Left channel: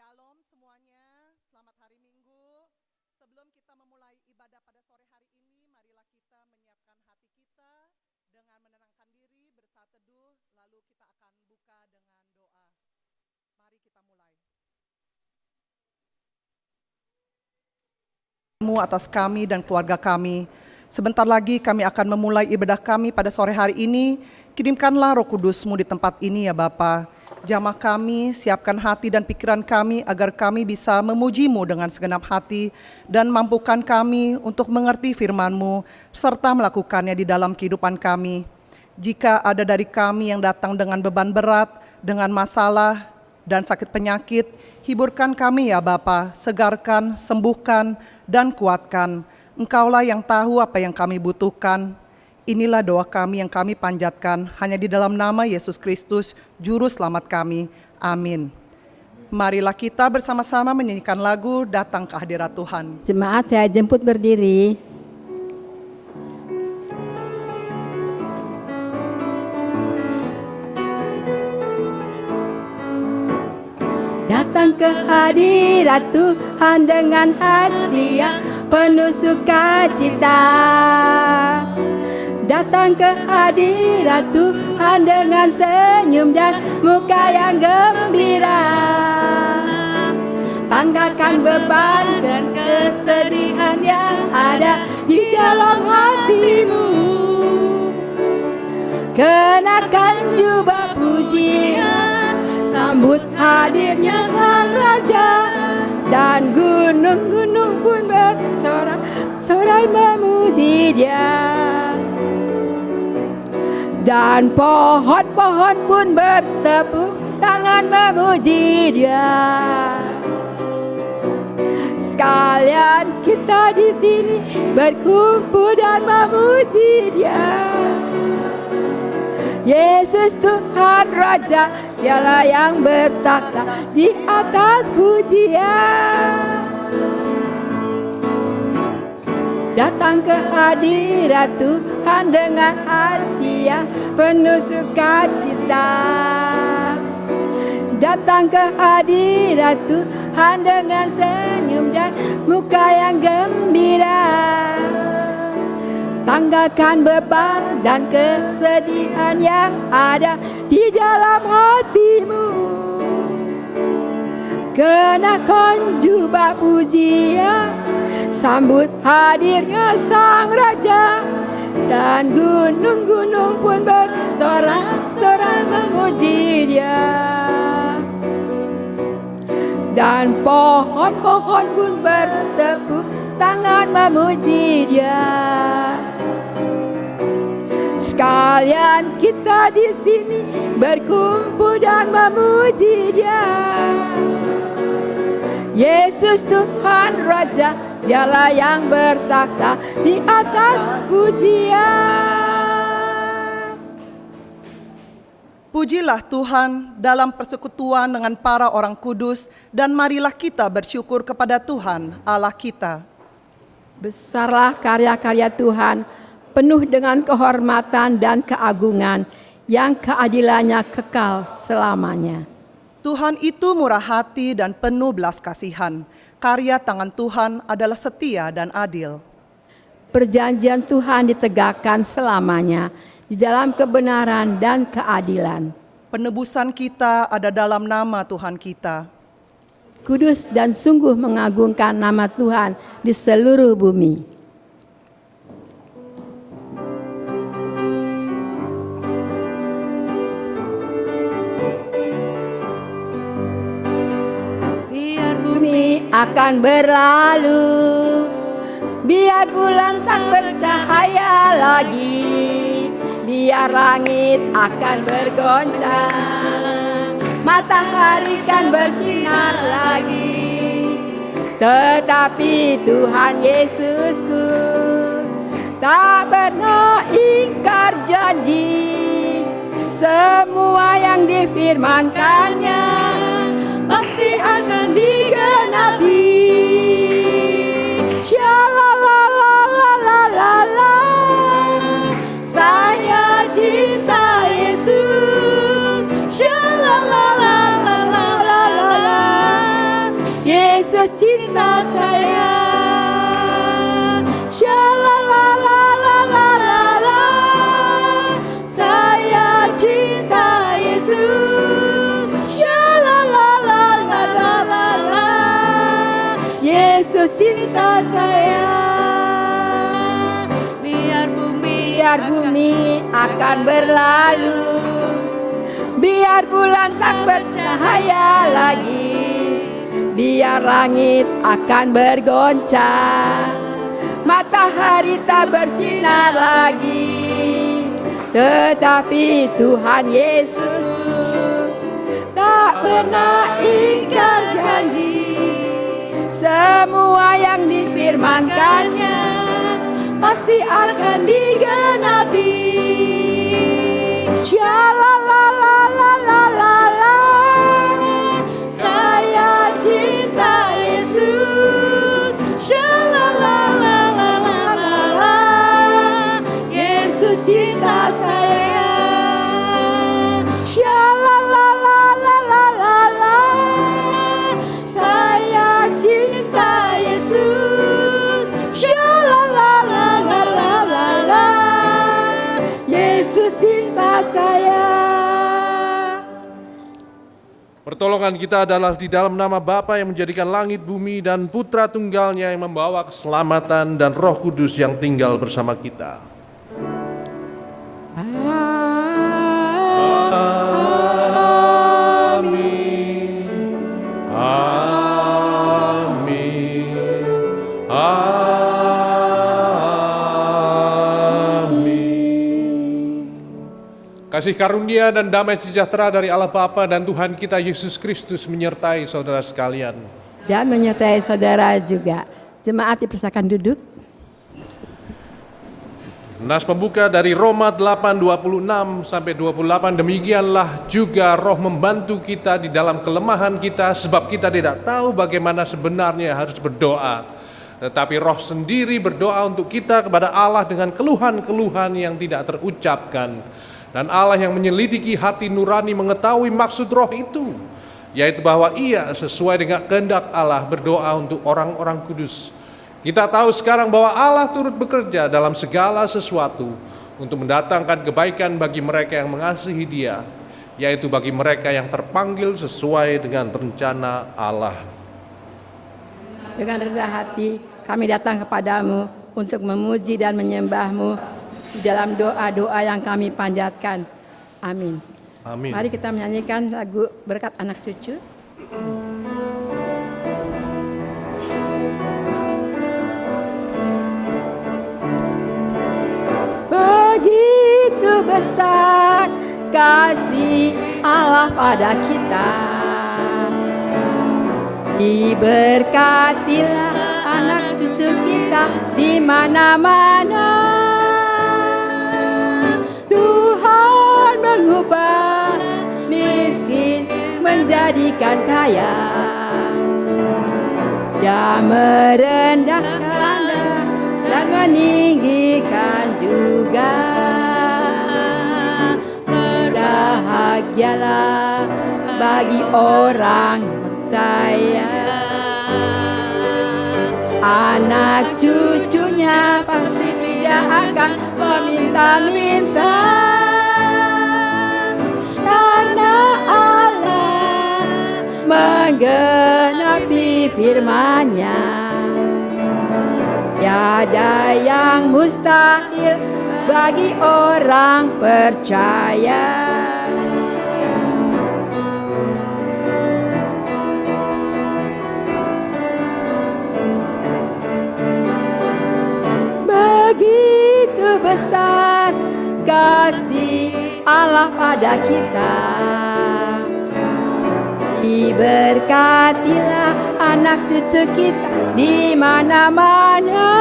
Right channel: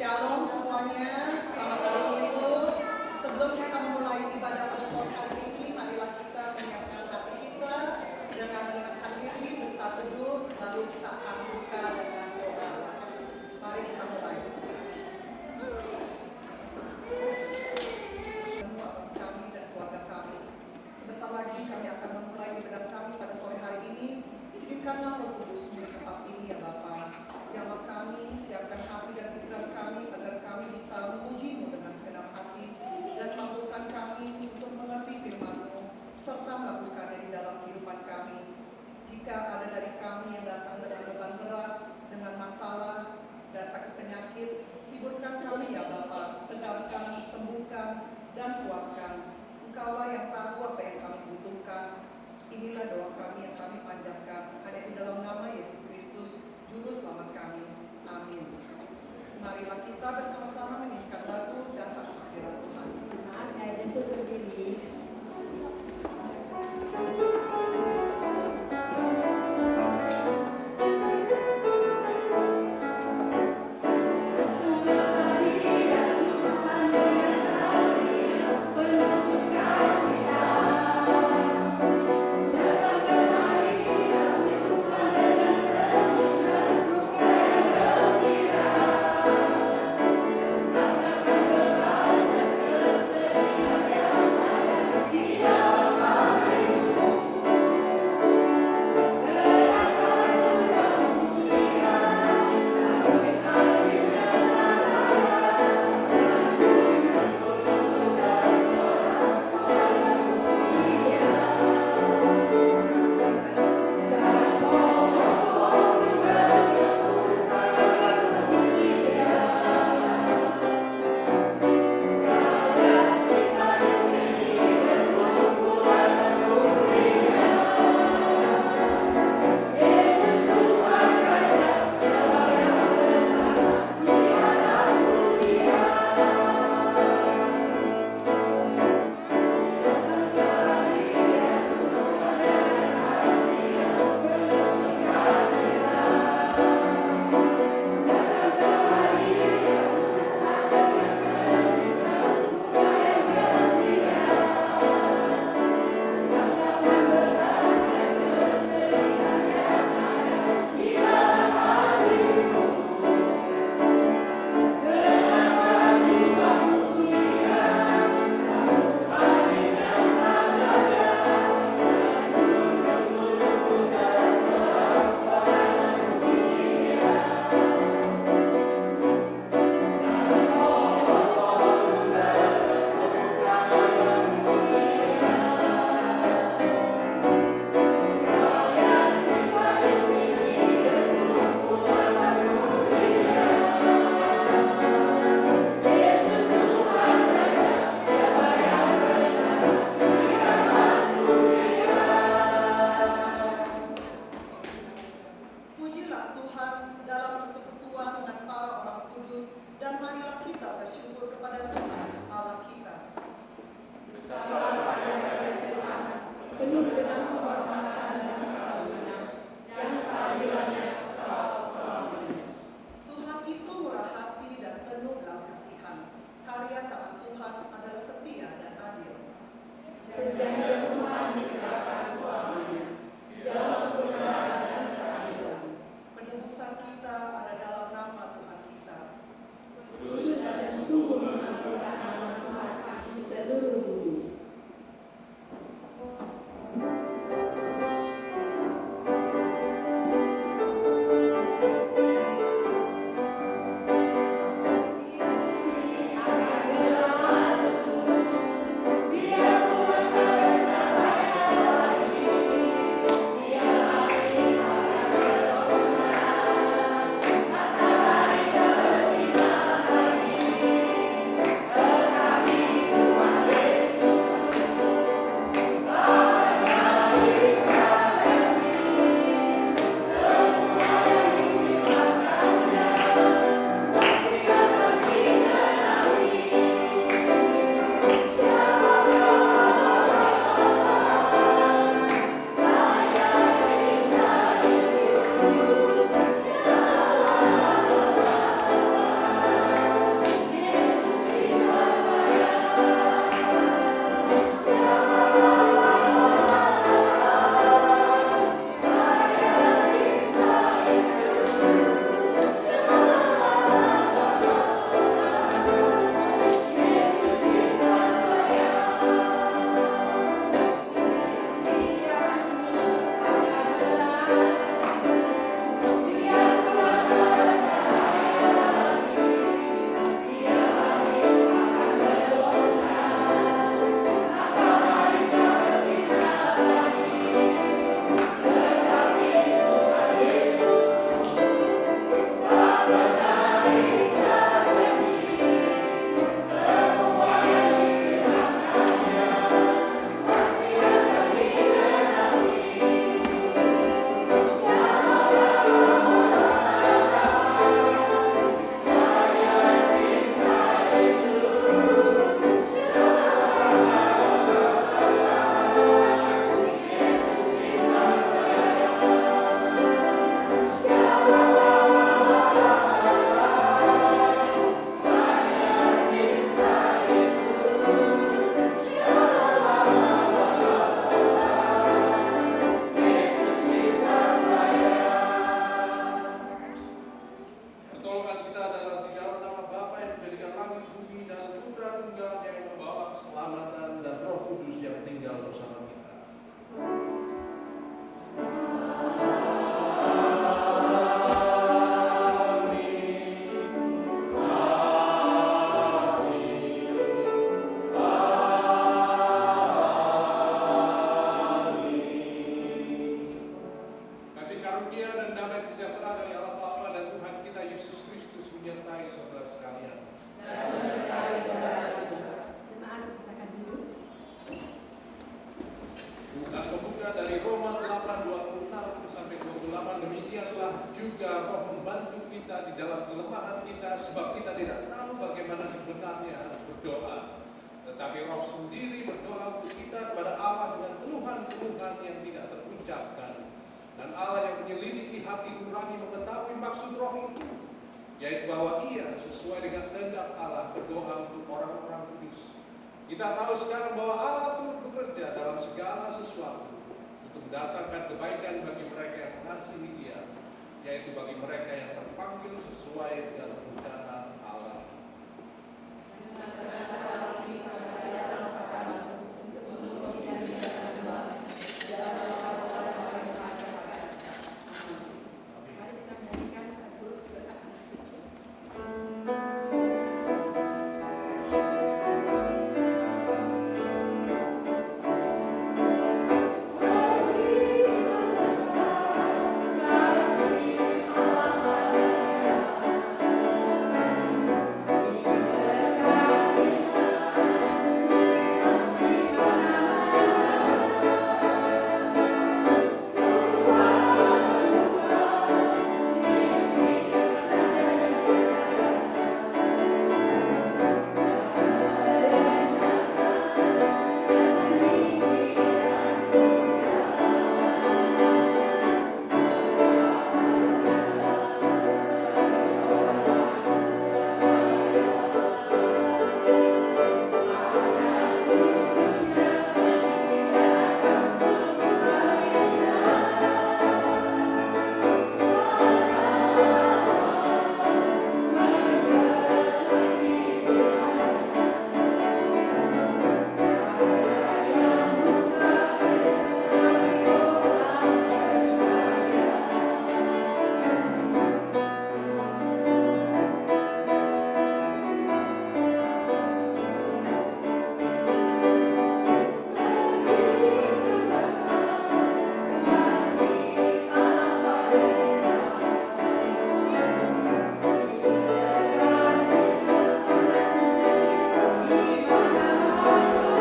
Shalom semuanya, selamat hari Minggu. Sebelum kita memulai ibadah pada hari ini, marilah kita menyiapkan hati kita dengan menenangkan diri, bersatu teduh, lalu kita akan buka dengan doa. Mari kita mulai. Atas kami dan keluarga kami. Sebentar lagi kami akan memulai ibadah kami pada sore hari ini. Kirimkanlah Roh Kudus-Mu di tempat ini ya Bapa. Jamah kami, siapkan hati dan pikiran kami agar kami bisa memuji-Mu dengan segenap hati dan mampukan kami untuk mengerti firman-Mu serta melakukannya di dalam kehidupan kami. Jika ada dari kami yang datang dengan beban berat, dengan masalah dan sakit penyakit, hiburkan kami ya Bapa, segarkan, sembuhkan, dan kuatkan. Engkaulah yang tahu apa yang kami butuhkan. Inilah doa kami yang kami panjatkan hanya di dalam nama Yesus Kristus, Juru Selamat kami. Amin. Marilah kita bersama-sama menyanyikan lagu Datang ke Hadirat Tuhan. Jemaat saya jemput berdiri. Datang ke hadirat Tuhan dengan hati yang penuh sukacita. Datang ke hadirat Tuhan dengan senyum dan muka yang gembira. Tanggalkan beban dan kesedihan yang ada di dalam hatimu. Kenakan jubah pujian, sambut hadirnya Sang Raja. Dan gunung-gunung pun bersorak-sorai memuji Dia. Dan pohon-pohon pun bertepuk tangan memuji Dia. Sekalian kita di sini berkumpul dan memuji Dia. Yesus Tuhan Raja, Dialah yang bertakhta di atas pujian. Datang ke hadirat Tuhan dengan hati yang penuh sukacita. Datang ke hadirat Tuhan dengan senyum dan muka yang gembira. Tanggalkan beban dan kesedihan yang ada di dalam hatimu. Kenakan jubah pujian, sambut hadirnya Sang Raja. Dan gunung-gunung pun bersorak-sorai memuji Dia. Dan pohon-pohon pun bertepuk tangan memuji Dia. Sekalian kita di sini berkumpul dan memuji Dia. Yesus Tuhan Raja, Dialah yang bertakhta di atas pujian. Pujilah Tuhan dalam persekutuan dengan para orang kudus, dan marilah kita bersyukur kepada Tuhan Allah kita. Besarlah karya-karya Tuhan, penuh dengan kehormatan dan keagungan, yang keadilannya kekal selamanya. Tuhan itu murah hati dan penuh belas kasihan. Karya tangan Tuhan adalah setia dan adil. Perjanjian Tuhan ditegakkan selamanya di dalam kebenaran dan keadilan. Penebusan kita ada dalam nama Tuhan kita. Kudus dan sungguh mengagungkan nama Tuhan di seluruh bumi. Akan berlalu, biar bulan tak bercahaya lagi, biar langit akan bergoncang, matahari kan bersinar lagi. Tetapi Tuhan Yesusku tak pernah ingkar janji. Semua yang difirmankannya pasti akan digenapi. Shalalalalala, saya cinta Yesus. Shalalalalala, tak bercahaya lagi, biar langit akan bergoncang, matahari tak bersinar lagi. Tetapi Tuhan Yesusku tak pernah ingkar janji, semua yang difirmankannya pasti akan digenapi. Shalalalalala, saya cinta Yesus. Shalalalalala, Yesus cinta saya. Shalalalalala, saya cinta Yesus. Shalalalalala, Yesus cinta saya. Pertolongan kita adalah di dalam nama Bapa yang menjadikan langit, bumi, dan Putra Tunggalnya yang membawa keselamatan dan Roh Kudus yang tinggal bersama kita. Amin. Amin. Amin. Kasih karunia dan damai sejahtera dari Allah Bapa dan Tuhan kita Yesus Kristus menyertai saudara sekalian. Dan menyertai saudara juga. Jemaat dipersilakan duduk. Nas pembuka dari Roma 8:26 sampai 28, demikianlah juga Roh membantu kita di dalam kelemahan kita, sebab kita tidak tahu bagaimana sebenarnya harus berdoa. Tetapi Roh sendiri berdoa untuk kita kepada Allah dengan keluhan-keluhan yang tidak terucapkan. Dan Allah yang menyelidiki hati nurani mengetahui maksud Roh itu, yaitu bahwa Ia sesuai dengan kehendak Allah berdoa untuk orang-orang kudus. Kita tahu sekarang bahwa Allah turut bekerja dalam segala sesuatu untuk mendatangkan kebaikan bagi mereka yang mengasihi Dia, yaitu bagi mereka yang terpanggil sesuai dengan rencana Allah. Dengan rendah hati kami datang kepadamu untuk memuji dan menyembah-Mu di dalam doa-doa yang kami panjatkan. Amin. Amin. Mari kita menyanyikan lagu Berkat Anak Cucu. Begitu besar kasih Allah pada kita, diberkatilah anak cucu kita di mana-mana. Tuhan mengubah miskin menjadikan kaya, Dia merendahkan dan meninggikan juga. Berbahagialah bagi orang percaya, anak cucunya pasti tidak akan meminta-minta, karena Allah menggenapi firman-Nya. Tiada yang mustahil bagi orang percaya. Begitu besar kasih Allah pada kita, diberkatilah anak cucu kita di mana-mana.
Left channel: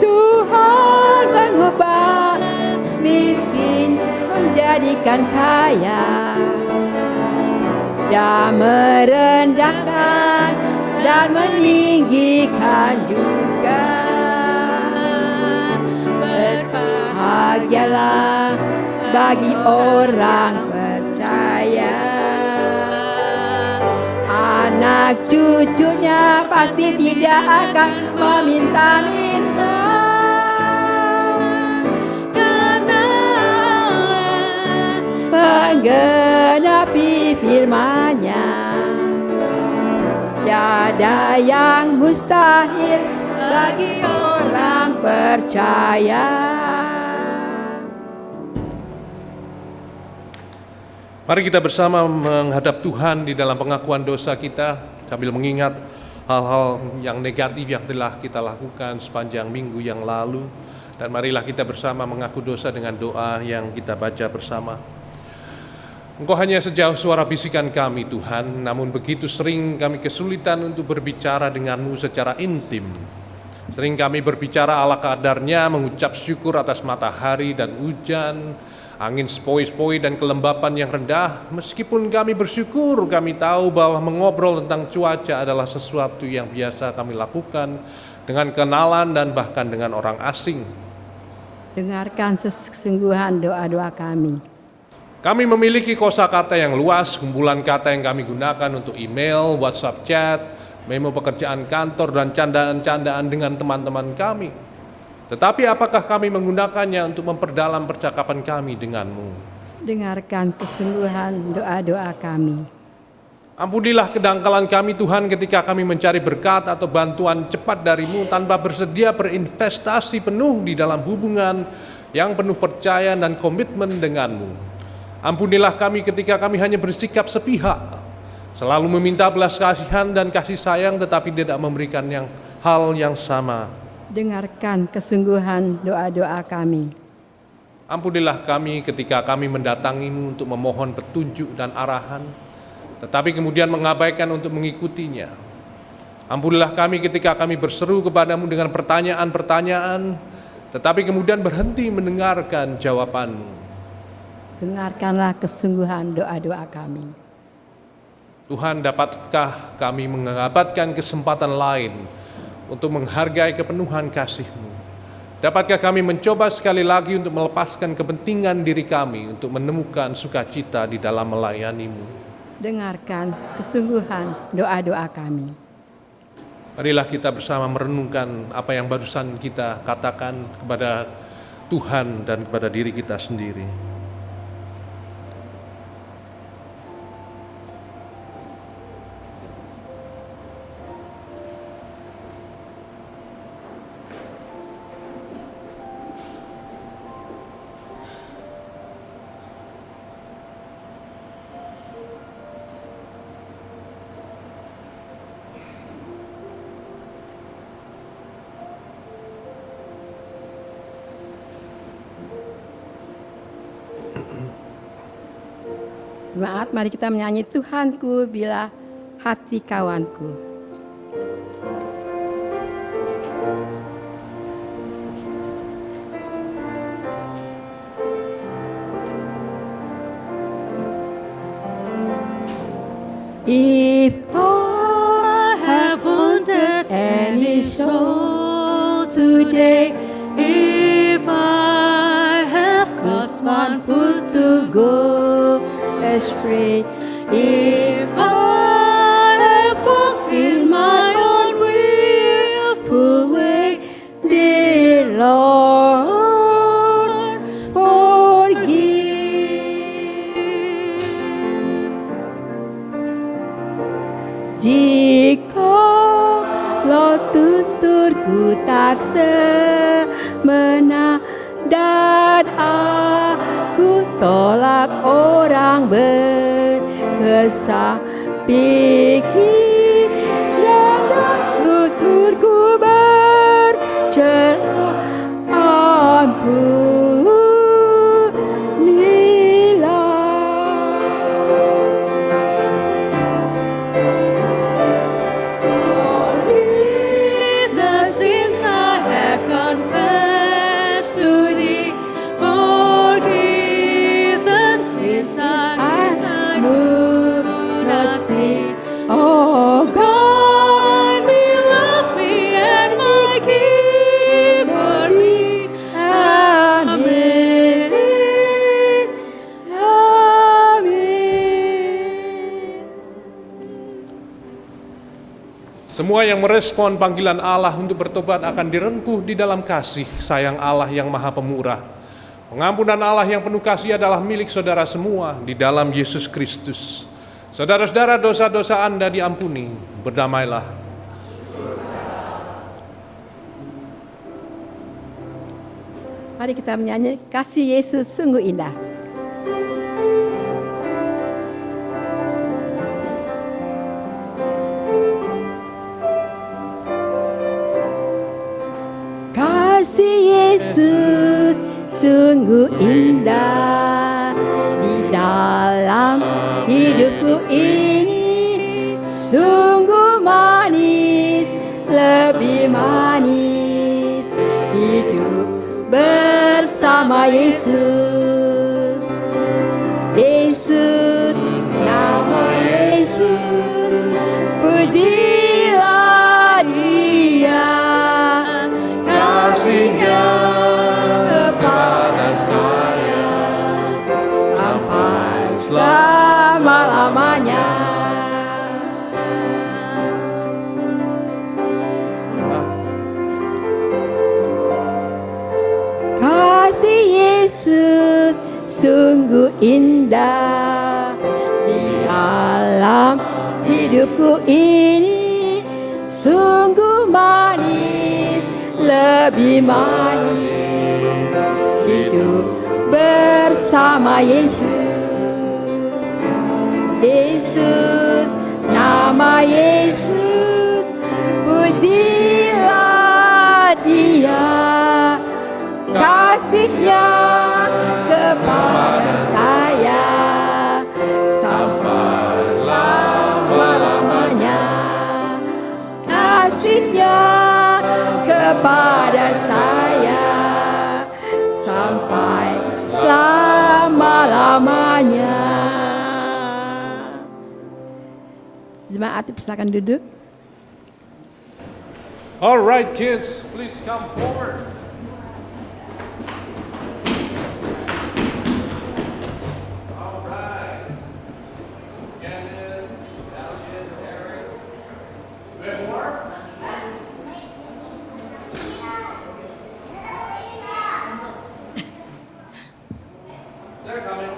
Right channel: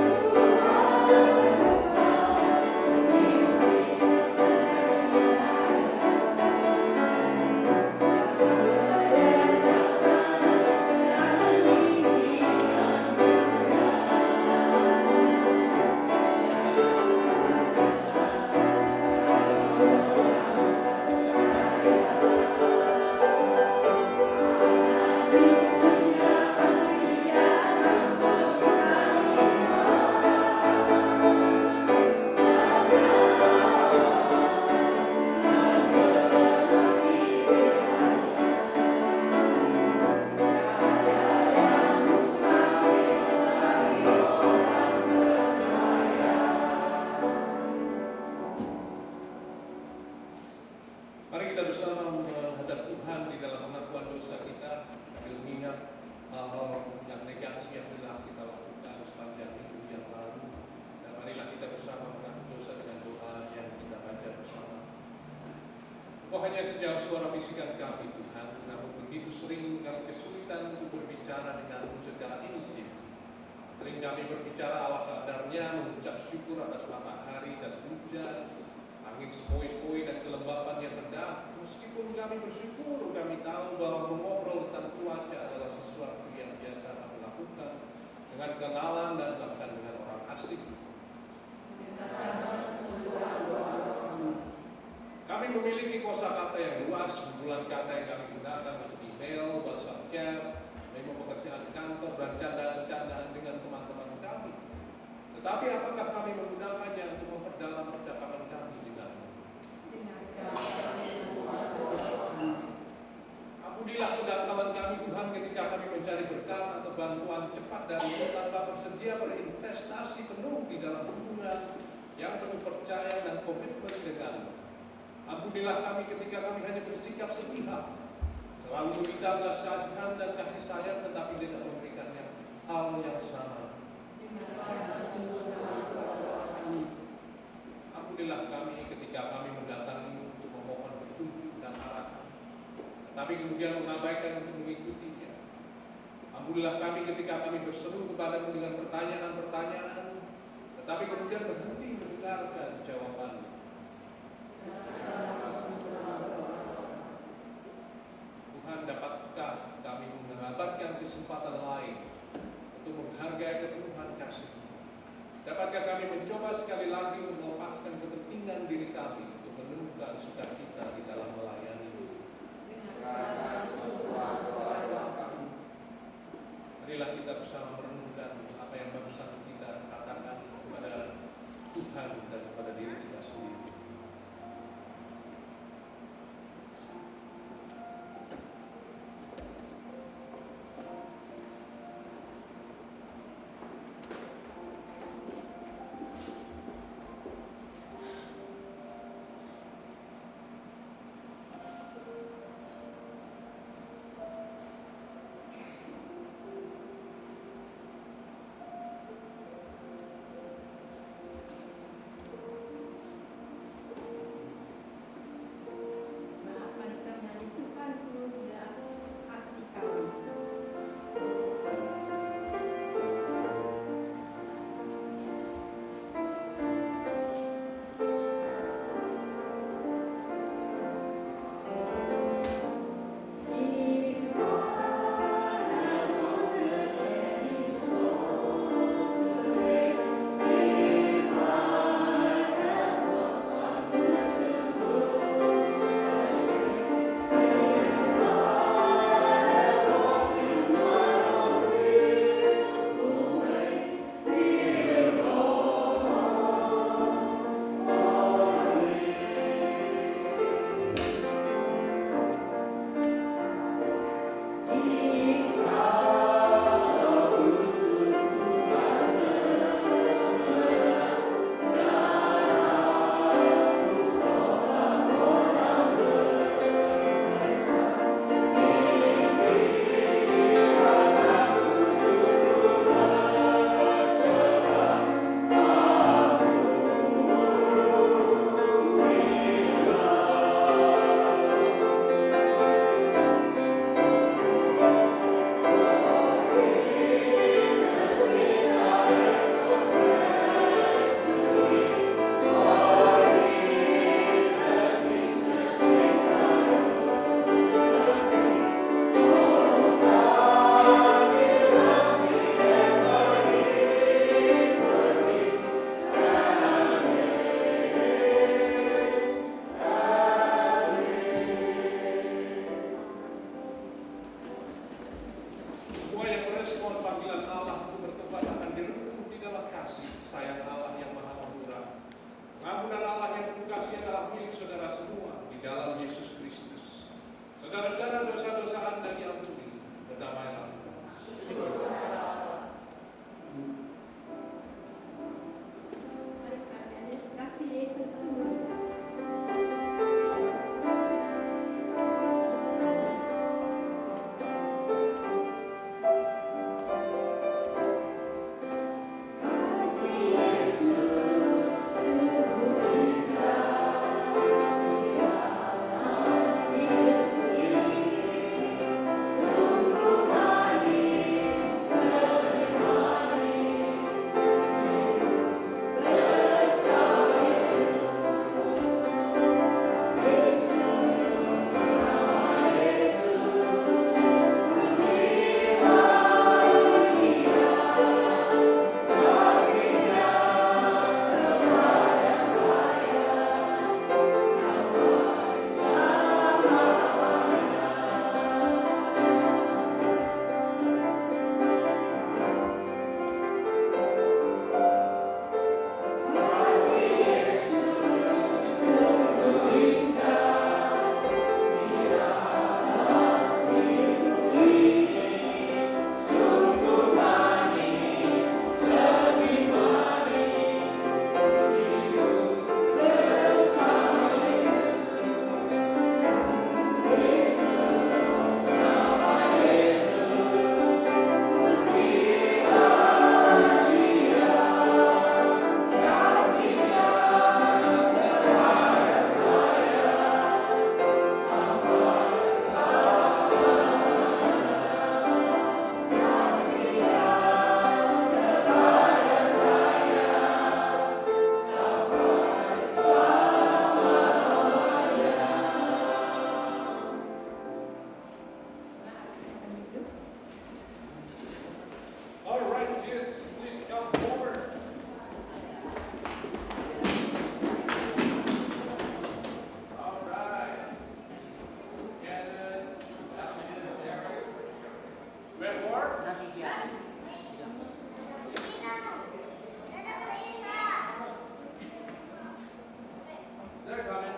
Tuhan mengubah miskin menjadikan kaya, Dia merendahkan dan meninggikan juga. Berbahagialah bagi orang percaya, anak cucunya pasti tidak akan meminta-minta, karena Allah menggenapi firman-Nya. Tiada yang mustahil bagi orang percaya. Mari kita bersama menghadap Tuhan di dalam pengakuan dosa kita sambil mengingat hal-hal yang negatif yang telah kita lakukan sepanjang minggu yang lalu. Dan marilah kita bersama mengaku dosa dengan doa yang kita baca bersama. Engkau hanya sejauh suara bisikan kami Tuhan, namun begitu sering kami kesulitan untuk berbicara denganmu secara intim. Sering kami berbicara ala kadarnya, mengucap syukur atas matahari dan hujan, angin sepoi-sepoi dan kelembapan yang rendah. Meskipun kami bersyukur, kami tahu bahwa mengobrol tentang cuaca adalah sesuatu yang biasa kami lakukan dengan kenalan dan bahkan dengan orang asing. Dengarkan sesungguhan doa-doa kami. Kami memiliki kosakata yang luas, kumpulan kata yang kami gunakan untuk email, WhatsApp chat, memo pekerjaan kantor, dan candaan-candaan dengan teman-teman kami. Tetapi apakah kami menggunakannya untuk memperdalam percakapan kami denganmu? Dengarkan kesungguhan doa-doa kami. Ampunilah kedangkalan kami Tuhan ketika kami mencari berkat atau bantuan cepat darimu tanpa bersedia berinvestasi penuh di dalam hubungan yang penuh percaya dan komitmen denganmu. Ampunilah kami ketika kami hanya bersikap sepihak, selalu meminta belas kasihan dan kasih sayang tetapi tidak memberikan hal yang sama. Dengarkan kesungguhan doa-doa kami. Ampunilah kami ketika kami mendatangimu untuk memohon petunjuk dan arahan, tetapi kemudian mengabaikan untuk mengikutinya. Ampunilah kami ketika kami berseru kepadamu dengan pertanyaan-pertanyaan, tetapi kemudian berhenti mendengarkan jawabanmu. Dengarkanlah kesungguhan doa-doa kami. Tuhan, dapatkah kami mendapatkan kesempatan lain untuk menghargai kepenuhan kasih-Mu? Dapatkah kami mencoba sekali lagi untuk melepaskan kepentingan diri kami untuk menemukan sukacita di dalam melayani-Mu? Dengarkan kesungguhan doa-doa kami. Marilah kita bersama merenungkan apa yang barusan kita katakan kepada Tuhan dan kepada diri kita sendiri. Semangat, mari kita menyanyi Tuhanku bila hati kawanku. If I have wounded any soul today, if I have caused one foot to go astray, if I have walked in my own willful way, dear Lord, forgive. Jikalau tuturku tak semena dan aku tolak orang berkesah, pikiran dan tuturku bercela, ampunilah. Forgive the sins I have confessed to thee. Forgive the sins I do not see. Oh God, me, love me, and my Keeper be. Amen. Amen. Semua yang merespon panggilan Allah untuk bertobat akan direngkuh di dalam kasih sayang Allah yang maha pemurah. Pengampunan Allah yang penuh kasih adalah milik saudara semua di dalam Yesus Kristus. Saudara-saudara, dosa-dosa Anda diampuni, berdamailah. Mari kita menyanyi kasih Yesus sungguh indah. indah di dalam hidupku ini, sungguh manis, lebih manis hidup bersama Yesus. Yesus, nama Yesus, pujilah Dia, kasih-Nya kepada saya sampai selama-lamanya. Kasih-Nya kepada saya sampai selama-lamanya. Jemaat silakan duduk. All right, kids, please come forward. All right. Gannon, Dalian, Eric. We have more? They're coming.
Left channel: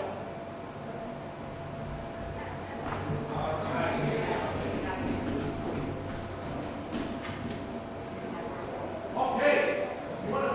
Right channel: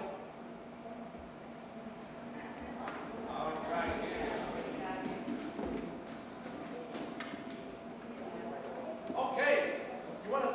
Okay, you want to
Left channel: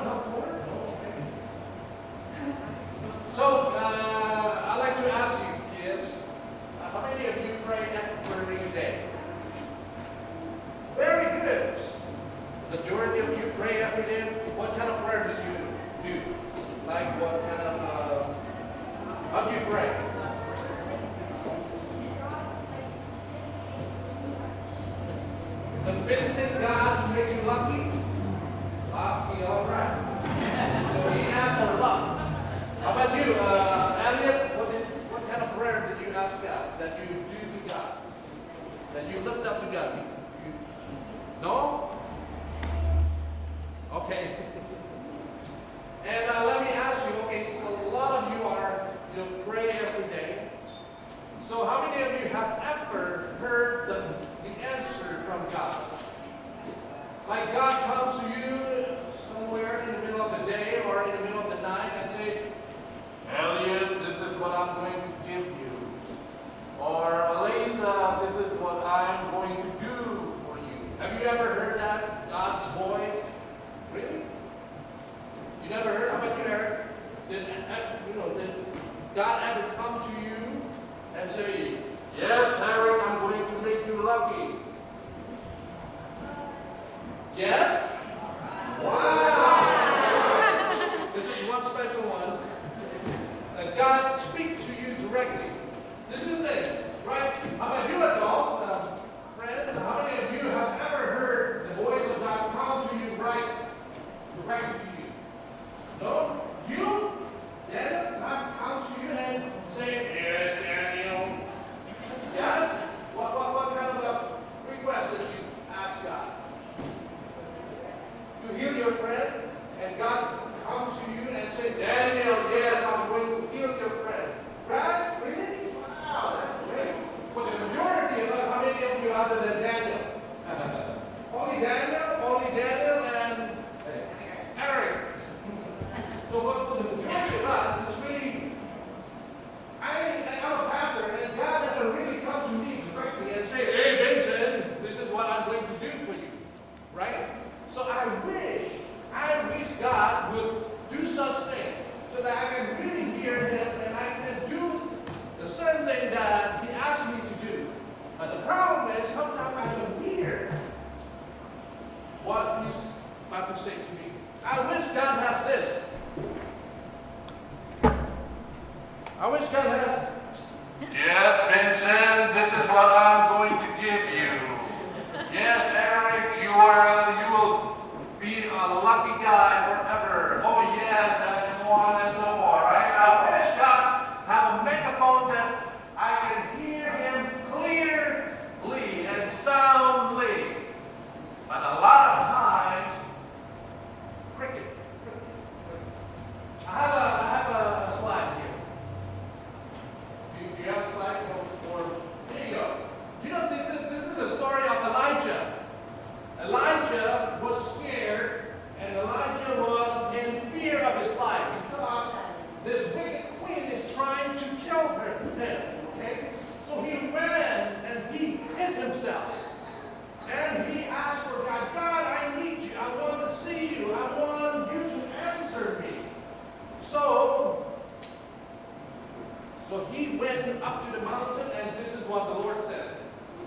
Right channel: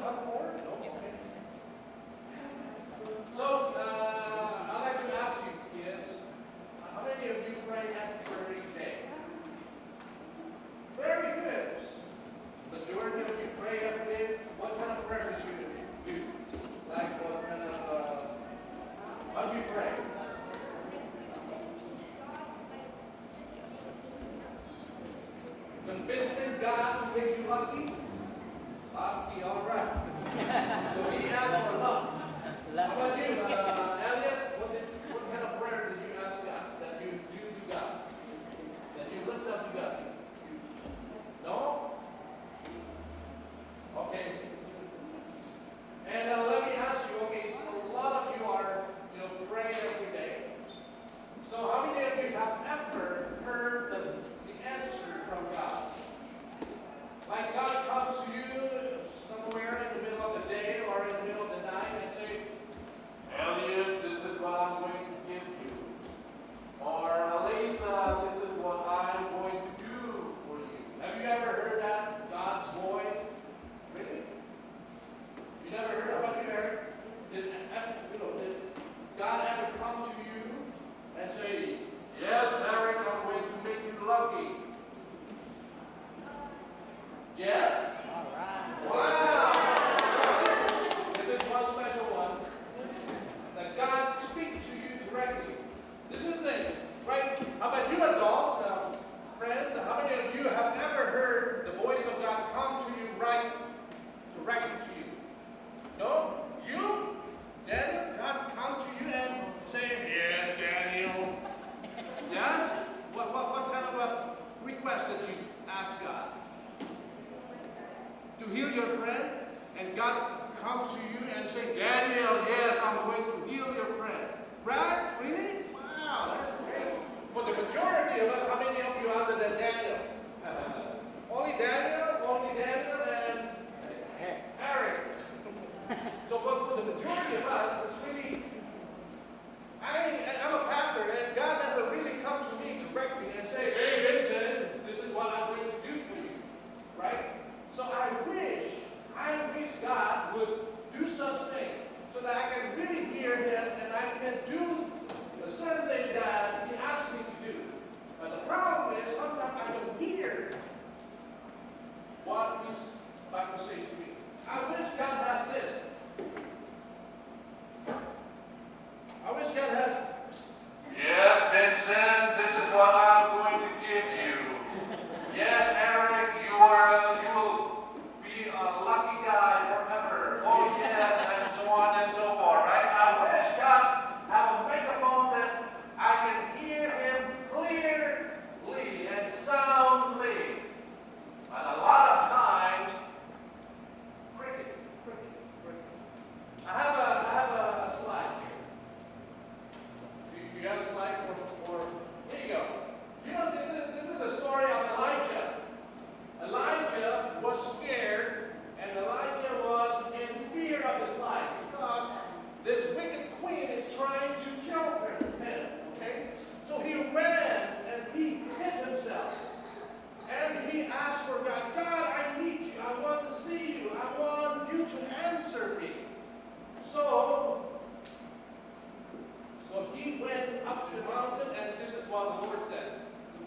went up to the mountain, and this is what the Lord said.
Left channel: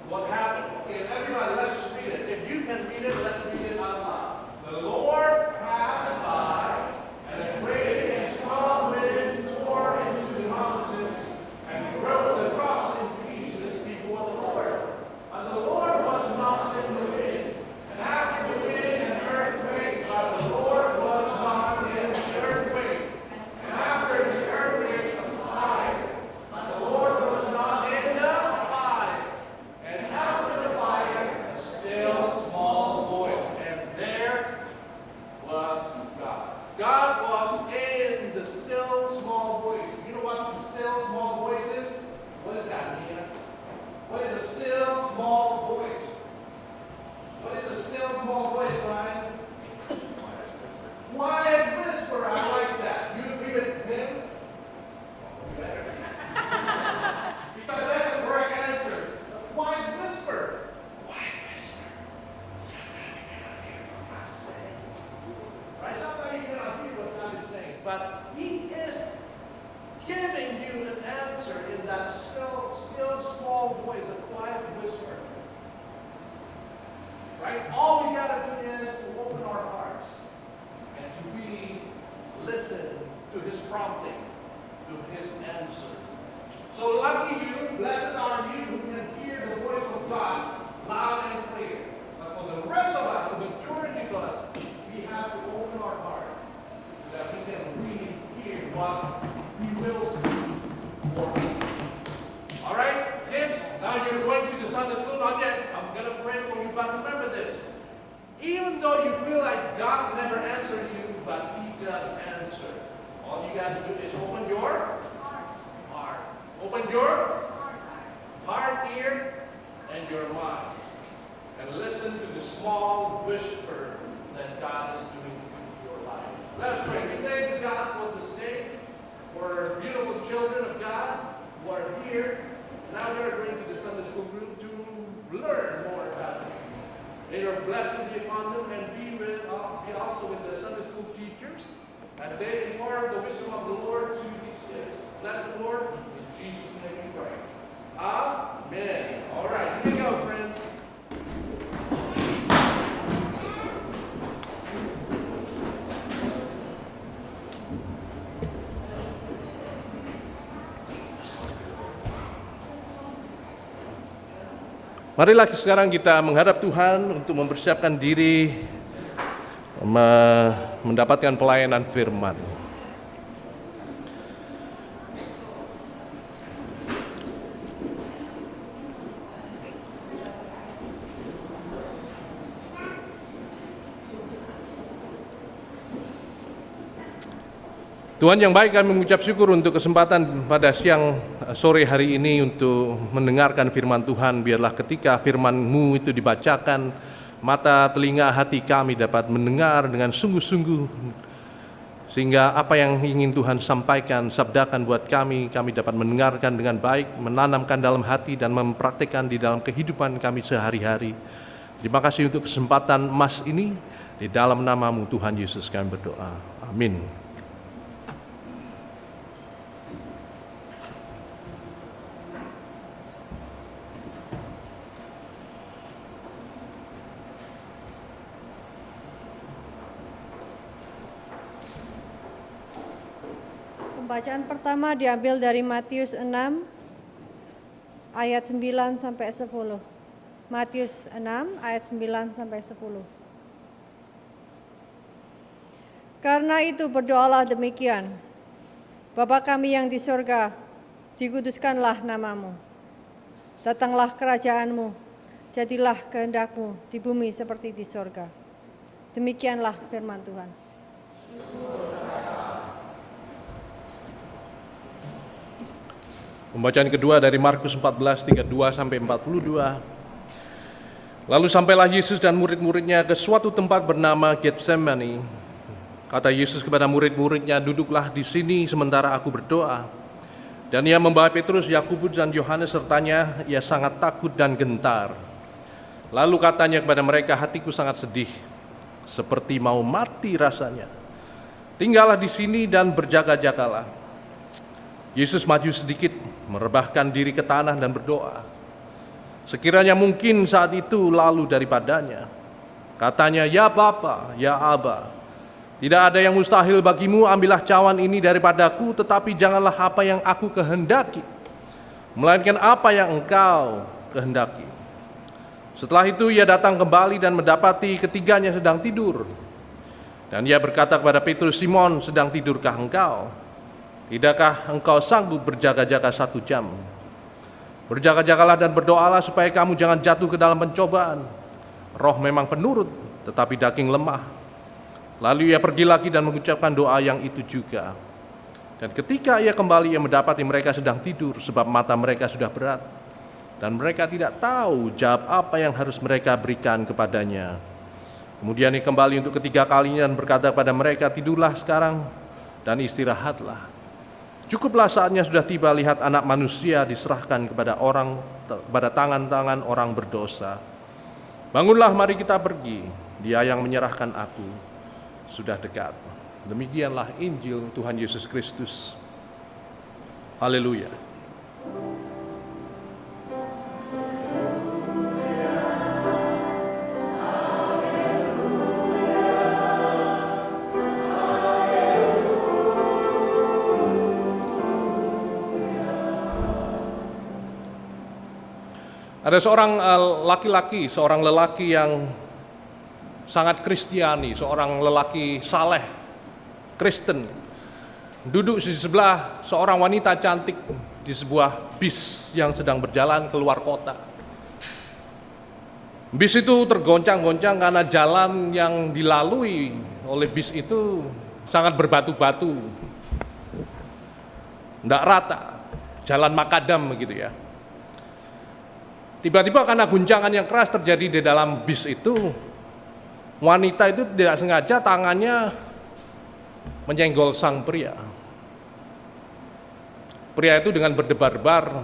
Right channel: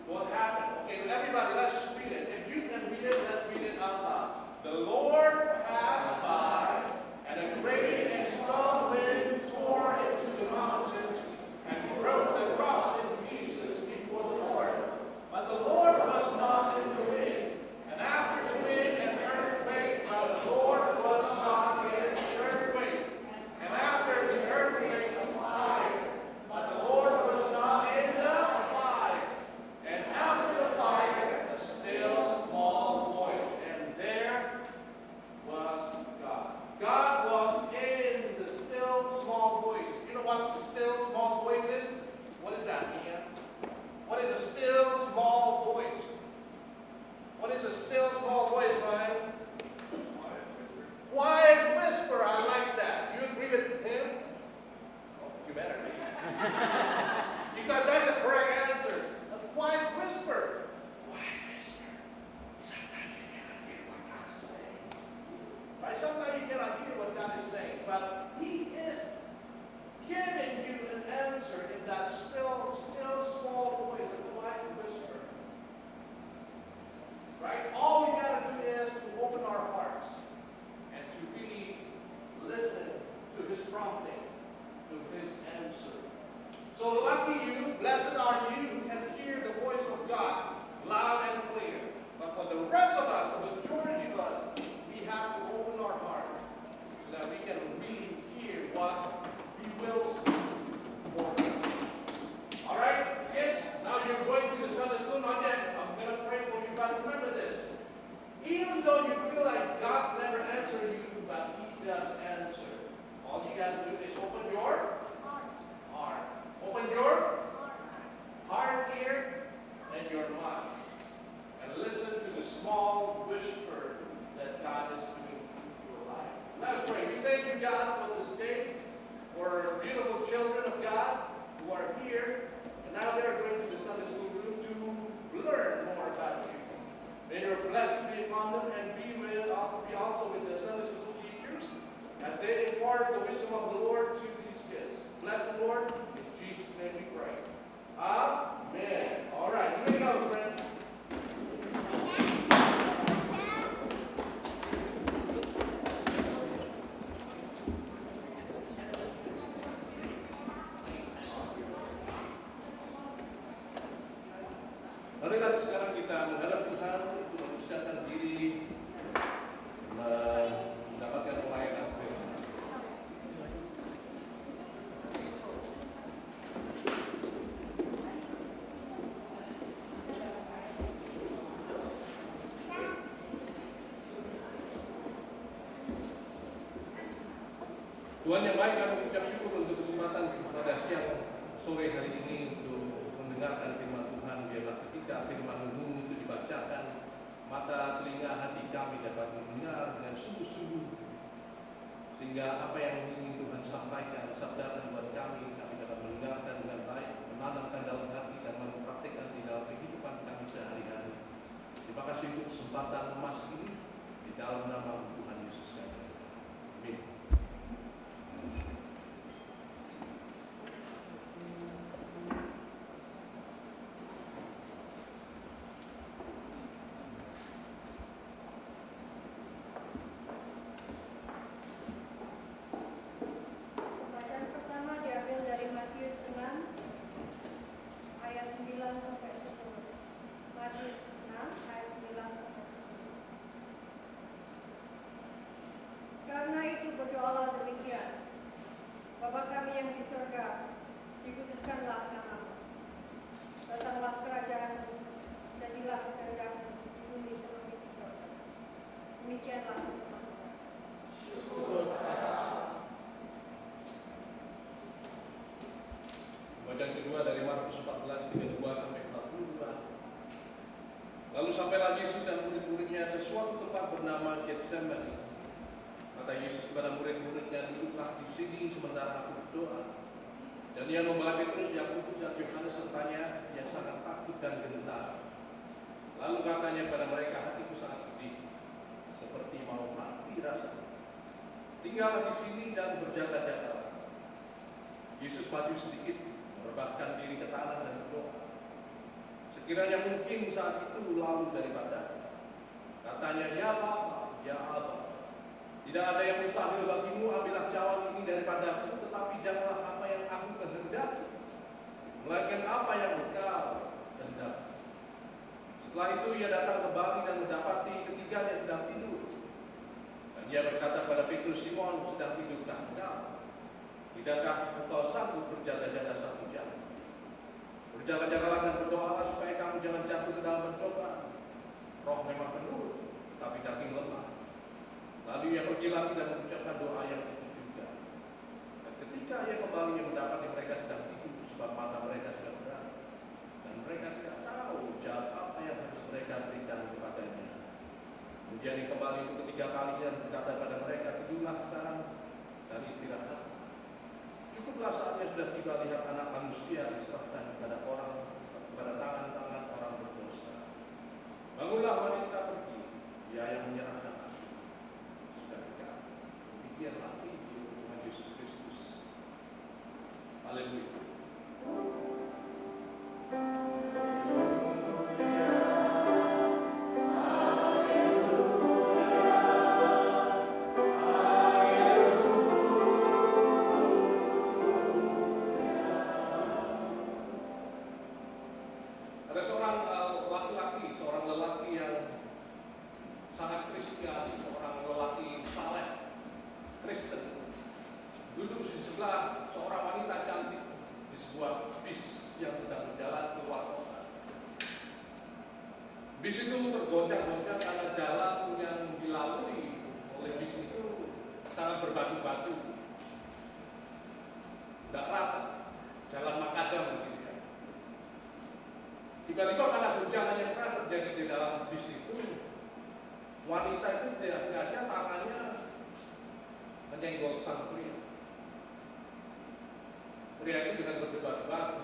What happened? Okay, everybody, let's read it. If you can read it, let's read it out loud. The Lord passed by, and a great and strong wind tore into the mountains, and broke the rocks in pieces before the Lord. And the Lord was not in the wind. And after the wind, an earthquake, but the Lord was not in the earthquake. And after the earthquake, a fire, but the Lord was not in the fire. And after the fire, a still small voice. And there was God. God was in the still small voice. You know what the still small voice is? What does that mean? What is a still small voice? What is a still small voice, Ryan? Quiet whisper. I like that. You agree with him? You better be. Because that's a correct answer. A quiet whisper. Quiet whisper. Right? Sometimes you cannot hear what God is saying, but He is giving you an answer in that still small voice, a quiet whisper. Right? All we gotta do is to open our hearts and to really listen to His prompting, to His answer. So lucky you, blessed are you who can hear the voice of God loud and clear. But for the rest of us, the majority of us, we have to open our heart so that we can really hear what He will say for us. All right, kids, now you're going to the Sunday school, not yet. I'm going to pray for you, but remember this. Even though you feel like God never answered you, but He does answer. All you got to do is open your heart. Open your heart, ear, and your mind. And listen to the small whisper that God is doing in your life. Let's pray. We thank God for this day, for beautiful children of God who are here. Now they're going to the Sunday school room to learn more about you. May your blessing be upon them and be also with the Sunday school teachers as they impart the wisdom of the Lord to these kids. Bless the Lord. In Jesus' name we pray. Amen. All right, here we go, friends. Marilah sekarang kita menghadap Tuhan untuk mempersiapkan diri mendapatkan pelayanan firman. Tuhan yang baik, kami mengucap syukur untuk kesempatan pada sore hari ini untuk mendengarkan firman Tuhan. Biarlah ketika firman-Mu itu dibacakan, mata, telinga, hati kami dapat mendengar dengan sungguh-sungguh, sehingga apa yang ingin Tuhan sampaikan, sabdakan buat kami dapat mendengarkan dengan baik, menanamkan dalam hati dan mempraktikkan di dalam kehidupan kami sehari-hari. Terima kasih untuk kesempatan emas ini. Di dalam nama-Mu Tuhan Yesus kami berdoa. Amin. Bacaan pertama diambil dari Matius 6 ayat 9 sampai 10. Matius 6 ayat 9 sampai 10. Karena itu berdoalah demikian. Bapa kami yang di sorga, dikuduskanlah namamu. Datanglah kerajaanmu, jadilah kehendak-Mu di bumi seperti di sorga. Demikianlah firman Tuhan. Pembacaan kedua dari Markus 14, 32 sampai 42. Lalu sampailah Yesus dan murid-muridnya ke suatu tempat bernama Getsemani. Kata Yesus kepada murid-muridnya, duduklah di sini sementara aku berdoa. Dan ia membawa Petrus, Yakobus dan Yohanes sertanya, ia sangat takut dan gentar. Lalu katanya kepada mereka, hatiku sangat sedih, seperti mau mati rasanya. Tinggallah di sini dan berjaga-jagalah. Yesus maju sedikit, merebahkan diri ke tanah dan berdoa. Sekiranya mungkin saat itu lalu daripadanya. Katanya, "Ya Bapa, ya Aba, tidak ada yang mustahil bagimu, ambillah cawan ini daripadaku, tetapi janganlah apa yang aku kehendaki, melainkan apa yang Engkau kehendaki." Setelah itu ia datang kembali dan mendapati ketiganya sedang tidur. Dan ia berkata kepada Petrus, "Simon, sedang tidurkah engkau? Tidakkah engkau sanggup berjaga-jaga 1 jam? Berjaga-jagalah dan berdoalah supaya kamu jangan jatuh ke dalam pencobaan. Roh memang penurut, tetapi daging lemah." Lalu ia pergi lagi dan mengucapkan doa yang itu juga. Dan ketika ia kembali, ia mendapati mereka sedang tidur, sebab mata mereka sudah berat. Dan mereka tidak tahu jawab apa yang harus mereka berikan kepadanya. Kemudian ia kembali untuk ketiga kalinya dan berkata kepada mereka, "Tidurlah sekarang dan istirahatlah. Cukuplah saatnya sudah tiba, lihat Anak Manusia diserahkan kepada tangan-tangan orang berdosa. Bangunlah, mari kita pergi. Dia yang menyerahkan aku sudah dekat." Demikianlah Injil Tuhan Yesus Kristus. Haleluya. Ada seorang seorang lelaki yang sangat Kristiani, seorang lelaki saleh, Kristen. Duduk di sebelah seorang wanita cantik di sebuah bis yang sedang berjalan keluar kota. Bis itu tergoncang-goncang karena jalan yang dilalui oleh bis itu sangat berbatu-batu, tidak rata, jalan makadam begitu ya. Tiba-tiba karena guncangan yang keras terjadi di dalam bis itu, wanita itu tidak sengaja tangannya menyenggol sang pria. Pria itu dengan berdebar-debar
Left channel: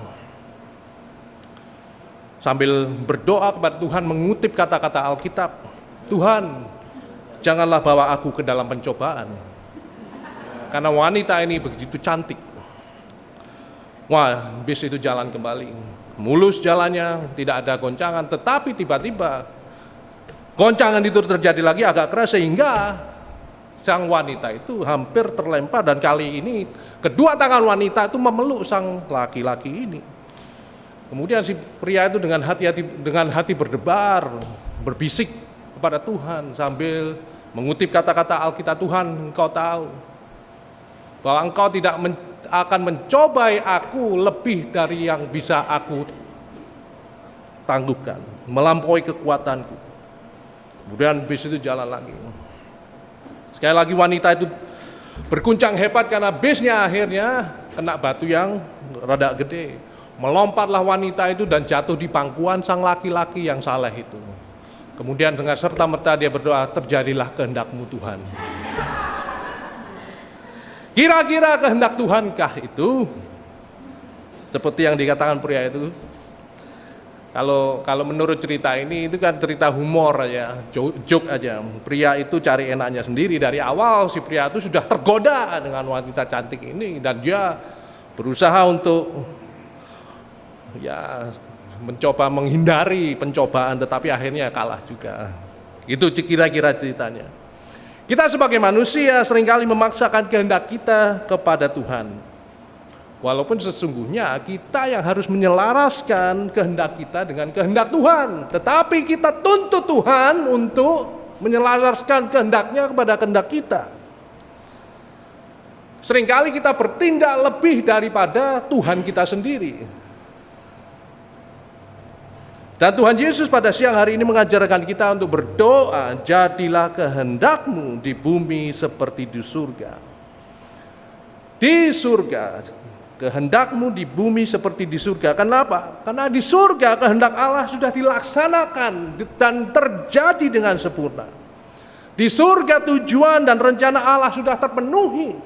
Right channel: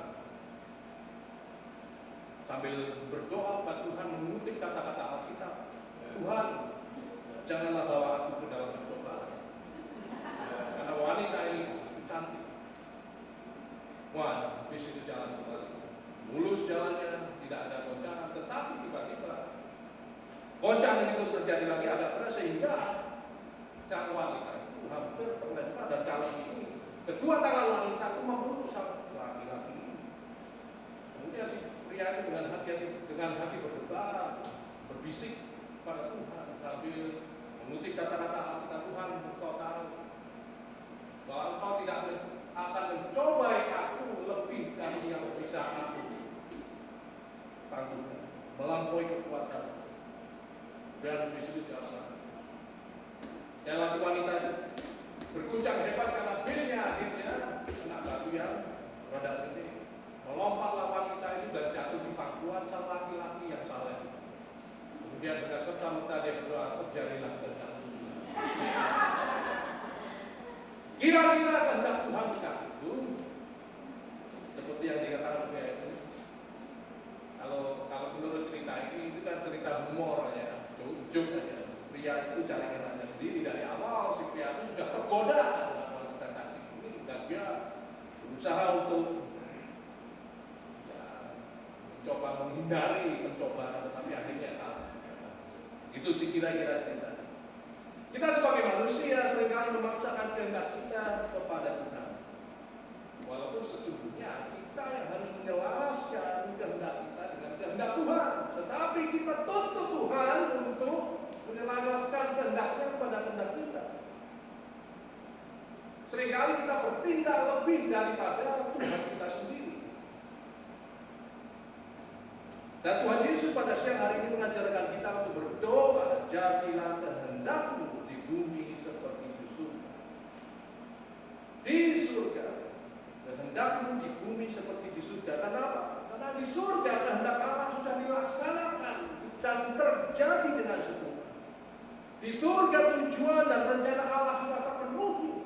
sambil berdoa kepada Tuhan, mengutip kata-kata Alkitab, "Tuhan, janganlah bawa aku ke dalam pencobaan." Karena wanita ini begitu cantik. Wah, bis itu jalan kembali. Mulus jalannya, tidak ada goncangan, tetapi tiba-tiba goncangan itu terjadi lagi agak keras sehingga sang wanita itu hampir terlempar, dan kali ini kedua tangan wanita itu memeluk sang laki-laki ini. Kemudian si pria itu dengan hati berdebar, berbisik kepada Tuhan sambil mengutip kata-kata Alkitab, "Tuhan, Engkau tahu bahwa Engkau tidak akan mencobai aku lebih dari yang bisa aku tangguhkan, melampaui kekuatanku." Kemudian bis itu jalan lagi. Sekali lagi wanita itu berguncang hebat karena bisnya akhirnya kena batu yang rada gede. Melompatlah wanita itu dan jatuh di pangkuan sang laki-laki yang saleh itu. Kemudian dengan serta-merta dia berdoa, "Terjadilah kehendak-Mu Tuhan." Kira-kira kehendak Tuhankah itu? Seperti yang dikatakan pria itu. Kalau menurut cerita ini, itu kan cerita humor aja, joke aja. Pria itu cari enaknya sendiri. Dari awal si pria itu sudah tergoda dengan wanita cantik ini, dan dia berusaha untuk mencoba menghindari pencobaan, tetapi akhirnya kalah juga. Itu kira-kira ceritanya. Kita sebagai manusia seringkali memaksakan kehendak kita kepada Tuhan. Walaupun sesungguhnya kita yang harus menyelaraskan kehendak kita dengan kehendak Tuhan. Tetapi kita tuntut Tuhan untuk menyelaraskan kehendaknya kepada kehendak kita. Seringkali kita bertindak lebih daripada Tuhan kita sendiri. Dan Tuhan Yesus pada siang hari ini mengajarkan kita untuk berdoa, "Jadilah kehendak-Mu di bumi seperti di surga." Di surga, kehendak-Mu di bumi seperti di surga. Kenapa? Karena di surga kehendak Allah sudah dilaksanakan dan terjadi dengan sempurna. Di surga tujuan dan rencana Allah sudah terpenuhi.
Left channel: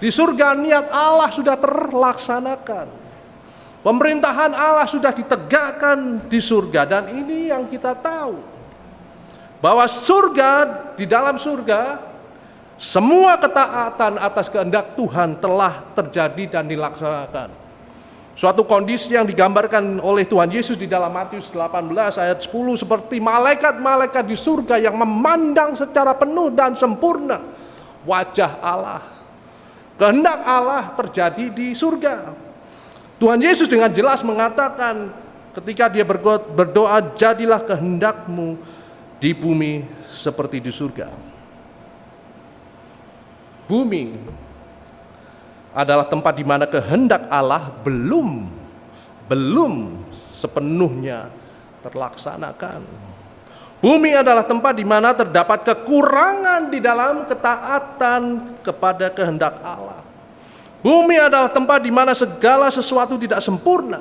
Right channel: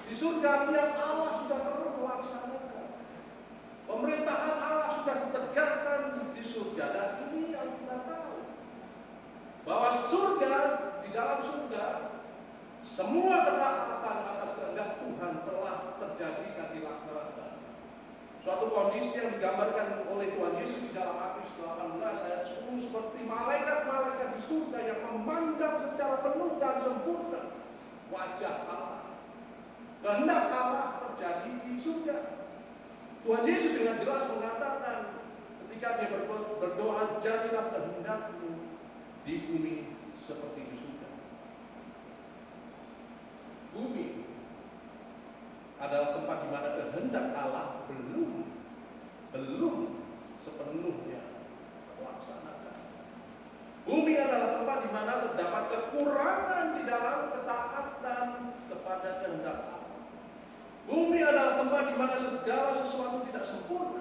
Di surga niat Allah sudah terlaksanakan. Pemerintahan Allah sudah ditegakkan di surga, dan ini yang kita tahu. Bahwa di dalam surga, semua ketaatan atas kehendak Tuhan telah terjadi dan dilaksanakan. Suatu kondisi yang digambarkan oleh Tuhan Yesus di dalam Matius 18 ayat 10 seperti malaikat-malaikat di surga yang memandang secara penuh dan sempurna wajah Allah. Kehendak Allah terjadi di surga. Tuhan Yesus dengan jelas mengatakan ketika dia berdoa, jadilah kehendakmu di bumi seperti di surga. Bumi adalah tempat di mana kehendak Allah belum sepenuhnya terlaksanakan. Bumi adalah tempat di mana terdapat kekurangan di dalam ketaatan kepada kehendak Allah. Bumi adalah tempat di mana segala sesuatu tidak sempurna.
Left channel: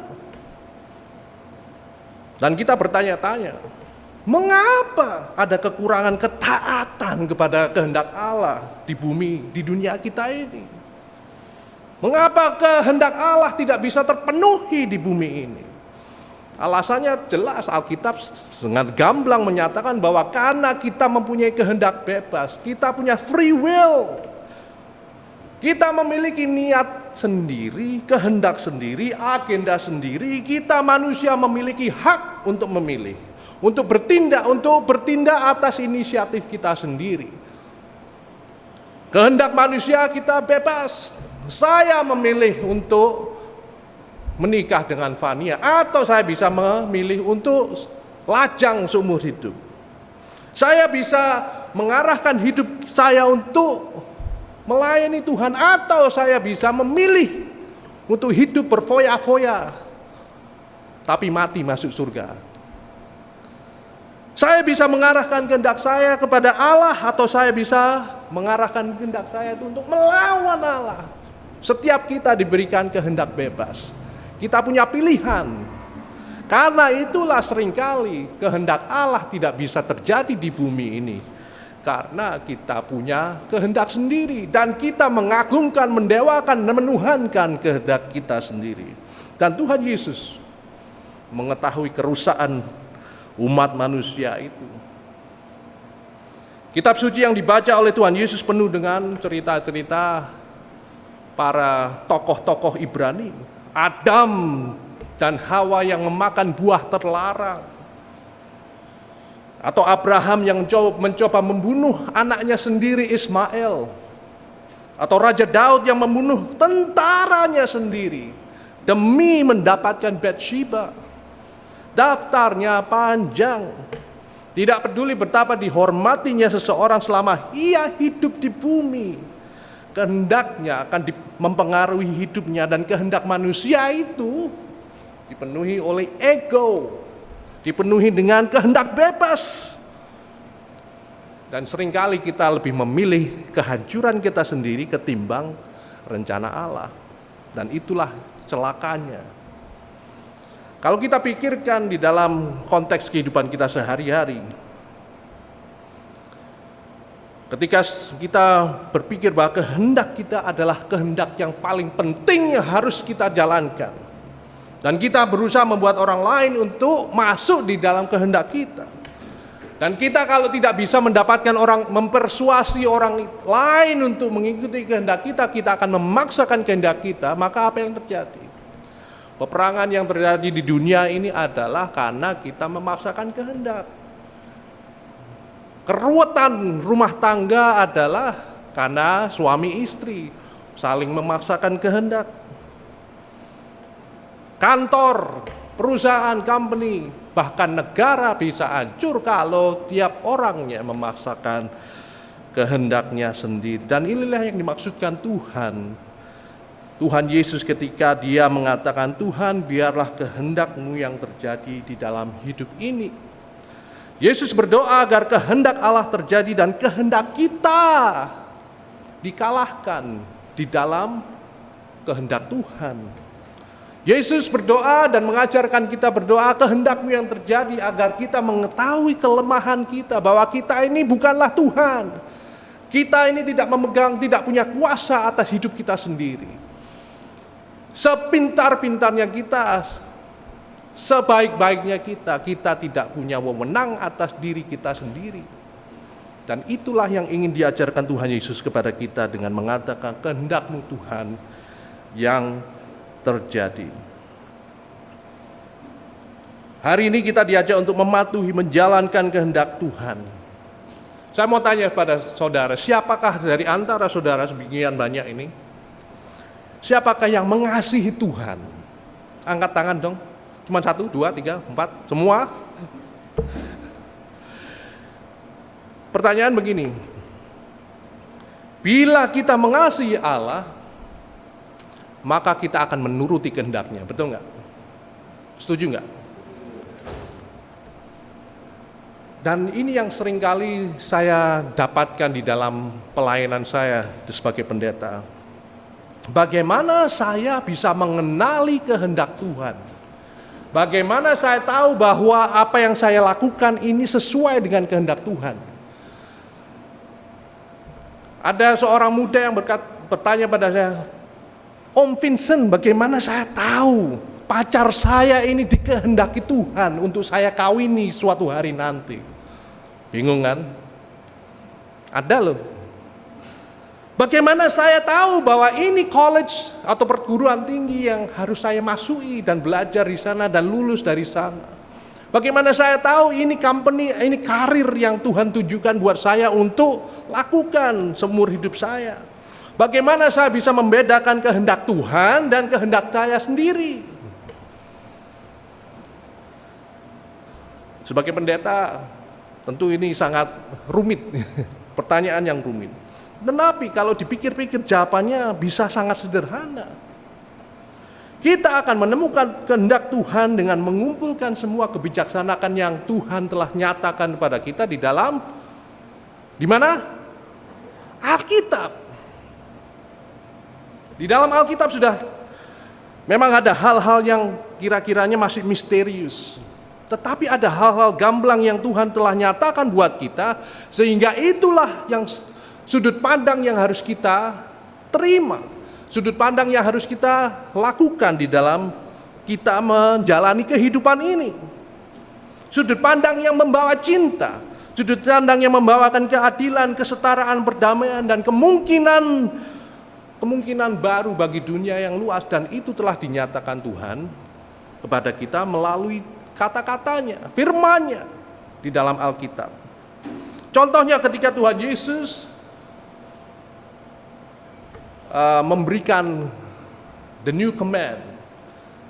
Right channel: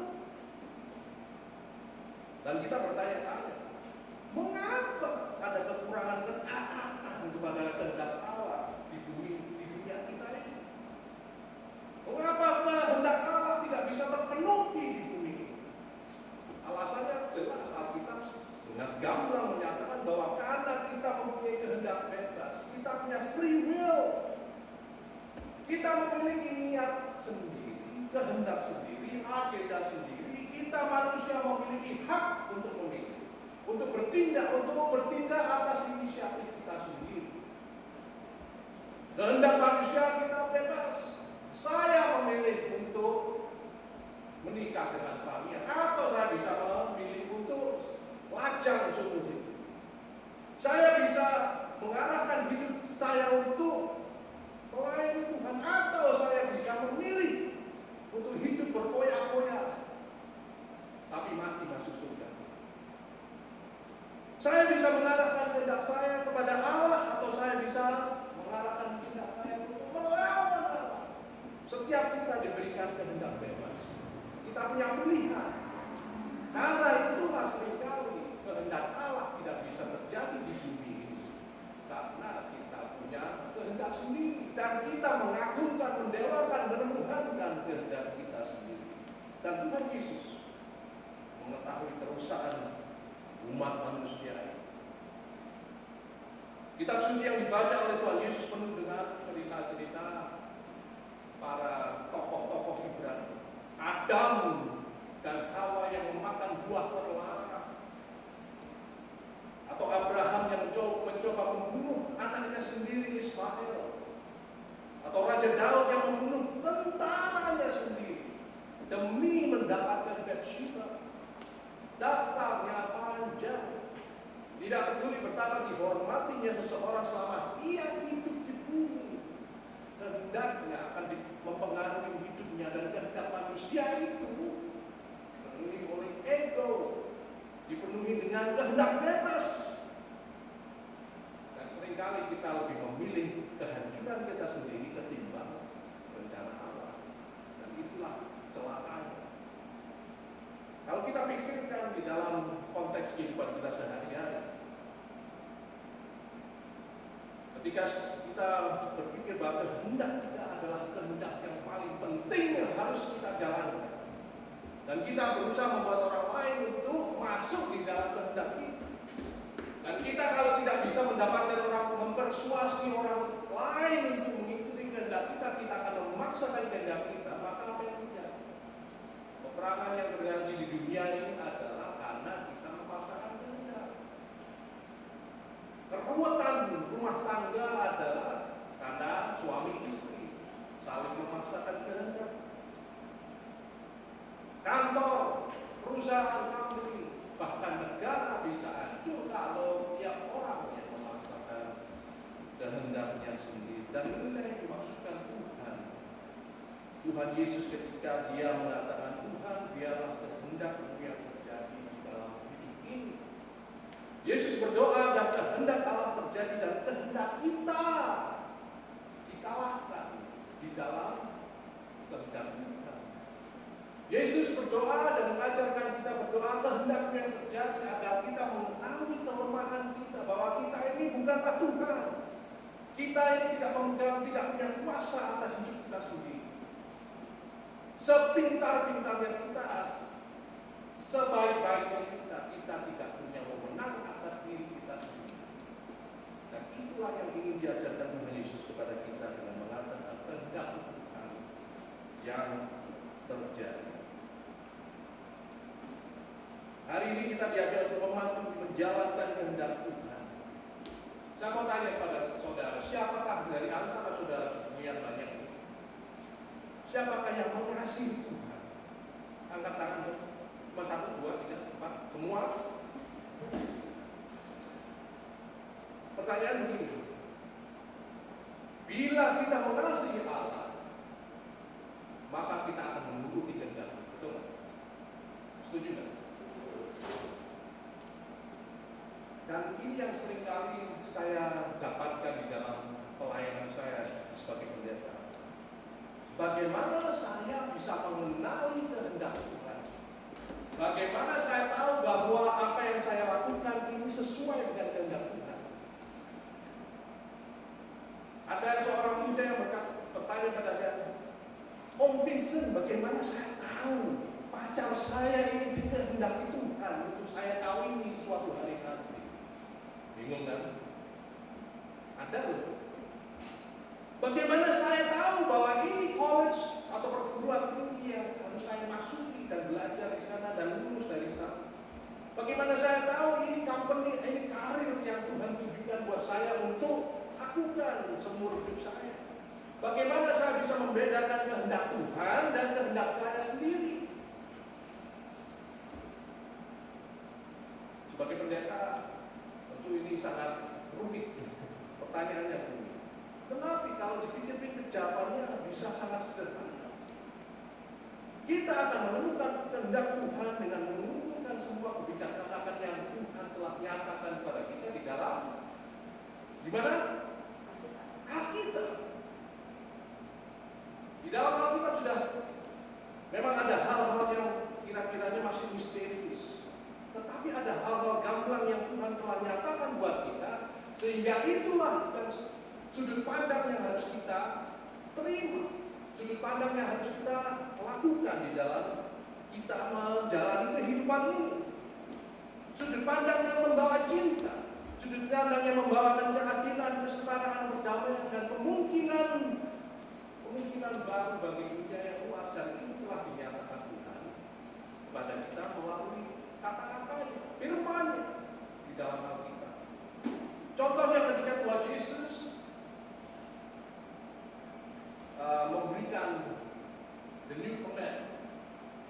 Dan kita bertanya-tanya, mengapa ada kekurangan ketaatan kepada kehendak Allah di bumi, di dunia kita ini? Mengapa kehendak Allah tidak bisa terpenuhi di bumi ini? Alasannya jelas, Alkitab dengan gamblang menyatakan bahwa karena kita mempunyai kehendak bebas, kita punya free will. Kita memiliki niat sendiri, kehendak sendiri, agenda sendiri. Kita manusia memiliki hak untuk memilih, untuk bertindak atas inisiatif kita sendiri. Kehendak manusia kita bebas. Saya memilih untuk menikah dengan Fania, atau saya bisa memilih untuk lajang seumur hidup. Saya bisa mengarahkan hidup saya untuk melayani Tuhan, atau saya bisa memilih untuk hidup berfoya-foya tapi mati masuk surga. Saya bisa mengarahkan kehendak saya kepada Allah, atau saya bisa mengarahkan kehendak saya itu untuk melawan Allah. Setiap kita diberikan kehendak bebas. Kita punya pilihan. Karena itulah seringkali kehendak Allah tidak bisa terjadi di bumi ini. Karena kita punya kehendak sendiri. Dan kita mengagungkan, mendewakan, dan menuhankan kehendak kita sendiri. Dan Tuhan Yesus mengetahui kerusakan umat manusia itu. Kitab suci yang dibaca oleh Tuhan Yesus penuh dengan cerita-cerita para tokoh-tokoh Ibrani, Adam dan Hawa yang memakan buah terlarang, atau Abraham yang mencoba membunuh anaknya sendiri Ismail, atau Raja Daud yang membunuh tentaranya sendiri demi mendapatkan Batsheba. Daftarnya panjang. Tidak peduli betapa dihormatinya seseorang selama ia hidup di bumi, kehendaknya akan mempengaruhi hidupnya, dan kehendak manusia itu dipenuhi oleh ego, dipenuhi dengan kehendak bebas. Dan seringkali kita lebih memilih kehancuran kita sendiri ketimbang rencana Allah. Dan itulah celakanya. Kalau kita pikirkan di dalam konteks kehidupan kita sehari-hari, ketika kita berpikir bahwa kehendak kita adalah kehendak yang paling penting yang harus kita jalankan, dan kita berusaha membuat orang lain untuk masuk di dalam kehendak kita, dan kita kalau tidak bisa mendapatkan orang, mempersuasi orang lain untuk mengikuti kehendak kita, kita akan memaksakan kehendak kita, maka apa yang terjadi? Peperangan yang terjadi di dunia ini adalah karena kita memaksakan kehendak. Keruwetan rumah tangga adalah karena suami istri saling memaksakan kehendak. Kantor, perusahaan, company, bahkan negara bisa hancur kalau tiap orangnya memaksakan kehendaknya sendiri. Dan inilah yang dimaksudkan Tuhan Yesus ketika dia mengatakan, Tuhan biarlah kehendak-Mu yang terjadi di dalam hidup ini. Yesus berdoa agar kehendak Allah terjadi dan kehendak kita dikalahkan di dalam kehendak Tuhan. Yesus berdoa dan mengajarkan kita berdoa, kehendak-Mu yang terjadi agar kita mengetahui kelemahan kita, bahwa kita ini bukanlah Tuhan. Kita ini tidak memegang, tidak punya kuasa atas hidup kita sendiri. Sepintar-pintarnya kita, sebaik-baiknya kita tidak punya wewenang atas diri kita sendiri. Dan itulah yang ingin diajarkan Tuhan Yesus kepada kita dengan mengatakan kehendak-Mu Tuhan yang terjadi. Hari ini kita diajak untuk mematuhi, menjalankan kehendak Tuhan. Saya mau tanya pada saudara, siapakah dari antara saudara sebagian banyak ini? Siapakah yang mengasihi Tuhan? Angkat tangan dong. Cuma 1, 2, 3, 4, semua? Pertanyaan begini, bila kita mengasihi Allah, maka kita akan menuruti kehendaknya, betul nggak? Setuju nggak? Dan ini yang seringkali saya dapatkan di dalam pelayanan saya sebagai pendeta. Bagaimana saya bisa mengenali kehendak Tuhan? Bagaimana saya tahu bahwa apa yang saya lakukan ini sesuai dengan kehendak Tuhan? Ada seorang muda yang bertanya pada saya, Om Vincent, bagaimana saya tahu pacar saya ini dikehendaki Tuhan untuk saya kawini suatu hari nanti? Bingung kan? Ada loh. Bagaimana saya tahu bahwa ini college atau perguruan tinggi yang harus saya masuki dan belajar di sana dan lulus dari sana? Bagaimana saya tahu ini company, ini karir yang Tuhan tujukan buat saya untuk lakukan seumur hidup saya? Bagaimana saya bisa membedakan kehendak Tuhan dan kehendak saya sendiri? Sebagai pendeta, tentu ini sangat rumit, pertanyaan yang rumit. Tetapi kalau dipikir-pikir jawabannya bisa sangat sederhana. Kita akan menemukan kehendak Tuhan dengan mengumpulkan semua kebijaksanaan yang Tuhan telah nyatakan kepada kita di dalam, di mana? Alkitab. Di dalam Alkitab sudah memang ada hal-hal yang kira-kiranya masih misterius. Tetapi ada hal-hal gamblang yang Tuhan telah nyatakan buat kita, sehingga itulah yang sudut pandang yang harus kita terima, sudut pandang yang harus kita lakukan di dalam kita menjalani kehidupan ini. Sudut pandang yang membawa cinta, sudut pandang yang membawakan keadilan, kesetaraan, perdamaian, dan kemungkinan baru bagi dunia yang luas. Dan itu telah dinyatakan Tuhan kepada kita melalui kata-katanya, firman-Nya di dalam Alkitab. Contohnya ketika Tuhan Yesus memberikan the new command,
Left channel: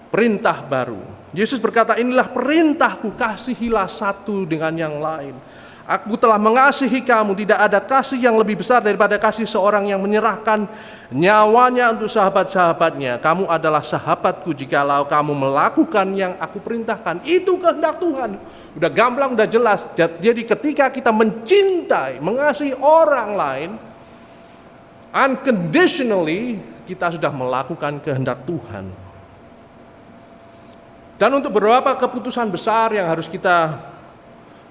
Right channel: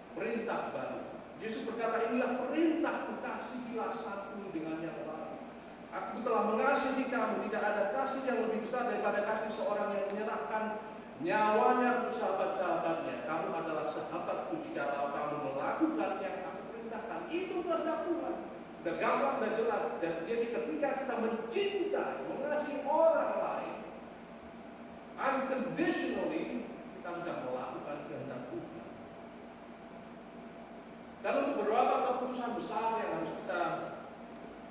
perintah baru. Yesus berkata, inilah perintahku, kasihilah satu dengan yang lain. Aku telah mengasihi kamu, tidak ada kasih yang lebih besar daripada kasih seorang yang menyerahkan nyawanya untuk sahabat-sahabatnya. Kamu adalah sahabatku jikalau kamu melakukan yang aku perintahkan. Itu kehendak Tuhan. Udah gamblang, udah jelas. Jadi ketika kita mencintai, mengasihi orang lain, unconditionally, kita sudah melakukan kehendak Tuhan. Dan untuk beberapa keputusan besar yang harus kita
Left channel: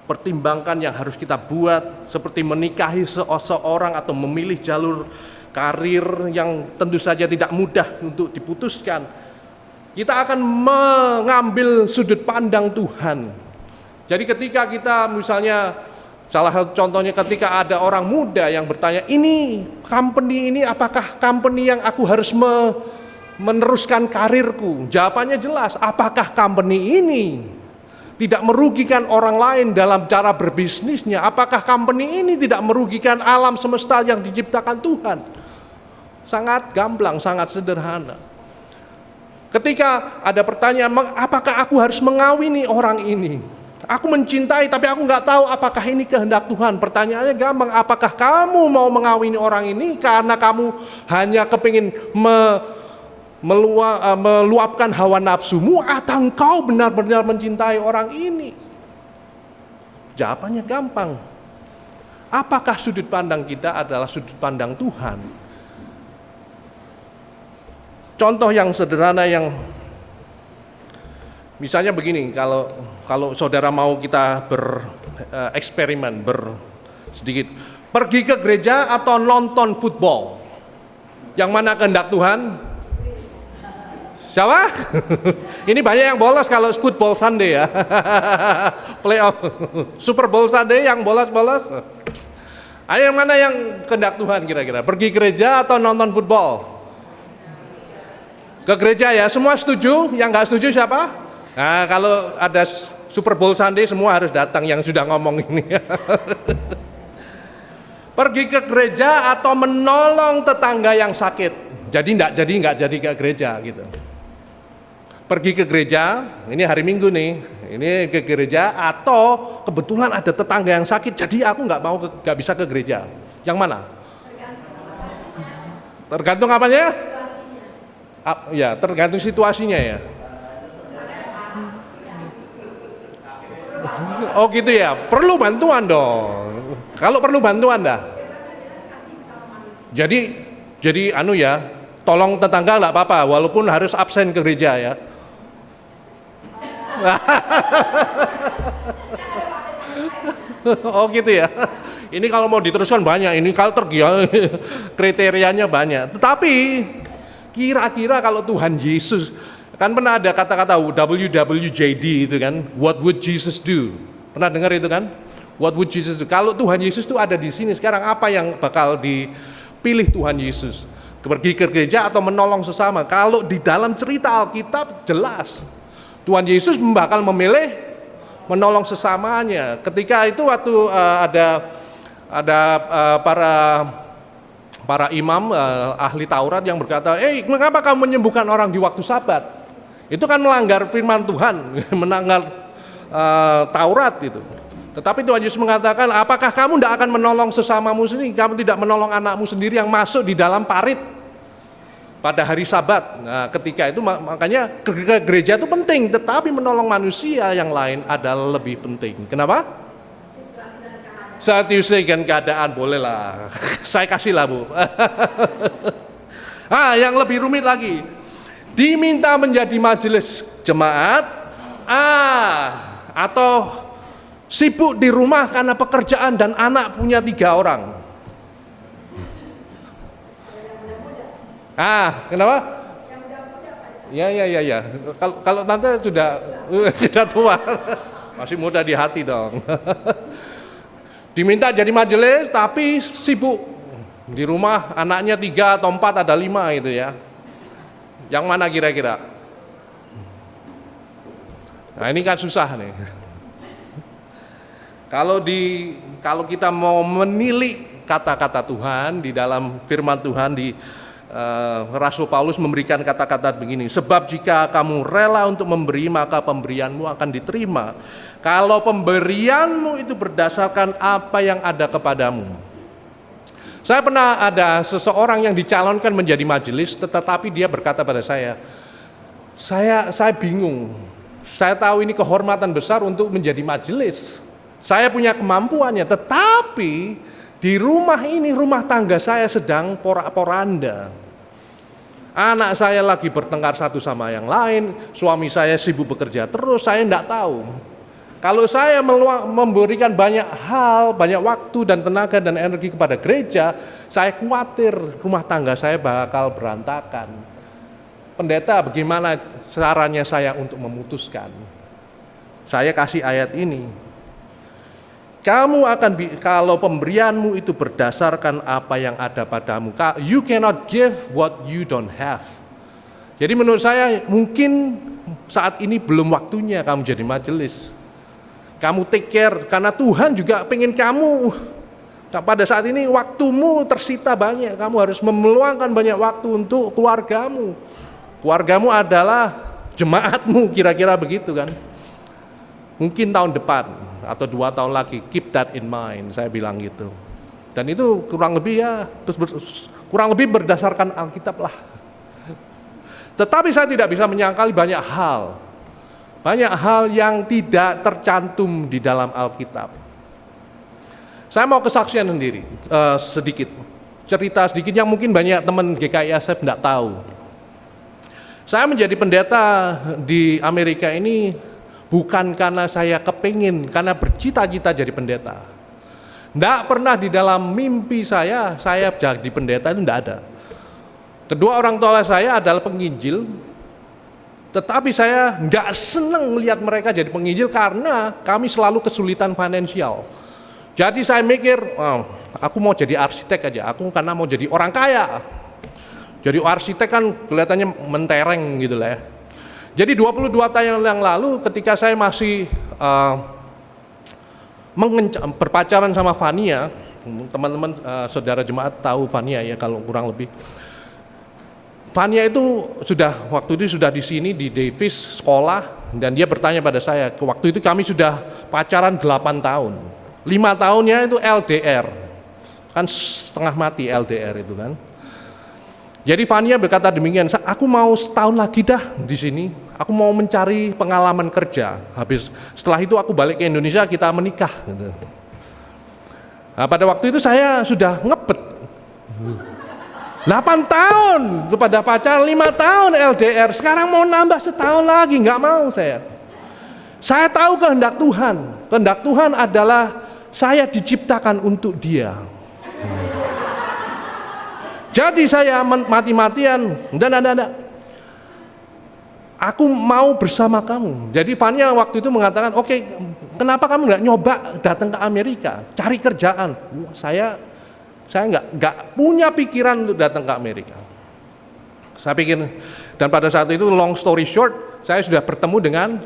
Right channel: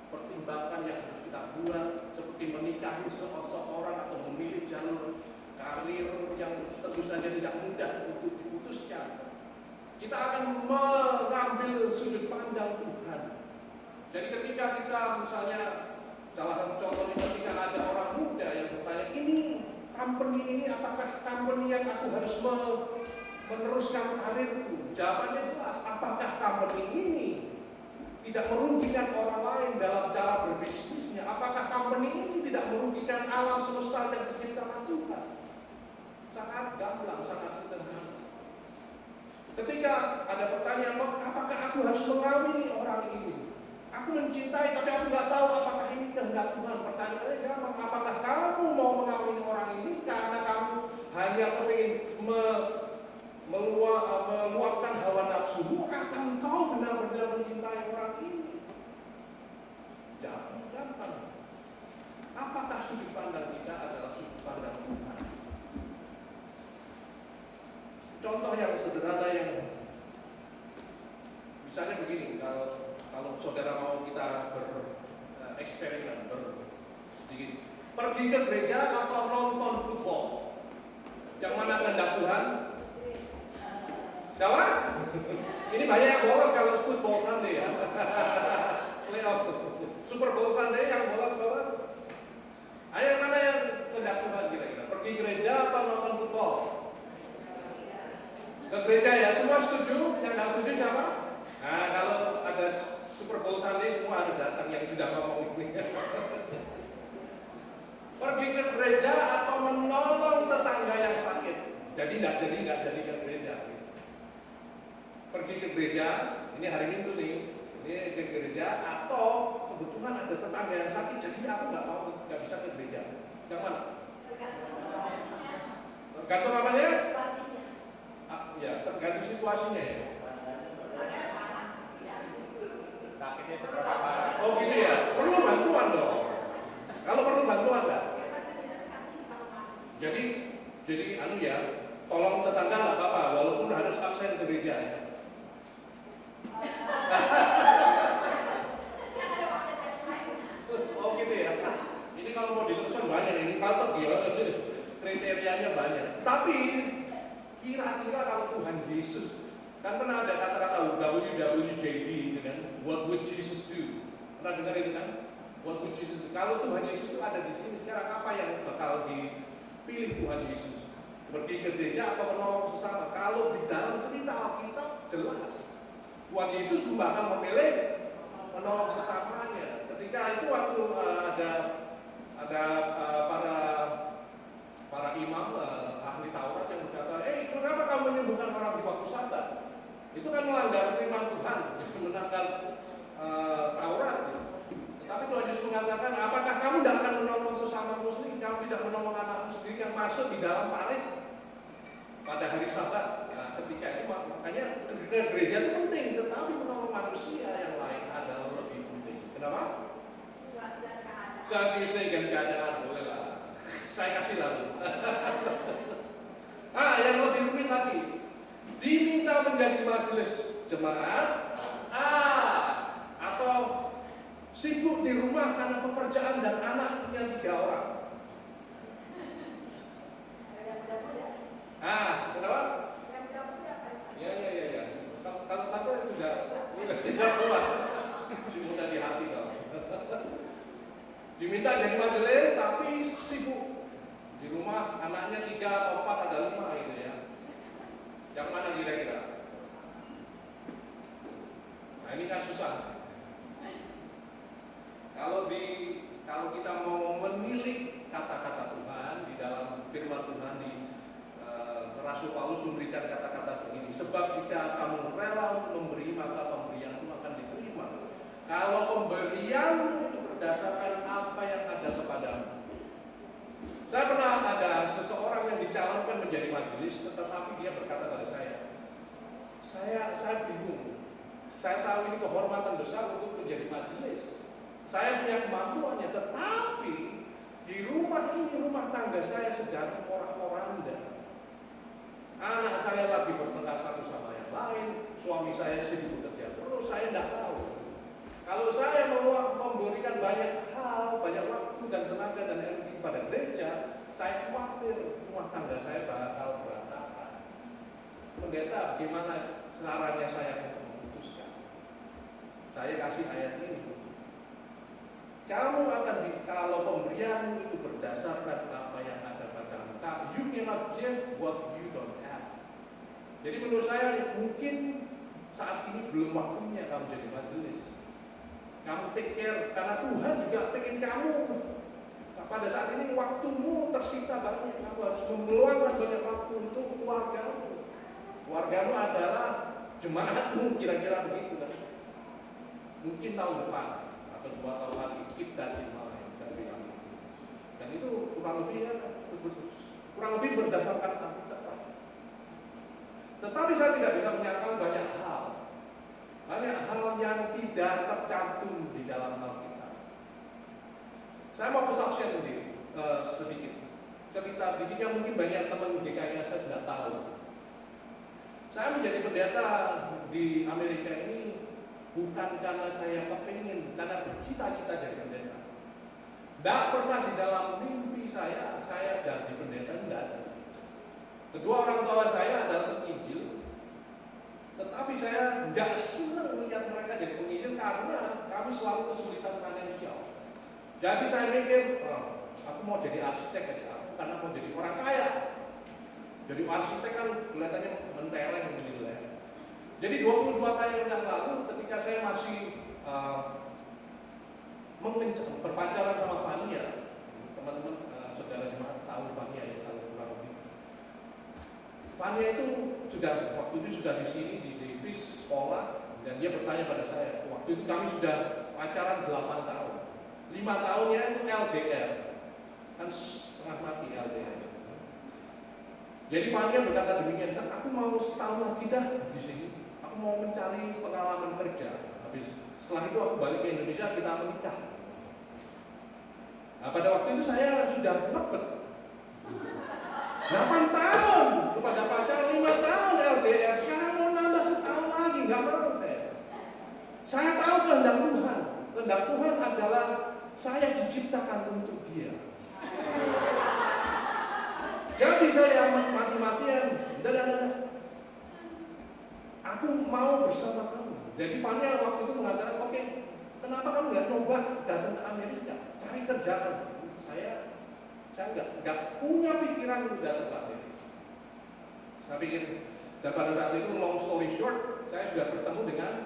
pertimbangkan, yang harus kita buat, seperti menikahi seseorang atau memilih jalur karir yang tentu saja tidak mudah untuk diputuskan, kita akan mengambil sudut pandang Tuhan. Jadi ketika kita misalnya, salah satu contohnya ketika ada orang muda yang bertanya, ini company ini apakah company yang aku harus meneruskan karirku? Jawabannya jelas, apakah company ini tidak merugikan orang lain dalam cara berbisnisnya? Apakah company ini tidak merugikan alam semesta yang diciptakan Tuhan? Sangat gamblang, sangat sederhana. Ketika ada pertanyaan, apakah aku harus mengawini orang ini? Aku mencintai tapi aku nggak tahu apakah ini kehendak Tuhan. Pertanyaannya gampang, apakah kamu mau mengawini orang ini karena kamu hanya kepingin meluapkan hawa nafsumu, atau engkau benar-benar mencintai orang ini? Jawabannya gampang. Apakah sudut pandang kita adalah sudut pandang Tuhan? Contoh yang sederhana yang misalnya begini, kalau saudara mau kita bereksperimen, sedikit pergi ke gereja atau nonton football, yang mana kehendak Tuhan? Siapa? Ini banyak yang bolos kalau football Sunday ya. Playoff, Super Bowl Sunday yang bolos-bolos. Ada yang mana yang kehendak Tuhan kira-kira? Pergi gereja atau nonton football? Ke gereja ya, semua setuju? Yang nggak setuju siapa? Nah, kalau ada Super Bowl Sunday semua harus datang yang sudah ngomong ini. Pergi ke gereja atau menolong tetangga yang sakit. Jadi nggak jadi ke gereja gitu. Pergi ke gereja, ini hari Minggu nih, ini ke gereja atau kebetulan ada tetangga yang sakit, jadi aku nggak bisa ke gereja. Yang mana? Tergantung apanya? Ya, tergantung situasinya ya. Oh gitu ya, perlu bantuan dong. Kalau perlu bantuan dah. Jadi tolong tetangga nggak apa-apa, walaupun harus absen ke gereja ya. Oh gitu ya. Ini kalau mau diteruskan banyak, ini kalau kriterianya banyak. Tetapi kira-kira kalau Tuhan Yesus, kan pernah ada kata-kata WWJD itu kan, what would Jesus do? Pernah dengar itu kan? What would Jesus do? Kalau Tuhan Yesus itu ada di sini sekarang, apa yang bakal dipilih Tuhan Yesus? Pergi ke gereja atau menolong sesama? Kalau di dalam cerita Alkitab jelas Tuhan Yesus bakal memilih menolong sesamanya. Ketika itu waktu ada para imam ahli Taurat yang berkata, mengapa kamu menyembuhkan orang di waktu Sabat? Itu kan melanggar firman Tuhan, melanggar Taurat itu. Tetapi Tuhan Yesus mengatakan, apakah kamu tidak akan menolong sesamamu sendiri? Kamu tidak menolong anakmu sendiri yang masuk di dalam parit pada hari Sabat. Nah, ketika itu makanya ke gereja itu penting, tetapi menolong manusia yang lain adalah lebih penting. Kenapa? Saat disesuaikan keadaan bolehlah. Saya kasih lah Bu. Yang lebih rumit lagi. Diminta menjadi majelis jemaat, atau sibuk di rumah karena pekerjaan dan anak punya 3 orang. Kenapa? Ya. Kalau tante sudah tua, masih muda di hati dong. Diminta jadi majelis, tapi sibuk di rumah, anaknya 3 atau 4, ada 5 itu ya. Yang mana kira-kira? Nah ini kan susah nih. Kalau kita mau menilik kata-kata Tuhan di dalam firman Tuhan, Rasul Paulus memberikan kata-kata begini, sebab jika kamu rela untuk memberi, maka pemberianmu akan diterima. Kalau pemberianmu itu berdasarkan apa yang ada kepadamu. Saya pernah ada seseorang yang dicalonkan menjadi majelis, tetapi dia berkata pada saya bingung. Saya tahu ini kehormatan besar untuk menjadi majelis. Saya punya kemampuannya, tetapi di rumah ini, rumah tangga saya sedang porak-poranda. Anak saya lagi bertengkar satu sama yang lain, suami saya sibuk bekerja terus, saya tidak tahu. Kalau saya memberikan banyak hal, banyak waktu dan tenaga dan energi kepada gereja, saya khawatir rumah tangga saya bakal berantakan. Pendeta, bagaimana caranya saya untuk memutuskan? Saya kasih ayat ini. Kalau pemberianmu itu berdasarkan apa yang ada padamu, you cannot give what you don't have. Jadi menurut saya mungkin saat ini belum waktunya kamu jadi majelis. Kamu take care, karena Tuhan juga pengen kamu, pada saat ini waktumu tersita banyak, kamu harus meluangkan banyak waktu untuk keluargamu. Keluargamu adalah jemaatmu, kira-kira begitu kan. Mungkin tahun depan atau 2 tahun lagi, keep that in mind, saya bilang gitu. Dan itu kurang lebih berdasarkan Alkitab lah. Tetapi saya tidak bisa menyangkali banyak hal yang tidak tercantum di dalam Alkitab. Saya mau kesaksian sendiri, cerita sedikit yang mungkin banyak teman GKI ASEP tidak tahu. Saya menjadi pendeta di Amerika ini bukan karena saya kepingin, karena bercita-cita jadi pendeta. Tidak pernah di dalam mimpi saya jadi pendeta, itu tidak ada. Kedua orang tua saya adalah penginjil, tetapi saya nggak senang melihat mereka jadi penginjil karena kami selalu kesulitan finansial. Jadi saya mikir, aku mau jadi arsitek aja, karena mau jadi orang kaya. Jadi arsitek kan kelihatannya mentereng gitu lah ya. Jadi 22 tahun yang lalu ketika saya masih berpacaran sama Fania, teman-teman saudara jemaat tahu Fania ya kalau kurang lebih. Fania itu waktu itu sudah di sini di Davis sekolah, dan dia bertanya pada saya, waktu itu kami sudah pacaran 8 tahun. 5 tahunnya itu LDR. Kan setengah mati LDR itu kan. Jadi Fania berkata demikian, aku mau setahun lagi dah di sini. Aku mau mencari pengalaman kerja. Setelah itu aku balik ke Indonesia, kita menikah. Nah, pada waktu itu saya sudah ngebet. 8 tahun, pada pacaran 5 tahun LDR. Sekarang mau nambah setahun lagi, nggak mau saya. Saya tahu kehendak Tuhan. Kehendak Tuhan adalah saya diciptakan untuk Dia. Jadi saya mati-matian, dan aku mau bersama kamu. Jadi Fania waktu itu mengatakan, oke, kenapa kamu nggak nyoba datang ke Amerika, cari kerjaan? Saya nggak punya pikiran untuk datang ke Amerika. Saya pikir, dan pada saat itu long story short, saya sudah bertemu dengan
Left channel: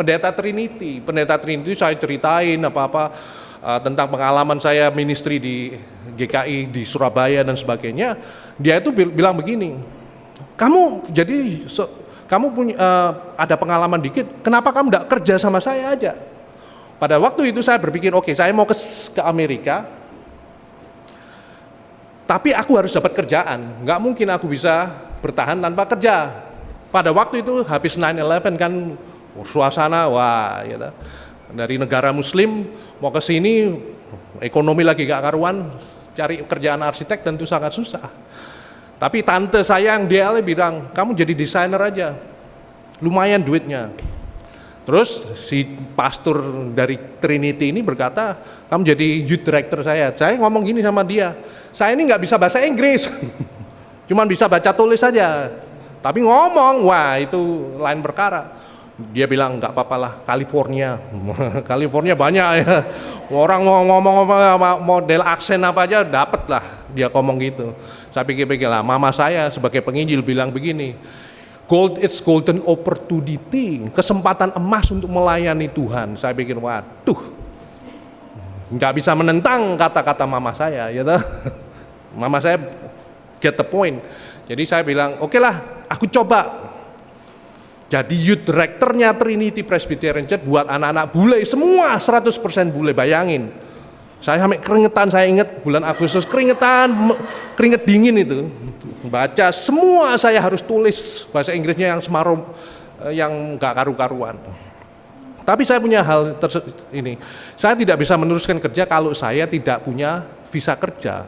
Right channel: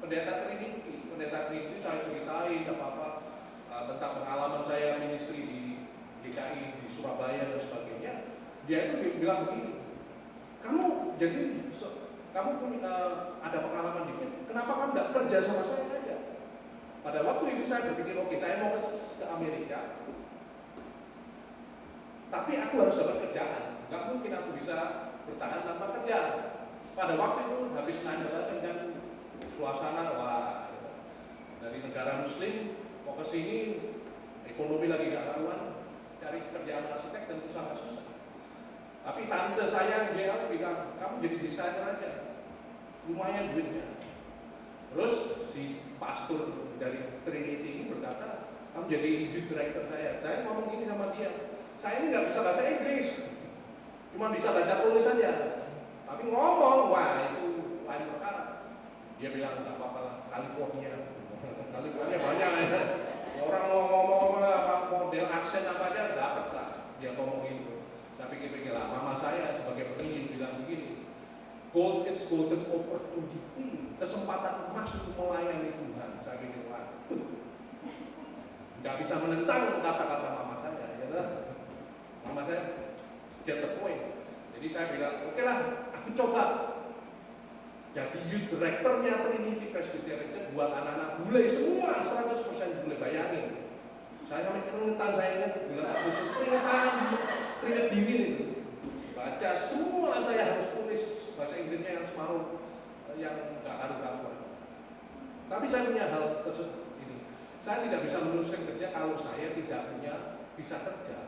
pendeta Trinity. Pendeta Trinity saya ceritain apa-apa tentang pengalaman saya ministry di GKI di Surabaya dan sebagainya. Dia itu bilang begini, kamu punya ada pengalaman dikit, kenapa kamu tidak kerja sama saya aja? Pada waktu itu saya berpikir, oke, saya mau ke Amerika, tapi aku harus dapat kerjaan, nggak mungkin aku bisa bertahan tanpa kerja. Pada waktu itu habis 9/11 kan suasana wah, gitu. Dari negara Muslim mau ke sini, ekonomi lagi gak karuan, cari kerjaan arsitek tentu sangat susah. Tapi tante saya yang DL bilang, kamu jadi desainer aja, lumayan duitnya. Terus si pastor dari Trinity ini berkata, kamu jadi youth director saya. Saya ngomong gini sama dia, saya ini nggak bisa bahasa Inggris, cuman bisa baca tulis saja. Tapi ngomong, wah itu lain perkara. Dia bilang nggak apa-apa lah, California, California banyak ya. Orang mau ngomong model aksen apa aja dapat lah, dia ngomong gitu. Saya pikir-pikir lah, mama saya sebagai penginjil bilang begini, it's golden opportunity, kesempatan emas untuk melayani Tuhan. Saya pikir, waduh, nggak bisa menentang kata-kata mama saya, ya toh. Mama saya get the point. Jadi saya bilang, oke lah, aku coba. Jadi youth directornya Trinity Presbyterian Church buat anak-anak bule, semua 100% bule, bayangin. Saya sampai keringetan, saya ingat bulan Agustus, keringet dingin itu. Baca, semua saya harus tulis bahasa Inggrisnya yang semarum, yang gak karu-karuan. Tapi saya punya hal ini, saya tidak bisa meneruskan kerja kalau saya tidak punya visa kerja.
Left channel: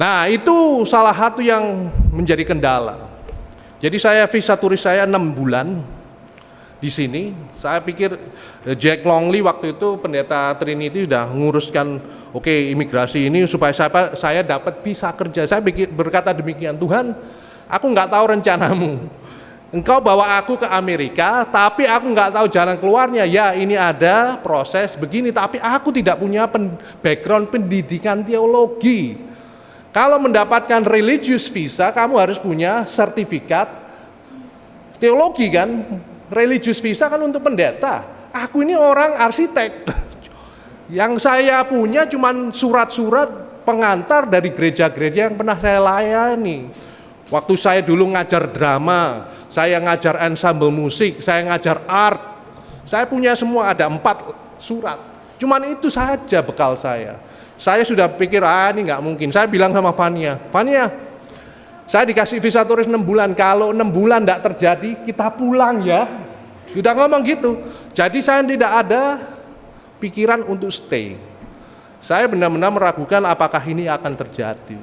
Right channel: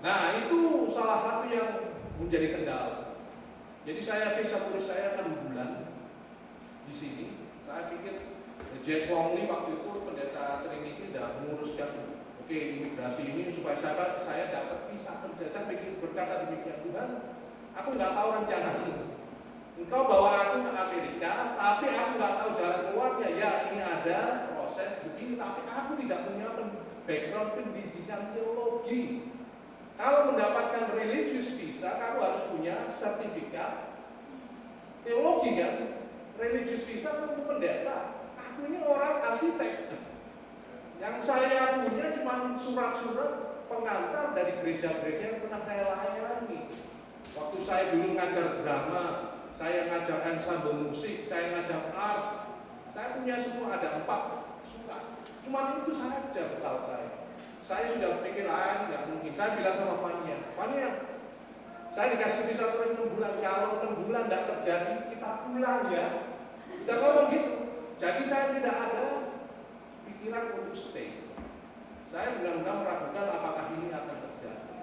Nah itu salah satu yang menjadi kendala. Jadi saya visa turis saya 6 bulan di sini. Saya pikir Jack Longley waktu itu pendeta Trinity sudah menguruskan oke, imigrasi ini supaya saya dapat visa kerja. Saya berkata demikian, Tuhan, aku nggak tahu rencanamu. Engkau bawa aku ke Amerika, tapi aku nggak tahu jalan keluarnya. Ya ini ada proses begini, tapi aku tidak punya background pendidikan teologi. Kalau mendapatkan religious visa, kamu harus punya sertifikat teologi kan. Religious visa kan untuk pendeta. Aku ini orang arsitek. Yang saya punya cuman surat-surat pengantar dari gereja-gereja yang pernah saya layani. Waktu saya dulu ngajar drama, saya ngajar ensemble musik, saya ngajar art. Saya punya semua, ada 4 surat. Cuman itu saja bekal saya. Saya sudah pikir, ini nggak mungkin. Saya bilang sama Fania, saya dikasih visa turis 6 bulan, kalau 6 bulan nggak terjadi, kita pulang ya. Sudah ngomong gitu. Jadi saya tidak ada pikiran untuk stay. Saya benar-benar meragukan apakah ini akan terjadi.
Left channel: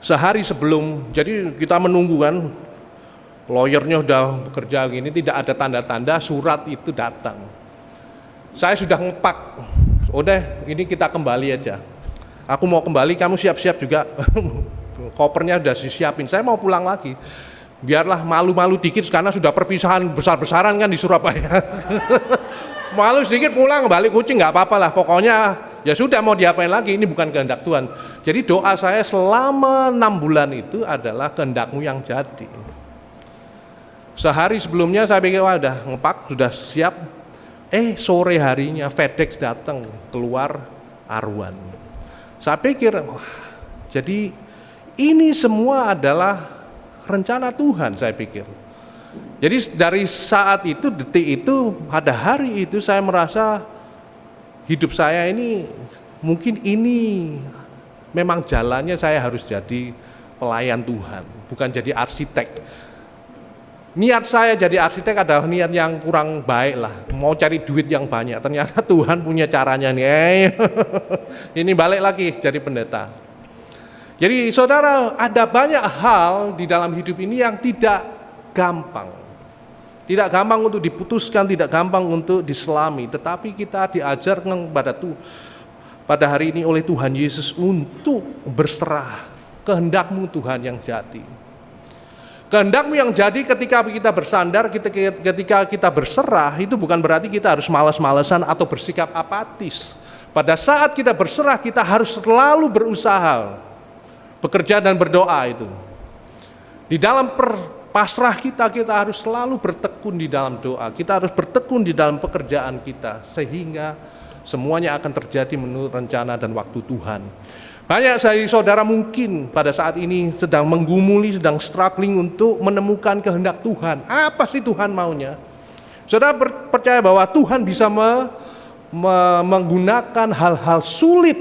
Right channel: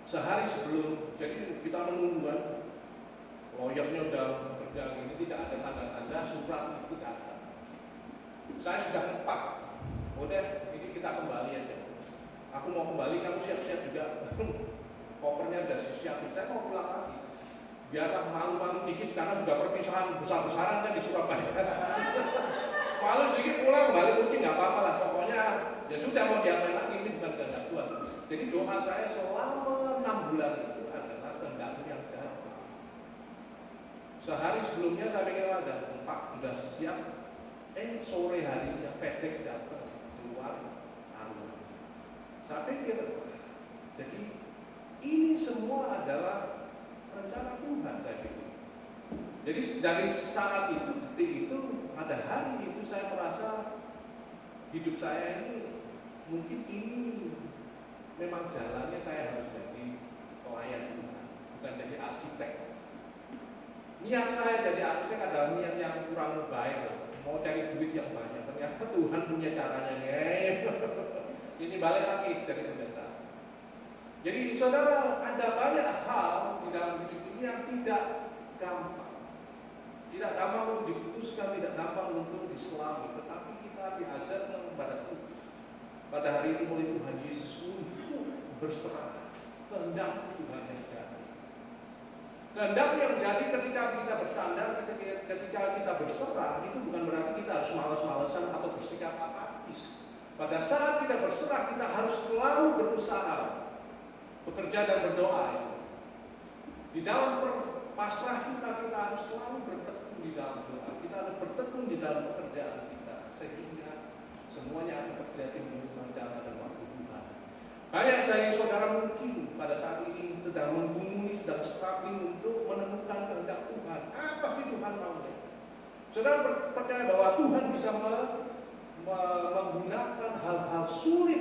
Sehari sebelum, jadi kita menunggu kan, lawyernya udah bekerja gini, tidak ada tanda-tanda surat itu datang. Saya sudah ngepak, udah ini kita kembali aja. Aku mau kembali, kamu siap-siap juga. Kopernya udah disiapin, saya mau pulang lagi. Biarlah malu-malu dikit karena sudah perpisahan besar-besaran kan di Surabaya. Malu sedikit pulang, balik Kucing nggak apa-apa lah. Pokoknya Ya sudah, mau diapain lagi, ini bukan kehendak Tuhan. Jadi doa saya selama 6 bulan itu adalah kehendak-Mu yang jadi. Sehari sebelumnya saya pikir, wah udah ngepak, sudah siap. Sore harinya FedEx datang, keluar aruan. Saya pikir, wah, jadi ini semua adalah rencana Tuhan, saya pikir. Jadi dari saat itu, detik itu, pada hari itu saya merasa hidup saya ini, mungkin ini memang jalannya saya harus jadi pelayan Tuhan, bukan jadi arsitek. Niat saya jadi arsitek adalah niat yang kurang baik lah, mau cari duit yang banyak. Ternyata Tuhan punya caranya nih. Ini balik lagi jadi pendeta. Jadi saudara, ada banyak hal di dalam hidup ini yang tidak gampang. Tidak gampang untuk diputuskan, tidak gampang untuk diselami. Tetapi kita diajarkan pada hari ini oleh Tuhan Yesus untuk berserah. Kehendak-Mu Tuhan yang jadi. Kehendak-Mu yang jadi ketika kita bersandar, ketika kita berserah, itu bukan berarti kita harus malas-malasan atau bersikap apatis. Pada saat kita berserah, kita harus selalu berusaha, bekerja dan berdoa itu. Di dalam pasrah kita harus selalu bertekun di dalam doa. Kita harus bertekun di dalam pekerjaan kita, sehingga semuanya akan terjadi menurut rencana dan waktu Tuhan. Banyak dari saudara mungkin pada saat ini sedang menggumuli, sedang struggling untuk menemukan kehendak Tuhan. Apa sih Tuhan maunya? Saudara percaya bahwa Tuhan bisa menggunakan hal-hal sulit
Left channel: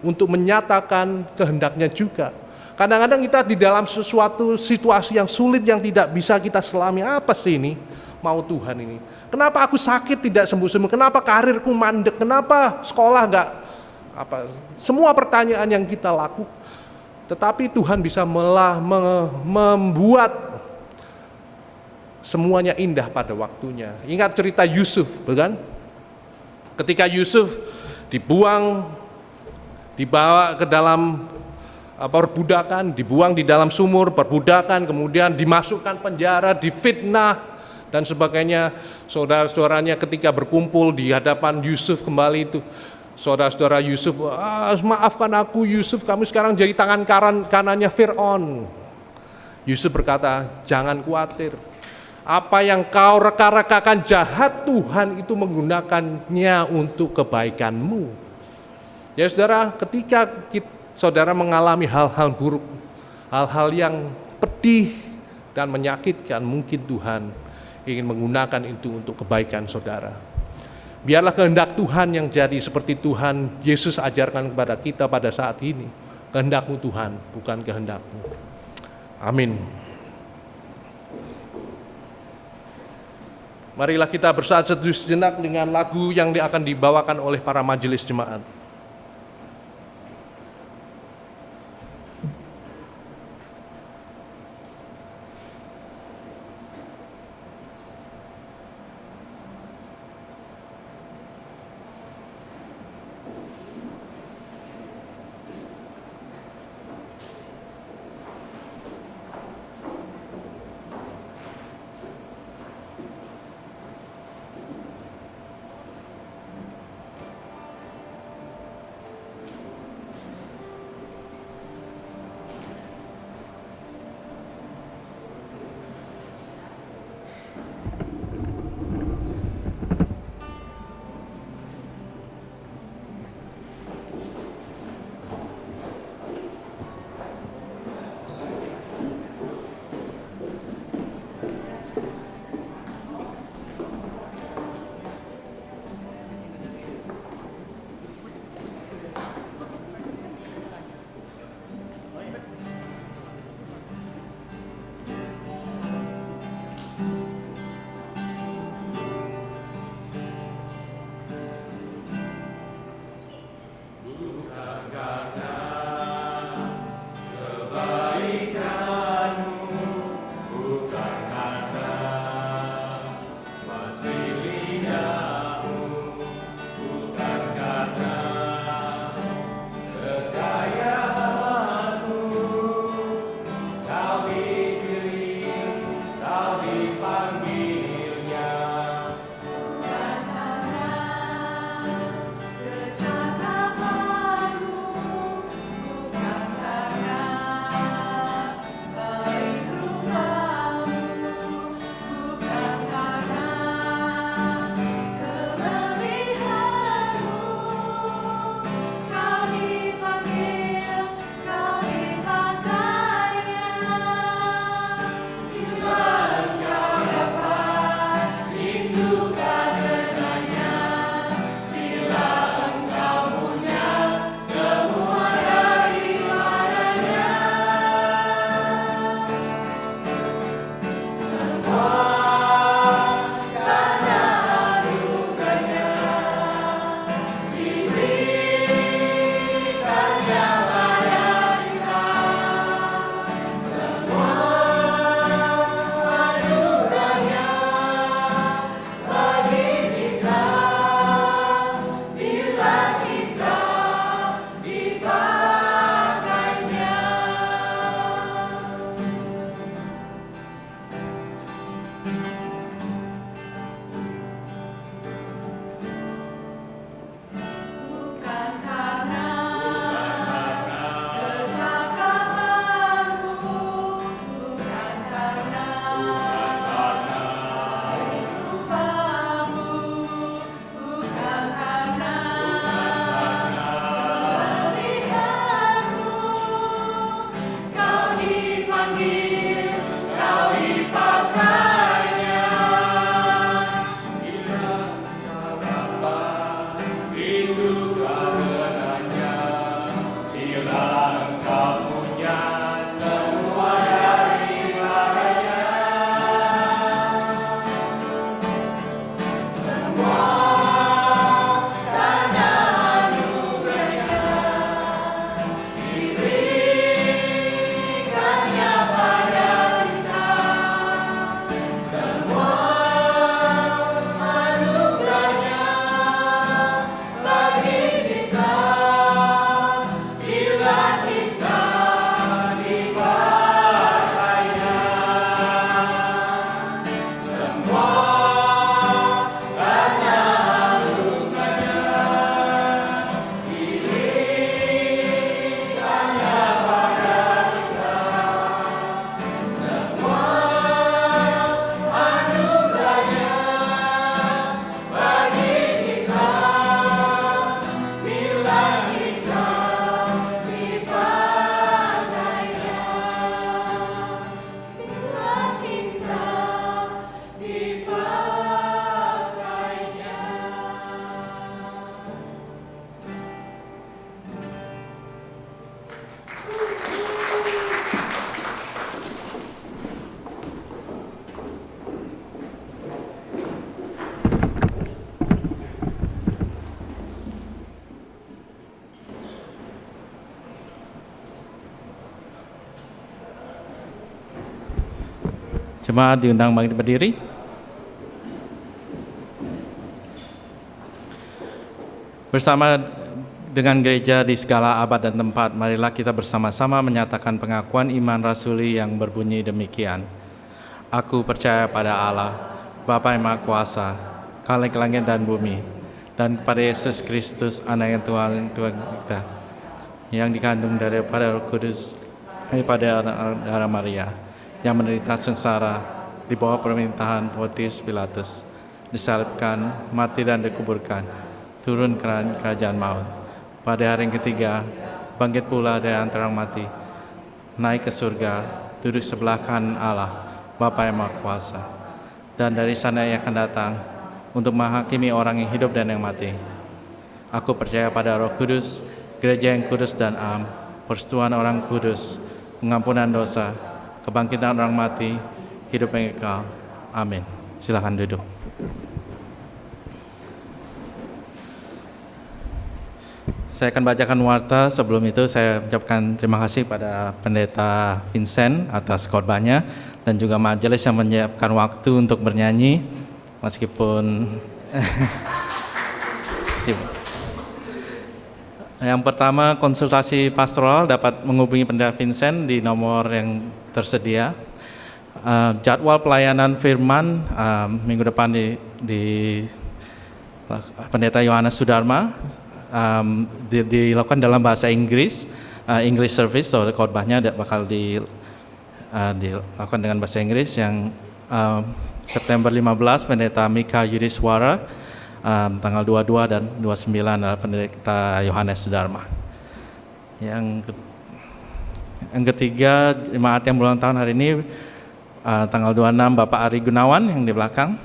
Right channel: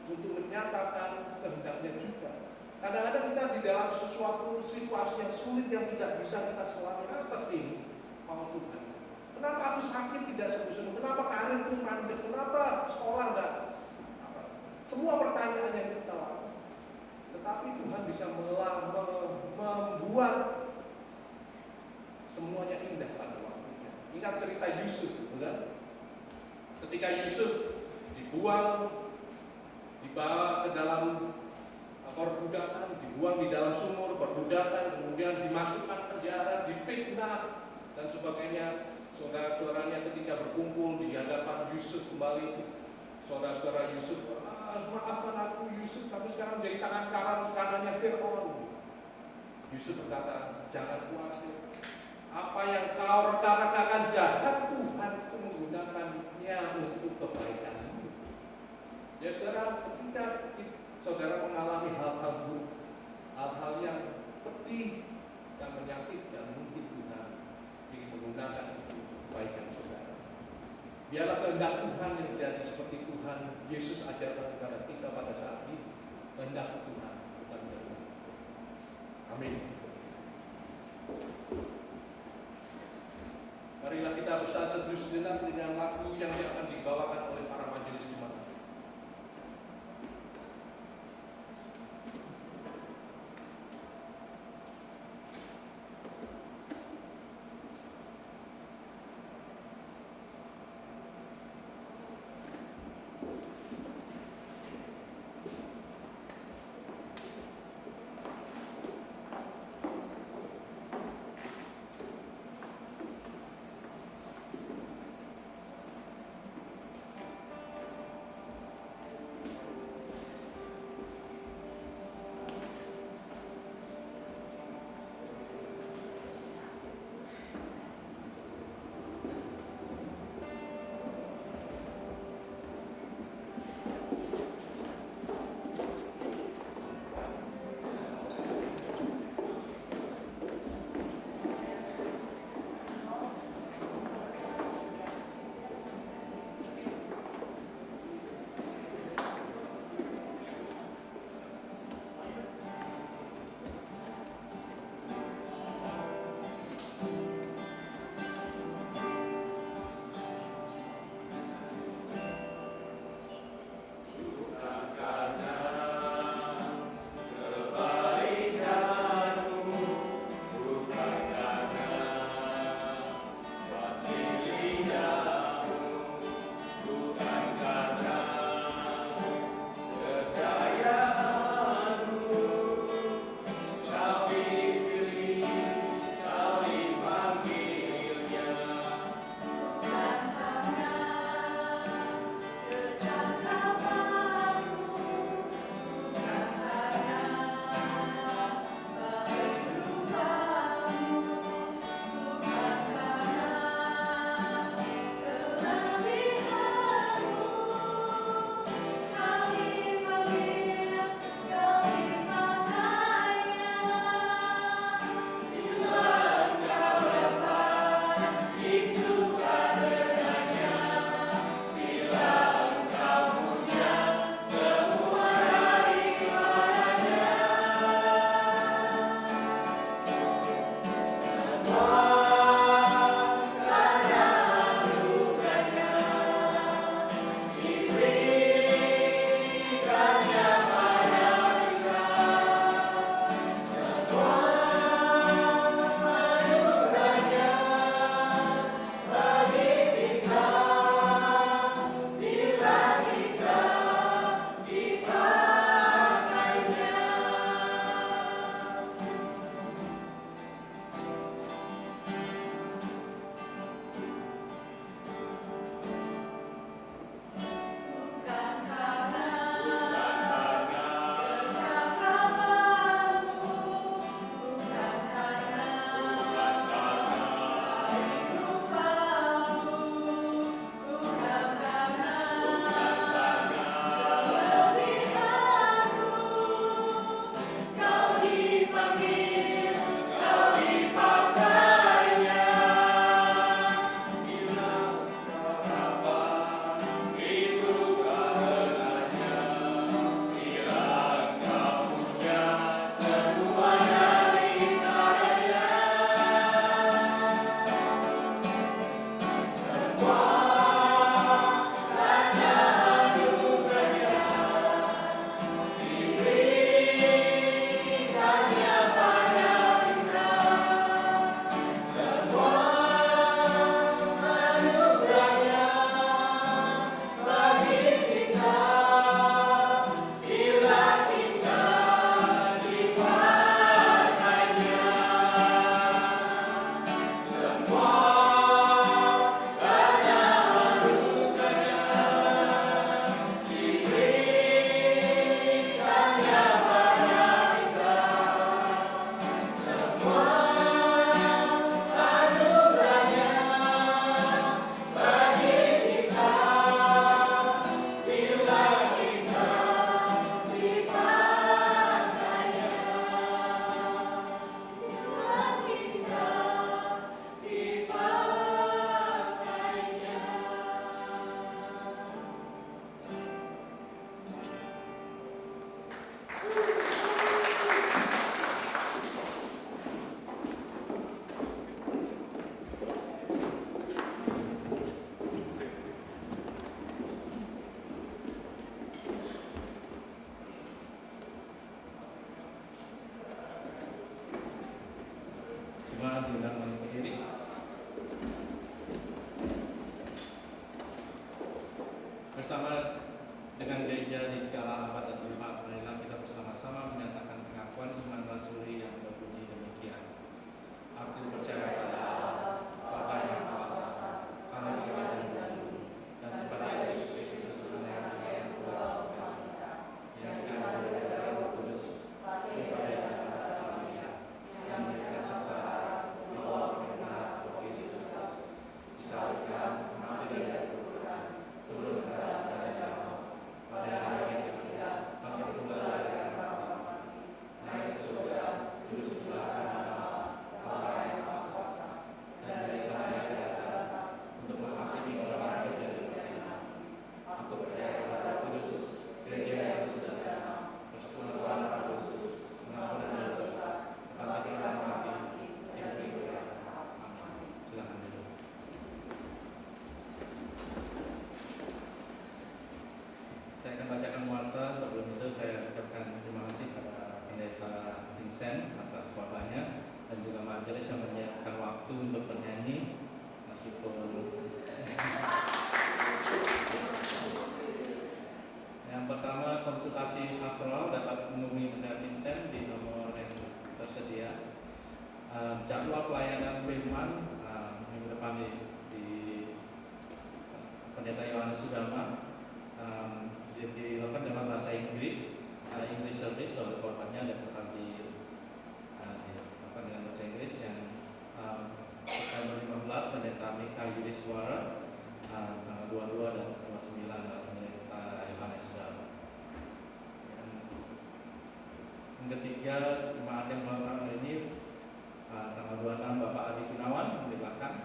untuk menyatakan kehendaknya juga. Kadang-kadang kita di dalam sesuatu situasi yang sulit yang tidak bisa kita selami. Apa sih ini mau Tuhan ini? Kenapa aku sakit tidak sembuh-sembuh? Kenapa karirku mandek? Kenapa sekolah enggak semua pertanyaan yang kita lakukan, tetapi Tuhan bisa membuat semuanya indah pada waktunya. Ingat cerita Yusuf, bukan? Ketika Yusuf dibawa ke dalam perbudakan, dibuang di dalam sumur perbudakan, kemudian dimasukkan penjara, difitnah dan sebagainya. Saudara-saudaranya ketika berkumpul di hadapan Yusuf kembali itu, saudara-saudara Yusuf, maafkan aku Yusuf, kamu sekarang jadi tangan kanannya Fir'aun. Yusuf berkata, jangan khawatir, apa yang kau reka-rekakan jahat, Tuhan itu menggunakannya untuk kebaikanmu. Ya saudara, ketika saudara mengalami hal-hal buruk, hal-hal yang pedih dan menyakitkan, mungkin Tuhan ingin menggunakan itu untuk kebaikan saudara. Biarlah kehendak Tuhan yang jadi seperti Tuhan Yesus ajarkan kepada kita pada saat ini. Kehendak-Mu Tuhan, bukan kehendak-Mu. Amin. Marilah kita bersatu sejenak dengan lagu yang akan dibawakan oleh para majelis jemaat. Jemaat diundang bangkit berdiri. Bersama dengan gereja di segala abad dan tempat, marilah kita bersama-sama menyatakan pengakuan iman rasuli yang berbunyi demikian. Aku percaya pada Allah, Bapa yang Maha Kuasa, Khalik langit dan bumi, dan kepada Yesus Kristus, Anak yang Tuhan kita, yang dikandung daripada Roh Kudus, daripada darah Maria, yang menderita sengsara di bawah pemerintahan Pontius Pilatus, disalibkan, mati dan dikuburkan, turun ke kerajaan maut. Pada hari yang ketiga, bangkit pula dari antara orang mati, naik ke surga, duduk sebelah kanan Allah, Bapa yang Maha Kuasa. Dan dari sana ia akan datang untuk menghakimi orang yang hidup dan yang mati. Aku percaya pada Roh Kudus, gereja yang kudus dan am, persekutuan orang kudus, pengampunan dosa, kebangkitan orang mati, hidup yang kekal. Amin. Silakan duduk. Saya akan bacakan warta. Sebelum itu saya ucapkan terima kasih pada Pendeta Vincent atas khotbahnya dan juga majelis yang menyiapkan waktu untuk bernyanyi meskipun Yang pertama, konsultasi pastoral dapat menghubungi Pendeta Vincent di nomor yang tersedia. Jadwal pelayanan firman minggu depan di Pendeta Yohanes Sudarma dilakukan dalam bahasa Inggris, English service, so khotbahnya bakal dilakukan dengan bahasa Inggris. Yang September 15 Pendeta Mika Yudhiswara, tanggal 22 dan 29 adalah Pendeta Yohanes Sudarma. Yang ketiga, jemaat yang berulang tahun hari ini, tanggal 26 Bapak Ari Gunawan yang di belakang.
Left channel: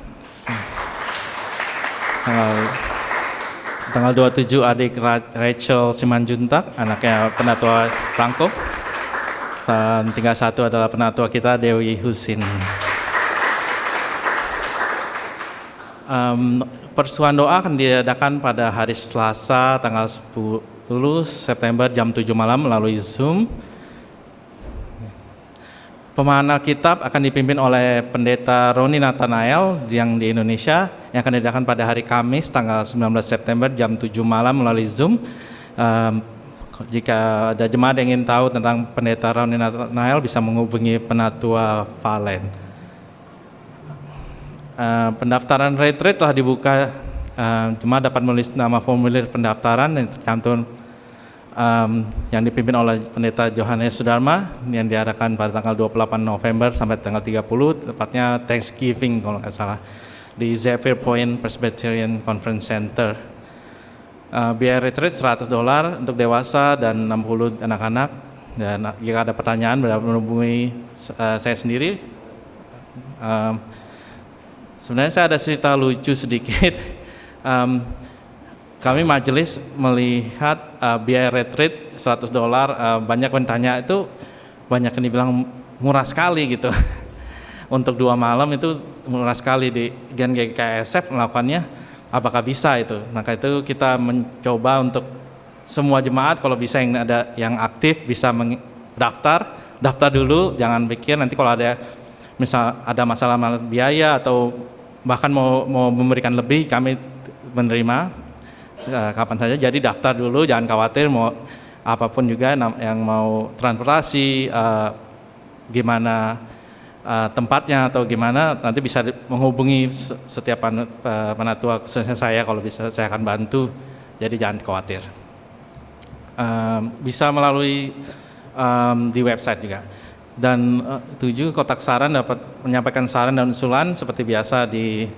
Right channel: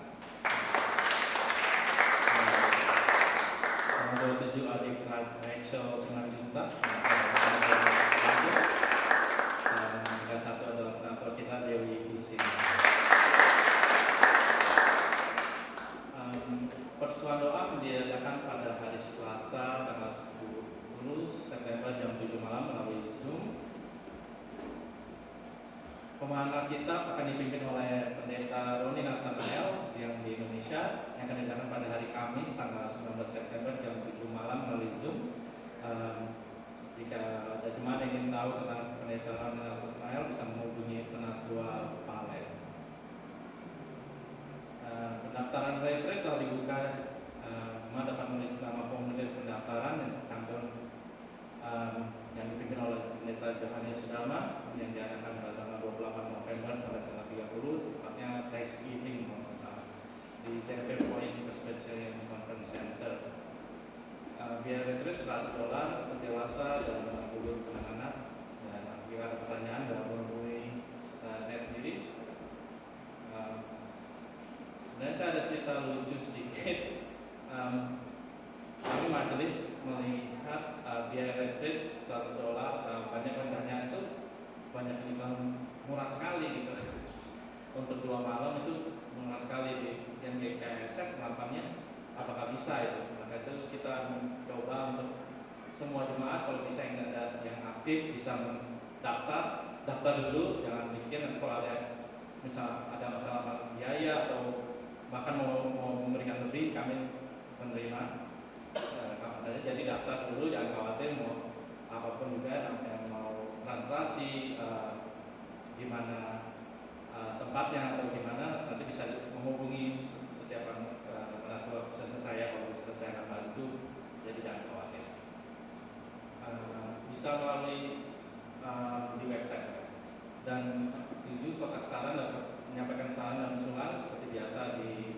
Tanggal 27 adik Rachel Simanjuntak, anaknya Penatua Franco. Dan tinggal satu adalah penatua kita Dewi Husin. Persuan doa akan diadakan pada hari Selasa tanggal 10 September jam 7 malam melalui Zoom. Pemahaman Alkitab akan dipimpin oleh Pendeta Roni Nathanael yang di Indonesia, yang akan diadakan pada hari Kamis tanggal 19 September jam 7 malam melalui Zoom. Jika ada jemaat yang ingin tahu tentang Pendeta Roni Nathanael bisa menghubungi Penatua Valen. Pendaftaran retreat telah dibuka. Jemaat dapat menulis nama formulir pendaftaran yang tercantum yang dipimpin oleh Pendeta Yohanes Sudarma yang diadakan pada tanggal 28 November sampai tanggal 30, tepatnya Thanksgiving kalau nggak salah, di Zephyr Point Presbyterian Conference Center. Biaya retreat $100 untuk dewasa dan 60 anak-anak. Dan jika ada pertanyaan dapat menghubungi saya sendiri. Sebenarnya saya ada cerita lucu sedikit. Kami majelis melihat biaya retreat $100, banyak yang tanya itu, banyak yang dibilang murah sekali gitu. Untuk 2 malam itu murah sekali. Di Gen GKSF melakukannya, apakah bisa itu? Maka itu kita mencoba untuk semua jemaat, kalau bisa yang ada yang aktif bisa daftar dulu, jangan pikir nanti kalau ada misal ada masalah biaya atau bahkan mau memberikan lebih, kami menerima kapan saja. Jadi daftar dulu, jangan khawatir, mau apapun juga yang mau transportasi, gimana tempatnya atau gimana, nanti bisa menghubungi setiap penatua, khususnya saya, kalau bisa saya akan bantu. Jadi jangan khawatir. Bisa melalui di website juga. Dan 7, kotak saran dapat menyampaikan saran dan usulan seperti biasa di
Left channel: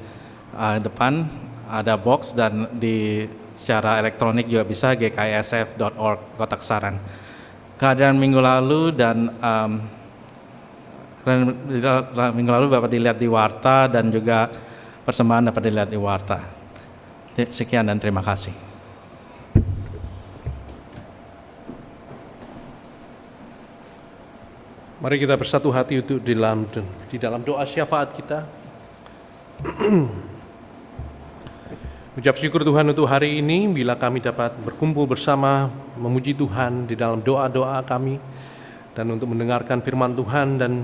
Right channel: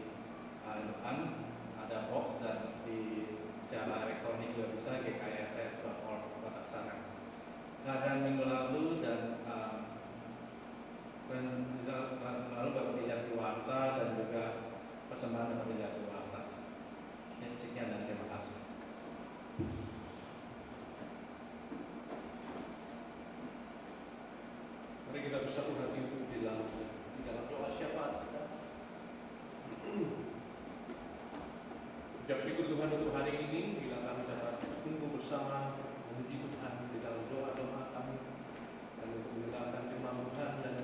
depan ada box, dan di secara elektronik juga bisa gksf.org kotak saran. Kehadiran minggu lalu dan minggu lalu dapat dilihat di warta, dan juga persembahan dapat dilihat di warta. Sekian dan terima kasih. Mari kita bersatu hati untuk di dalam doa syafaat kita. Ucap syukur Tuhan untuk hari ini, bila kami dapat berkumpul bersama memuji Tuhan di dalam doa-doa kami, dan untuk mendengarkan firman Tuhan dan